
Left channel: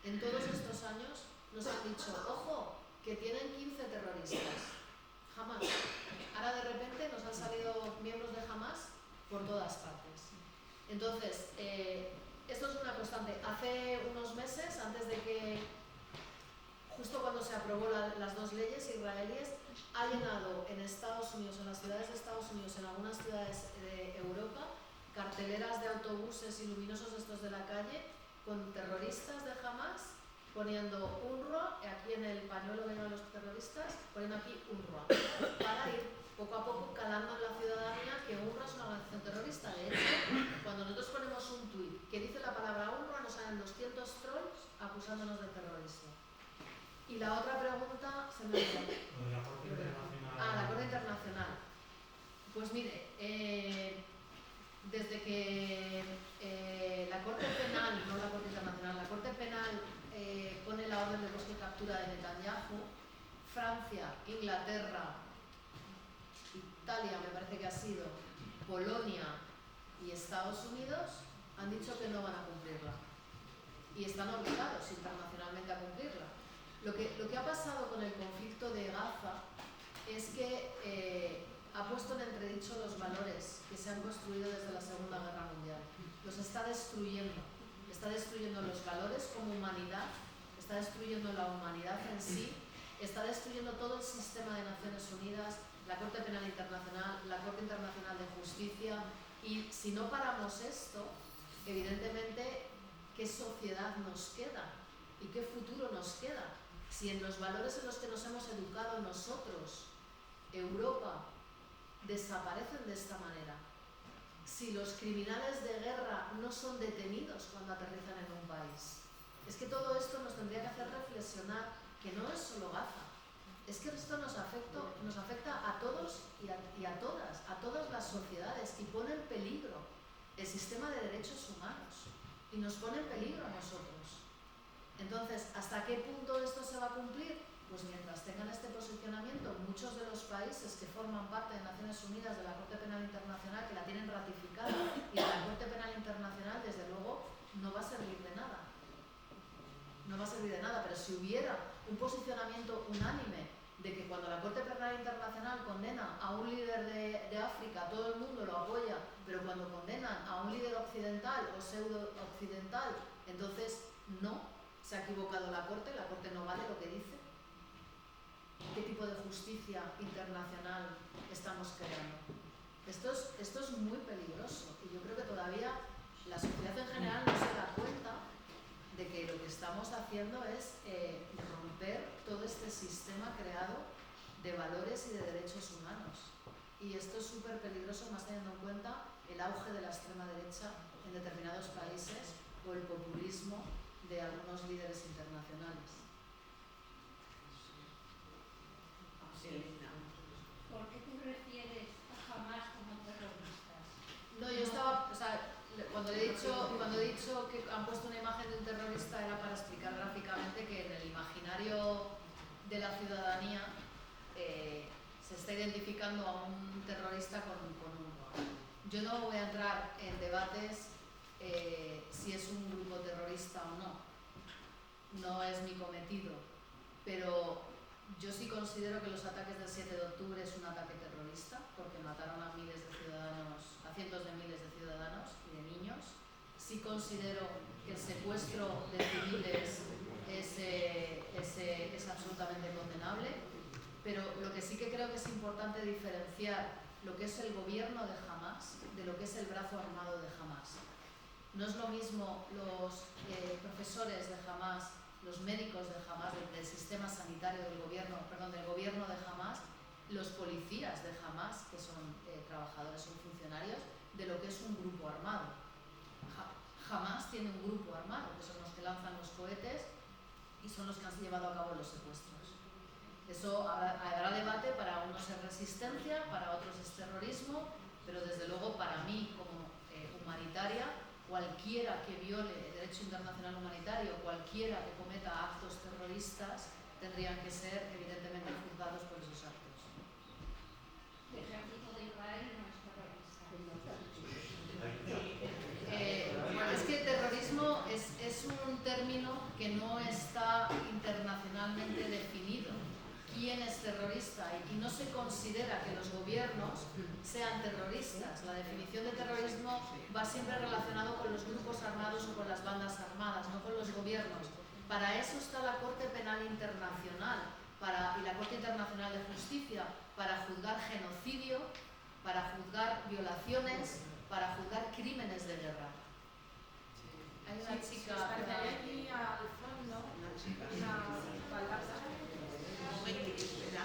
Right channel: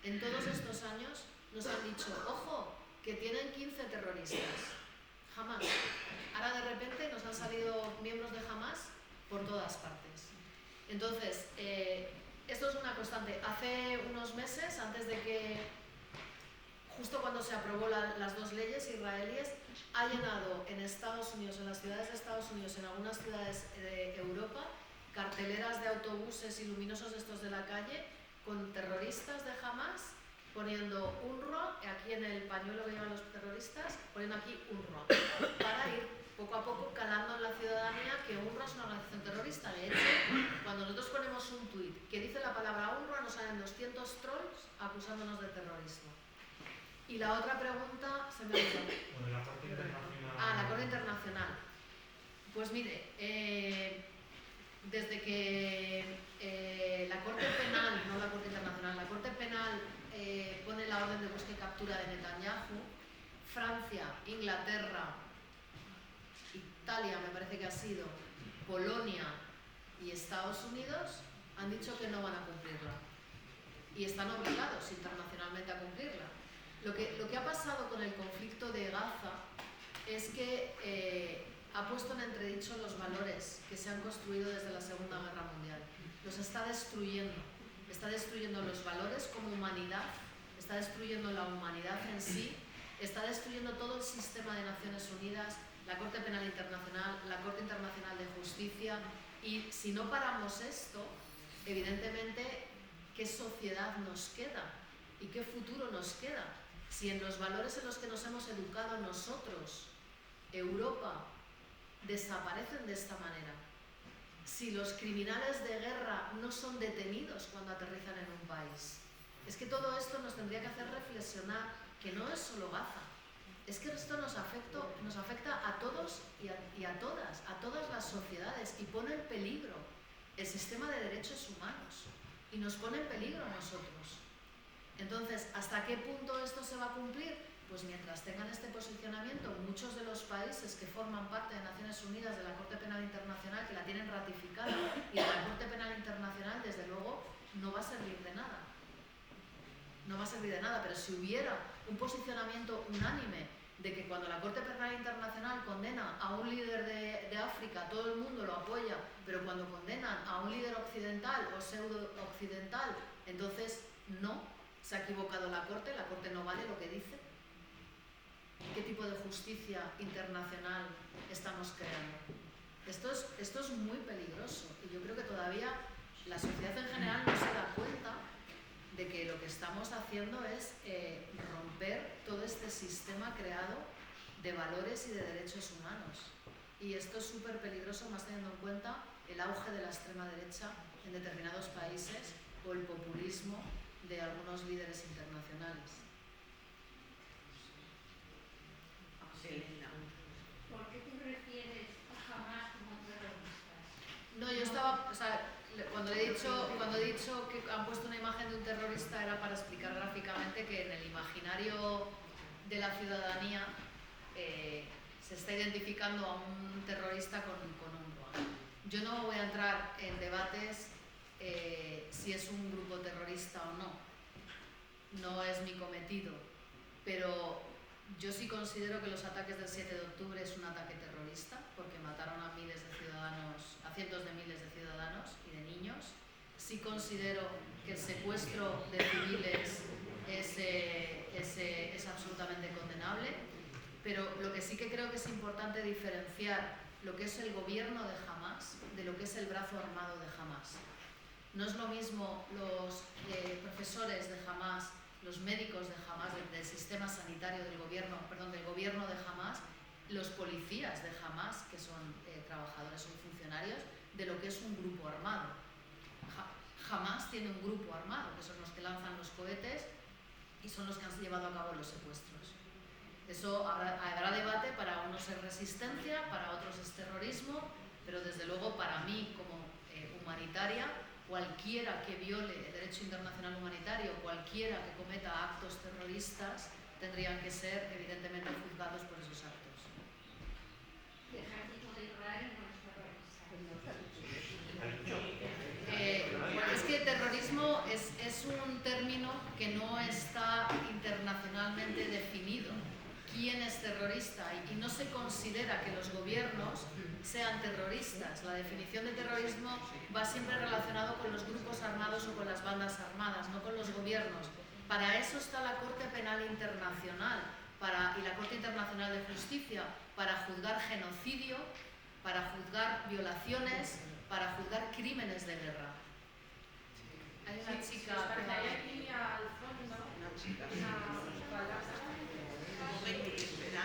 en todos estos años nos han dicho, ojo, que tienen 15 terroristas. Jamás. Ahora de repente nos han salido miembros de Hamas por todas partes. Entonces, esto es una constante. Hace unos meses, antes de que, justo cuando se aprobó las 2 leyes israelíes, ha llenado en Estados Unidos, en las ciudades de Estados Unidos, en algunas ciudades de Europa, carteleras de autobuses y luminosos estos de la calle, con terroristas de Hamas, poniendo UNRWA, aquí en el pañuelo que llevan los terroristas, poniendo aquí UNRWA, para ir poco a poco calando en la ciudadanía que UNRWA es una organización terrorista. De hecho, cuando nosotros ponemos un tuit que dice la palabra UNRWA, nos salen 200 trolls acusándonos de terrorismo. Y la otra pregunta se me ha olvidado. Lo de la Corte Internacional. La Corte Internacional. Pues mire, desde que la Corte Penal, no la Corte Internacional, la Corte Penal pone la orden de búsqueda y captura de Netanyahu, Francia, Inglaterra, Italia me parece que ha sido, Polonia y Estados Unidos han dicho que no van a cumplirla. Y están obligados internacionalmente a cumplirla. Lo que ha pasado con el conflicto de Gaza es que ha puesto en entredicho los valores que se han construido desde la Segunda Guerra Mundial. Los está destruyendo. Está destruyendo los valores como humanidad, está destruyendo la humanidad en sí, está destruyendo todo el sistema de Naciones Unidas, la Corte Penal Internacional, la Corte Internacional de Justicia. Y si no paramos esto, evidentemente, ¿qué sociedad nos queda? ¿Y qué futuro nos queda? Si en los valores en los que nos hemos educado nosotros, Europa, desaparecen de esta manera. Si los criminales de guerra no son detenidos cuando aterrizan en un país. Es que todo esto nos tendría que hacer reflexionar que no es solo Gaza. Es que esto nos afecta a todos y a todas las sociedades, y pone en peligro el sistema de derechos humanos y nos pone en peligro a nosotros. Entonces, ¿hasta qué punto esto se va a cumplir? Pues mientras tengan este posicionamiento, muchos de los países que forman parte de Naciones Unidas, de la Corte Penal Internacional, que la tienen ratificada, y de la Corte Penal Internacional, desde luego, no va a servir de nada. No va a servir de nada, pero si hubiera un posicionamiento unánime de que cuando la Corte Penal Internacional condena a un líder de África, todo el mundo lo apoya, pero cuando condenan a un líder occidental o pseudo-occidental, entonces no, se ha equivocado la Corte no vale lo que dice. ¿Qué tipo de justicia internacional estamos creando? Esto es muy peligroso, y yo creo que todavía la sociedad en general no se da cuenta de que lo que estamos haciendo es romper todo este sistema creado de valores y de derechos humanos. Y esto es súper peligroso, más teniendo en cuenta el auge de la extrema derecha en determinados países o el populismo de algunos líderes internacionales. ¿Por qué te refieres a Hamas como terroristas? No, yo estaba, o sea, cuando he dicho que han puesto una imagen de un terrorista era para explicar gráficamente que en el imaginario de la ciudadanía se está identificando a un terrorista con UNRWA. Yo no voy a entrar en debates si es un grupo terrorista o no. No es mi cometido, pero yo sí considero que los ataques del 7 de octubre es un ataque terrorista, porque mataron a miles de ciudadanos, a cientos de miles de ciudadanos y de niños. Sí considero que el secuestro de civiles es absolutamente condenable, pero lo que sí que creo que es importante diferenciar lo que es el gobierno de Hamas de lo que es el brazo armado de Hamas. No es lo mismo los profesores de Hamas, los médicos de Hamas, del sistema sanitario del gobierno de Hamas, los policías de Hamas, que son trabajadores, son funcionarios, de lo que es un grupo armado. Hamas tiene un grupo armado, que son los que lanzan los cohetes y son los que han llevado a cabo los secuestros. Eso habrá debate, para unos es resistencia, para otros es terrorismo, pero desde luego para mí como humanitaria cualquiera que viole el derecho internacional humanitario, cualquiera que cometa actos terroristas, tendrían que ser evidentemente juzgados por esos actos. El ejército de Israel no es terrorista. Bueno, es que terrorismo es un término que no está internacionalmente definido. ¿Quién es terrorista? Y no se considera que los gobiernos sean terroristas. La definición de terrorismo va siempre relacionado con los grupos armados o con las bandas armadas, no con los gobiernos. Para eso está la Corte Penal Internacional y la Corte Internacional de Justicia, para juzgar genocidio, para juzgar violaciones, para juzgar crímenes de guerra. Hay una chica que que hay aquí al fondo Una chica, sí. una palabra. Un momentín, espera.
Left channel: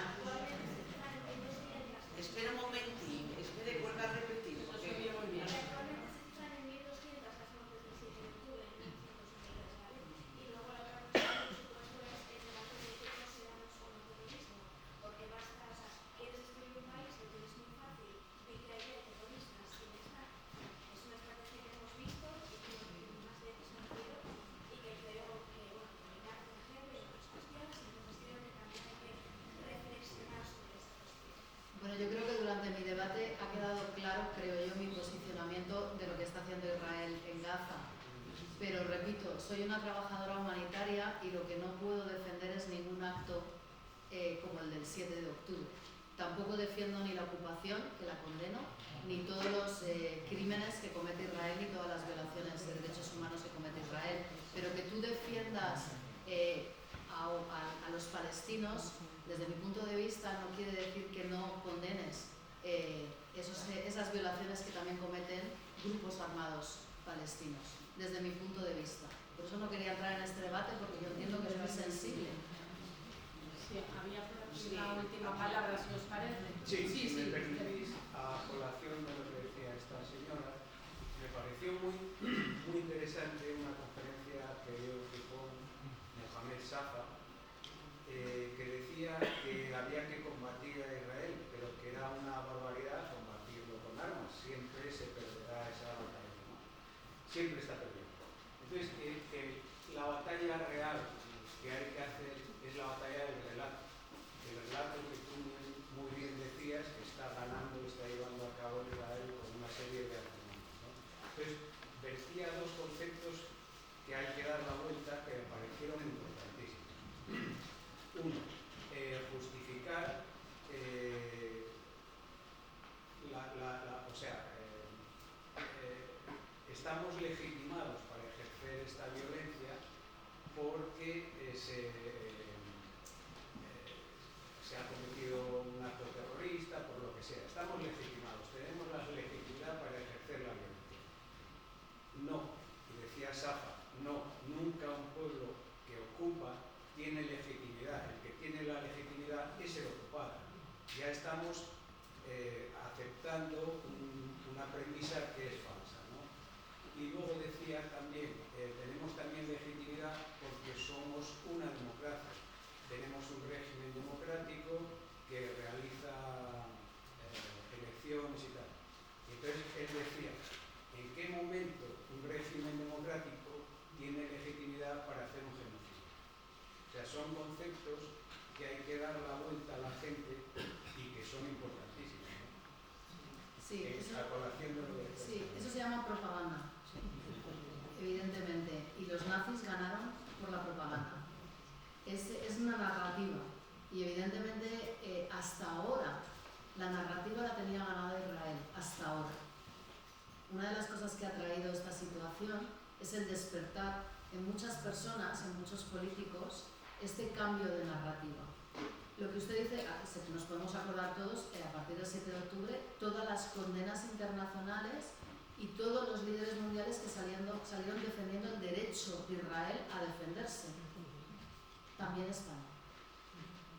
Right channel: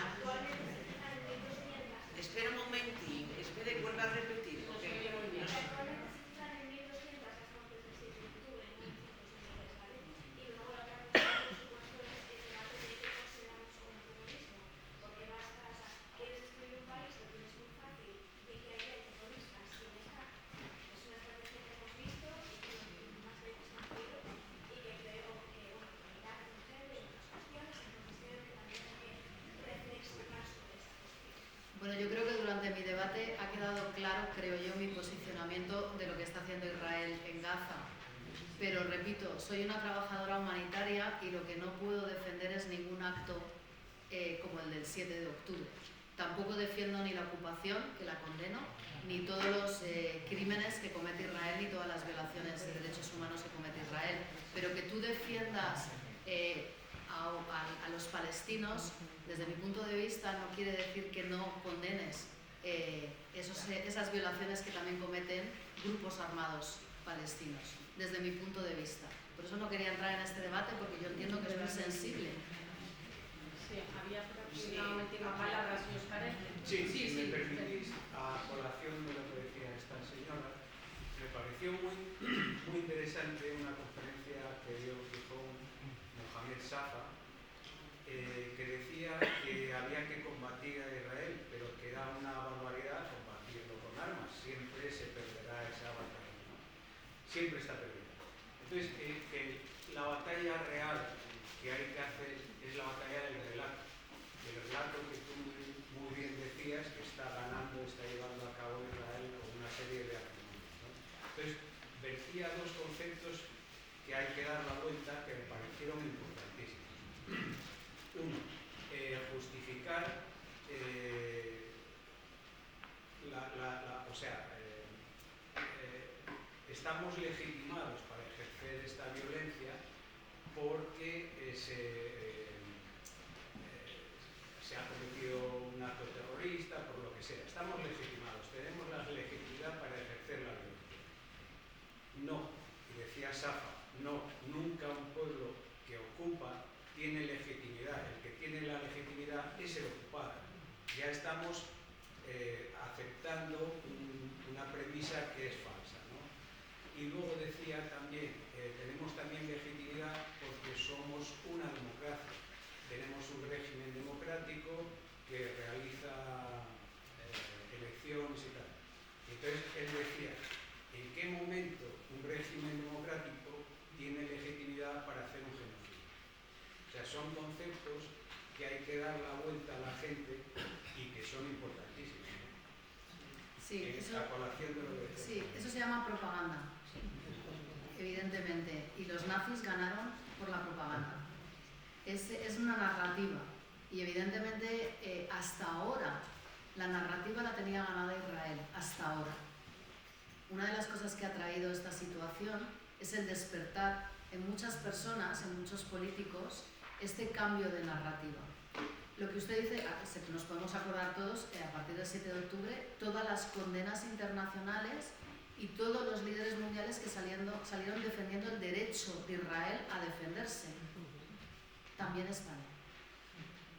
Espera un momentín, espere, vuelve a repetir, porque no sé. Bueno, yo creo que durante mi debate ha quedado claro, creo yo, mi posicionamiento de lo que está haciendo Israel en Gaza. Pero repito, soy una trabajadora humanitaria y lo que no puedo defender es ningún acto como el del 7 de octubre. Tampoco defiendo ni la ocupación, que la condeno, ni todos los crímenes que comete Israel, ni todas las violaciones de derechos humanos que comete Israel. Pero que tú defiendas a los palestinos, desde mi punto de vista, no quiere decir que no condenes esas violaciones que también cometen grupos armados palestinos, desde mi punto de vista. Por eso no quería entrar en este debate, porque yo entiendo que es muy sensible. Sí, había por aquí una última palabra, si os parece. Si me permitís, a colación de lo que decía esta señora, me pareció muy interesante una conferencia que dio Mohamed Safa, que decía que había que combatir a Israel, pero que era una barbaridad combatirlo con armas. Siempre se perderá esa batalla, ¿no? Siempre está perdiendo. Entonces, que la batalla real que hay que hacer es la batalla del relato. El relato que tú muy bien decías que está ganando, está llevando a cabo Israel con una serie de argumentos, ¿no? Entonces, vertía dos conceptos que hay que dar la vuelta que me parecieron importantísimos. Uno, justificar estamos legitimados para ejercer esta violencia porque se ha cometido un acto terrorista, por lo que sea. Estamos legitimados, tenemos la legitimidad para ejercer la violencia. No, y decía Safa, no, nunca un pueblo que ocupa tiene legitimidad. El que tiene la legitimidad es el ocupado. Ya estamos aceptando una premisa que es falsa, ¿no? Y luego decía también, tenemos también legitimidad porque somos una democracia. Tenemos un régimen democrático que realiza elecciones y tal. Entonces él decía, ¿en qué momento un régimen democrático tiene legitimidad para hacer un genocidio? O sea, son conceptos que hay que dar la vuelta a la gente y que son importantísimos, ¿no? Sí, A colación de lo que decía. Sí, eso se llama propaganda, evidentemente. Y los nazis ganaron por la propaganda. Es una narrativa. Y evidentemente hasta ahora la narrativa la tenía ganada Israel, hasta ahora. Una de las cosas que ha traído esta situación es el despertar en muchas personas, en muchos políticos, este cambio de narrativa. Lo que usted dice, nos podemos acordar todos, a partir del 7 de octubre, todas las condenas internacionales y todos los líderes mundiales que salieron defendiendo el derecho de Israel a defenderse. También España.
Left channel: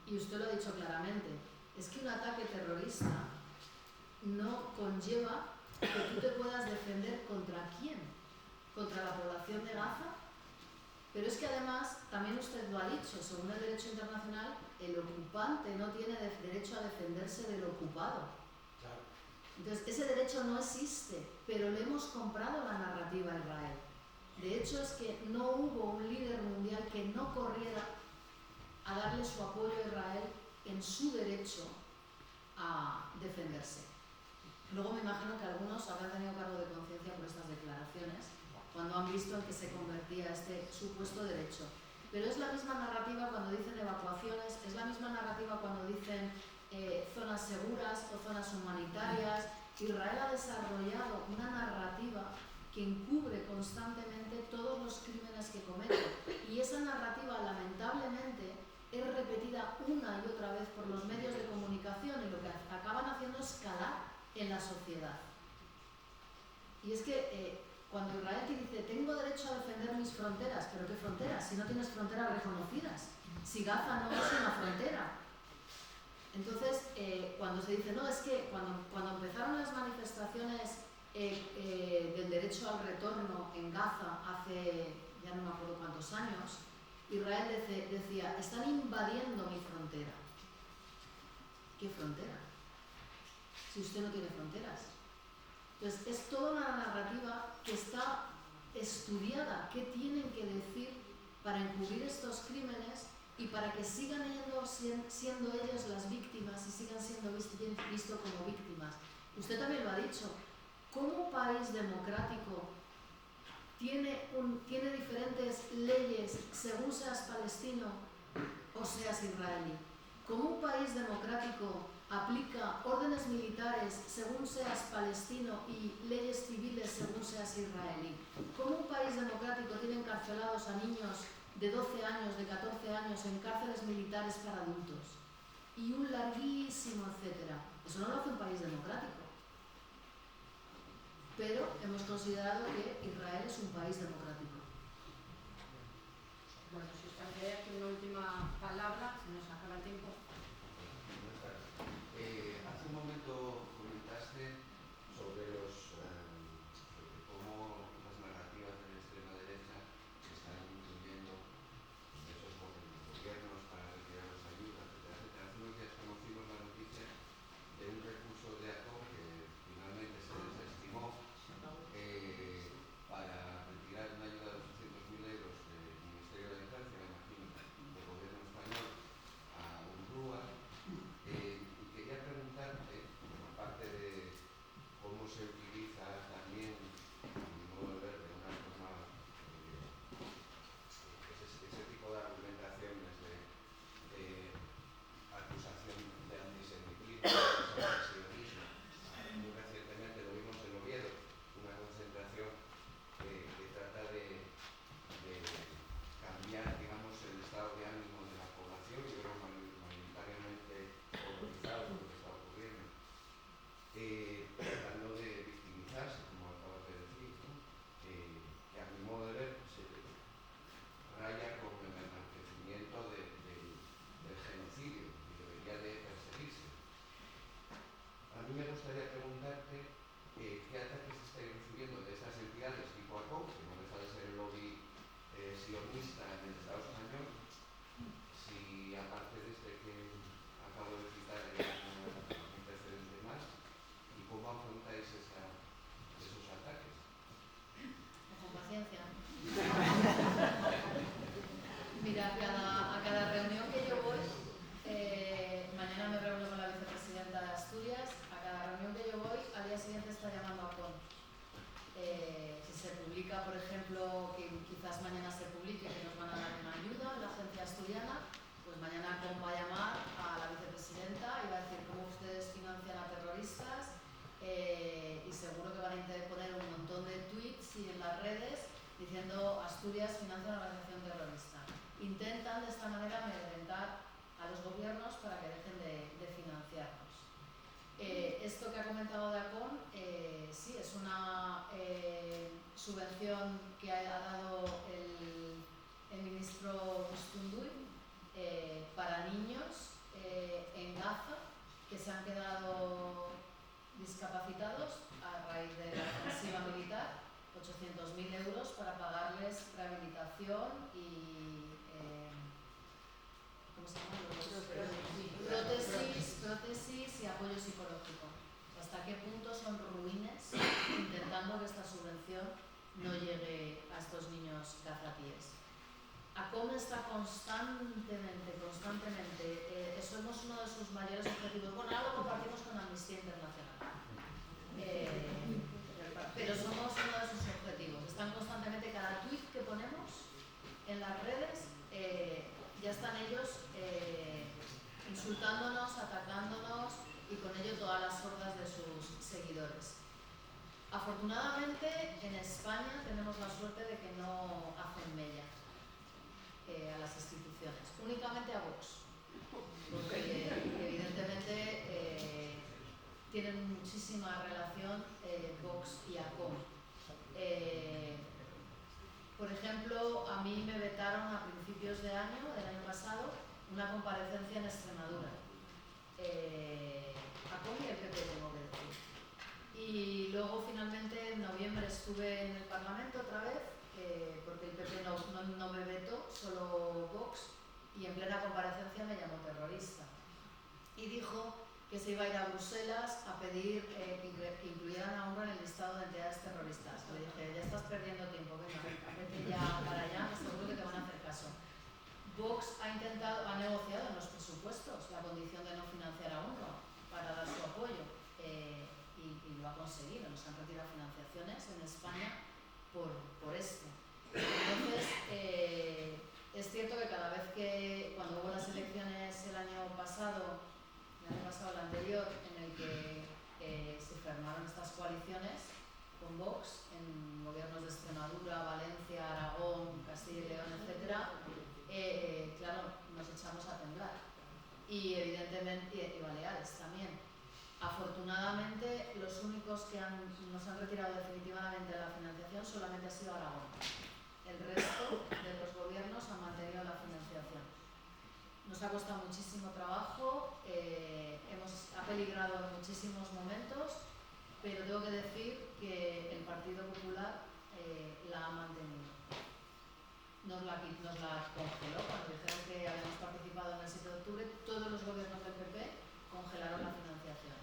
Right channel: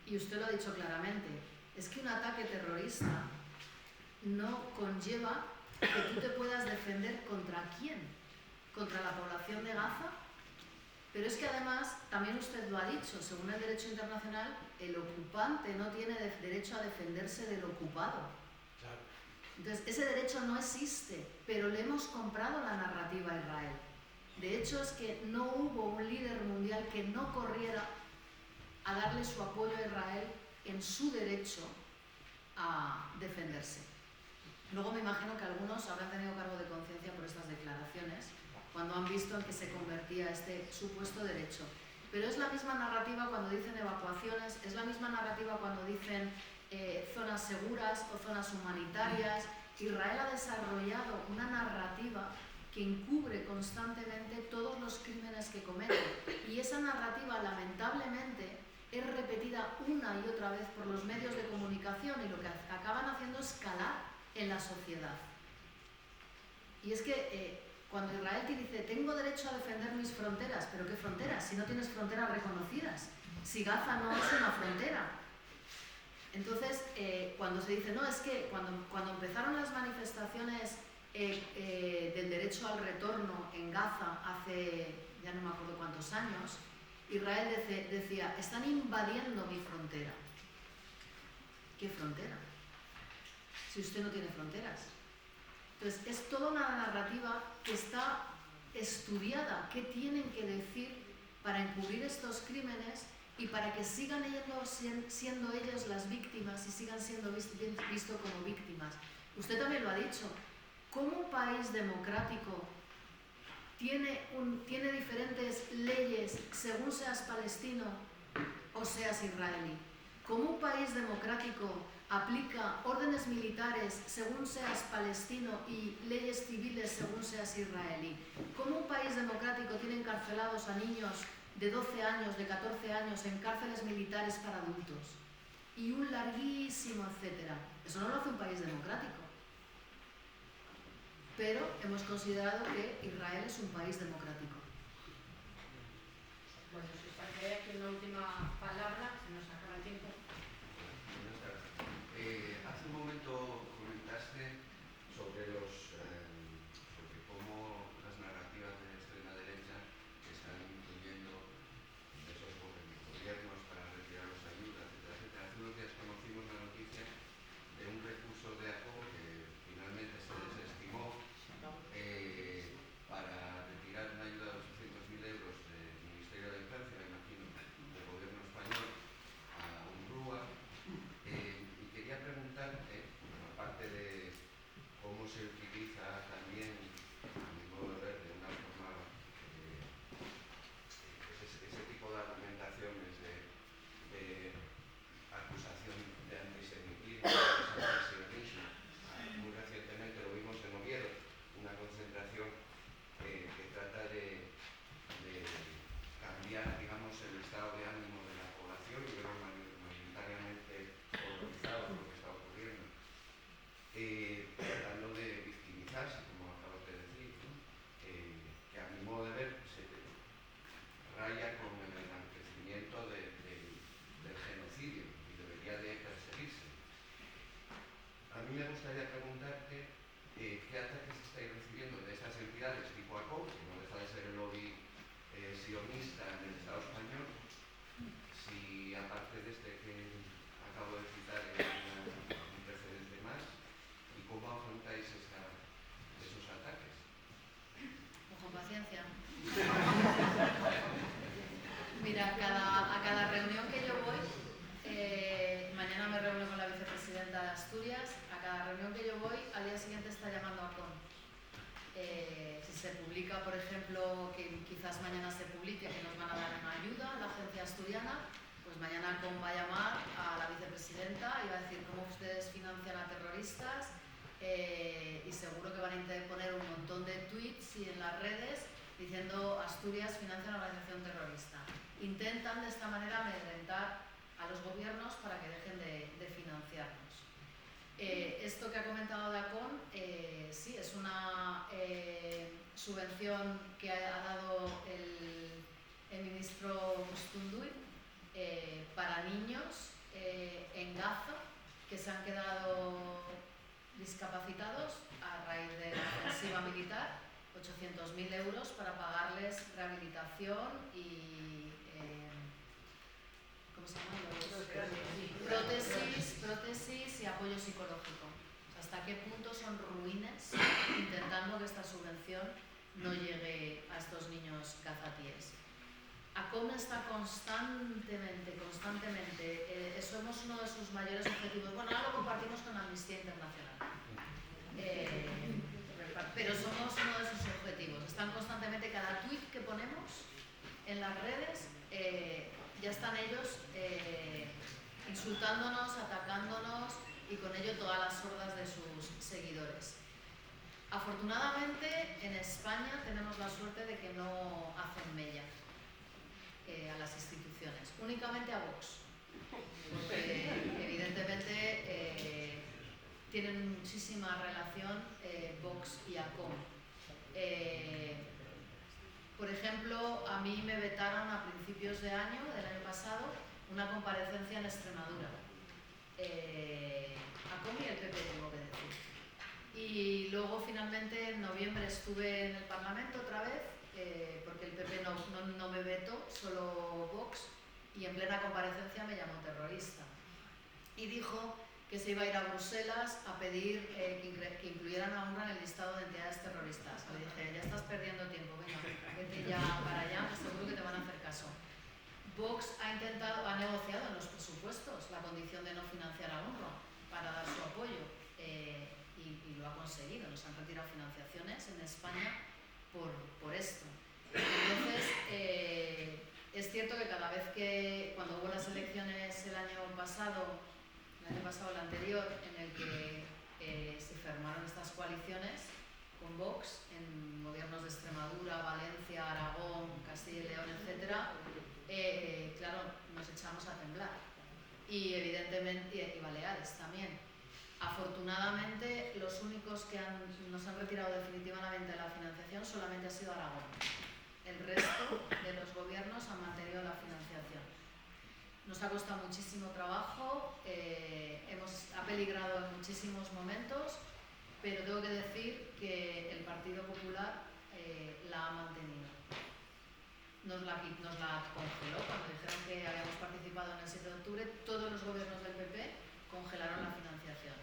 Y usted lo ha dicho claramente, es que un ataque terrorista no conlleva que tú te puedas defender contra quién, contra la población de Gaza. Pero es que además, también usted lo ha dicho, según el derecho internacional, el ocupante no tiene derecho a defenderse del ocupado. Claro. Entonces, ese derecho no existe, pero le hemos comprado la narrativa a Israel. De hecho, es que no hubo un líder mundial que no corriera a darle su apoyo a Israel en su derecho a defenderse. Luego me imagino que algunos habrán tenido cargo de conciencia por estas declaraciones cuando han visto en que se convertía este supuesto derecho. Pero es la misma narrativa cuando dicen evacuaciones, es la misma narrativa cuando dicen zonas seguras o zonas humanitarias. Israel ha desarrollado una narrativa que encubre constantemente todos los crímenes que comete, y esa narrativa lamentablemente es repetida una y otra vez por los medios de comunicación, y lo que acaban haciendo es calar en la sociedad. Y es que cuando Israel te dice tengo derecho a defender mis fronteras, ¿pero qué fronteras? Si no tienes fronteras reconocidas, si Gaza no es una frontera. Entonces, cuando se dice, no, es que cuando empezaron las manifestaciones del derecho al retorno en Gaza hace ya no me acuerdo cuántos años, Israel decía, están invadiendo mi frontera. ¿Qué frontera? Si usted no tiene fronteras. Entonces, es toda una narrativa que está estudiada, qué tienen que decir para encubrir estos crímenes y para que sigan siendo ellos las víctimas y sigan siendo vistos como víctimas. Usted también lo ha dicho. ¿Cómo un país democrático tiene diferentes leyes según seas palestino o seas israelí? ¿Cómo un país democrático aplica órdenes militares según seas palestino y leyes civiles según seas israelí? ¿Cómo un país democrático tiene encarcelados a niños de 12 años, de 14 años en cárceles militares para adultos? Y un larguísimo etcétera. Eso no lo hace un país democrático. Pero hemos considerado que Israel es un país democrático. Bueno, si os parece aquí una última palabra, se nos acaba el tiempo. Hace un momento comentaste sobre cómo las narrativas de la extrema derecha están influyendo en esos gobiernos para retirar las ayudas, etcétera, etcétera. Hace unos días conocimos la noticia de un recurso de ACO que finalmente se desestimó para retirar una ayuda de 800.000 euros del Ministerio de la Infancia, me imagino, del gobierno español a UNRWA. Y quería preguntar, por parte de cómo se utiliza también, a mi modo de ver, de una forma, ese tipo de argumentaciones de acusación de antisemitismo, de antisionismo. Muy recientemente lo vimos en Oviedo, una concentración que trata de cambiar, digamos, el estado de ánimo de la población y verlo mayoritariamente horrorizado por lo que está ocurriendo. Tratando de victimizarse, como acabas de decir, ¿no? Que a mi modo de ver se raya con el enaltecimiento del genocidio y debería de perseguirse. A mí me gustaría preguntarte qué ataques estáis recibiendo de esas entidades tipo ACO, que no deja de ser el lobby sionista en el Estado español, si aparte de este que acabo de citar hay un precedente más, y cómo afrontáis esos ataques. Con paciencia. Mira, a cada reunión que yo voy, mañana me reúno con la vicepresidenta de Asturias, a cada reunión que yo voy, al día siguiente está llamando a CON. Si se publica, por ejemplo, que quizás mañana se publique que nos van a dar una ayuda en la agencia asturiana, pues mañana CON va a llamar a la vicepresidenta y va a decir cómo ustedes financian a terroristas, y seguro que van a poner un montón de tweets y en las redes diciendo Asturias financia una organización terrorista. Intentan de esta manera amedrentar a los gobiernos para que dejen de financiarnos. Esto que ha comentado de ACON, sí, es una subvención que ha dado el ministro Bustunduy para niños en Gaza que se han quedado discapacitados a raíz de la ofensiva militar, 800.000 euros para pagarles rehabilitación y ¿cómo se llama? Prótesis y apoyo psicológico. Hasta qué punto son ruines intentando que esta subvención no llegue a estos niños cazatíes. ACOM está constantemente, somos uno de sus mayores objetivos. Bueno, ahora lo compartimos con Amnistía Internacional, pero somos uno de sus objetivos. Están constantemente, cada tweet que ponemos en las redes, ya están ellos insultándonos, atacándonos y con ello todas las hordas de sus seguidores. Afortunadamente, en España tenemos la suerte de que no hacen mella a las instituciones, únicamente a Vox, porque evidentemente tienen muchísima relación Vox y ACOM. Por ejemplo, a mí me vetaron a principios del año pasado, una comparecencia en Extremadura. ACOM y el PP, tengo que decir. Y luego finalmente en noviembre estuve en el Parlamento otra vez, porque el PP no me vetó, solo Vox, y en plena comparecencia me llamó terrorista. Y dijo que se iba a ir a Bruselas a pedir que incluyeran a UNRWA en el listado de entidades terroristas. Le dije, ya estás perdiendo tiempo, venga, vete ya para allá, seguro que te van a hacer caso. Vox ha negociado en los presupuestos la condición de no financiar a UNRWA para dar su apoyo y lo ha conseguido. Nos han retirado financiaciones en España por esto. Entonces, es cierto que cada vez cuando hubo las elecciones el año pasado, el anterior, en el que se formaron estas coaliciones con Vox en gobiernos de Extremadura, Valencia, Aragón, Castilla y León, etc., claro, nos echamos a temblar. Y evidentemente, y Baleares también. Afortunadamente, los únicos que nos han retirado definitivamente la financiación solamente ha sido Aragón. El resto de los gobiernos han mantenido la financiación. Nos ha costado muchísimo trabajo, ha peligrado en muchísimos momentos, pero tengo que decir que el Partido Popular la ha mantenido. Nos la congeló cuando dijeron que habíamos participado en el 7 de octubre, todos los gobiernos del PP congelaron la financiación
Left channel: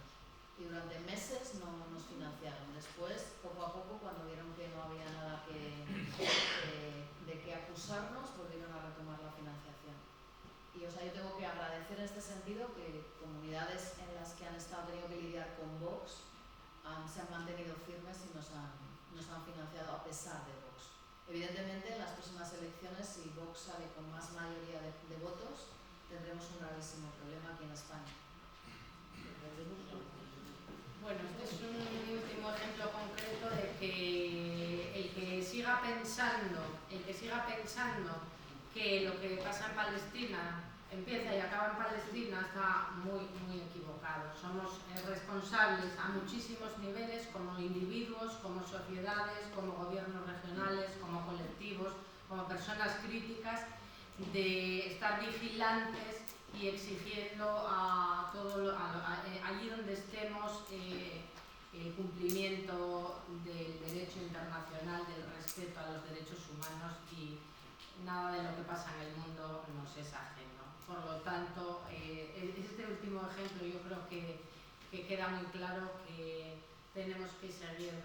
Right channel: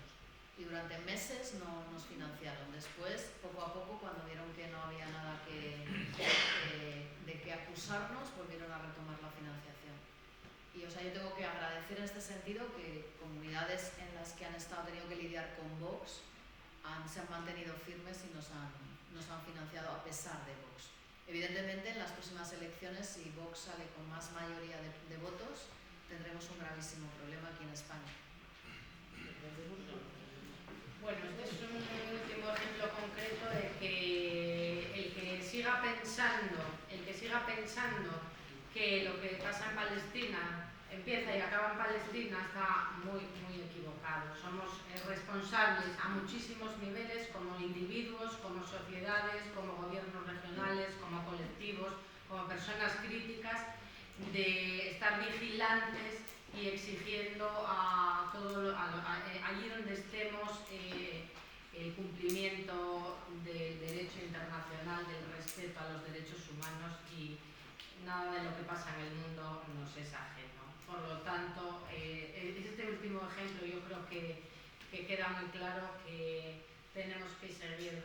y durante meses no nos financiaron. Después, poco a poco, cuando vieron que no había nada de qué acusarnos, volvieron a retomar la financiación. Y yo tengo que agradecer en este sentido que comunidades en las que han tenido que lidiar con Vox se han mantenido firmes y nos han financiado a pesar de Vox. Evidentemente, en las próximas elecciones, si Vox sale con más mayoría de votos, tendremos un gravísimo problema aquí en España. Bueno, este es un último ejemplo concreto de que el que siga pensando que lo que pasa en Palestina empieza y acaba en Palestina está muy, muy equivocado. Somos responsables a muchísimos niveles, como individuos, como sociedades, como gobiernos regionales, como colectivos, como personas críticas, de estar vigilantes y exigiendo allí donde estemos el cumplimiento del derecho internacional, del respeto a los derechos humanos, y nada de lo que pasa en el mundo nos es ajeno. Por lo tanto, este último ejemplo yo creo que queda muy claro que tenemos que seguir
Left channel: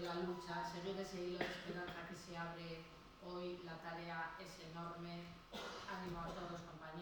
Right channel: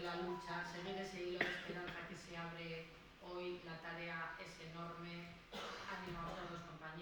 la lucha, seguir ese hilo de esperanza que se abre hoy. La tarea es enorme. Ánimo a todos, compañeros.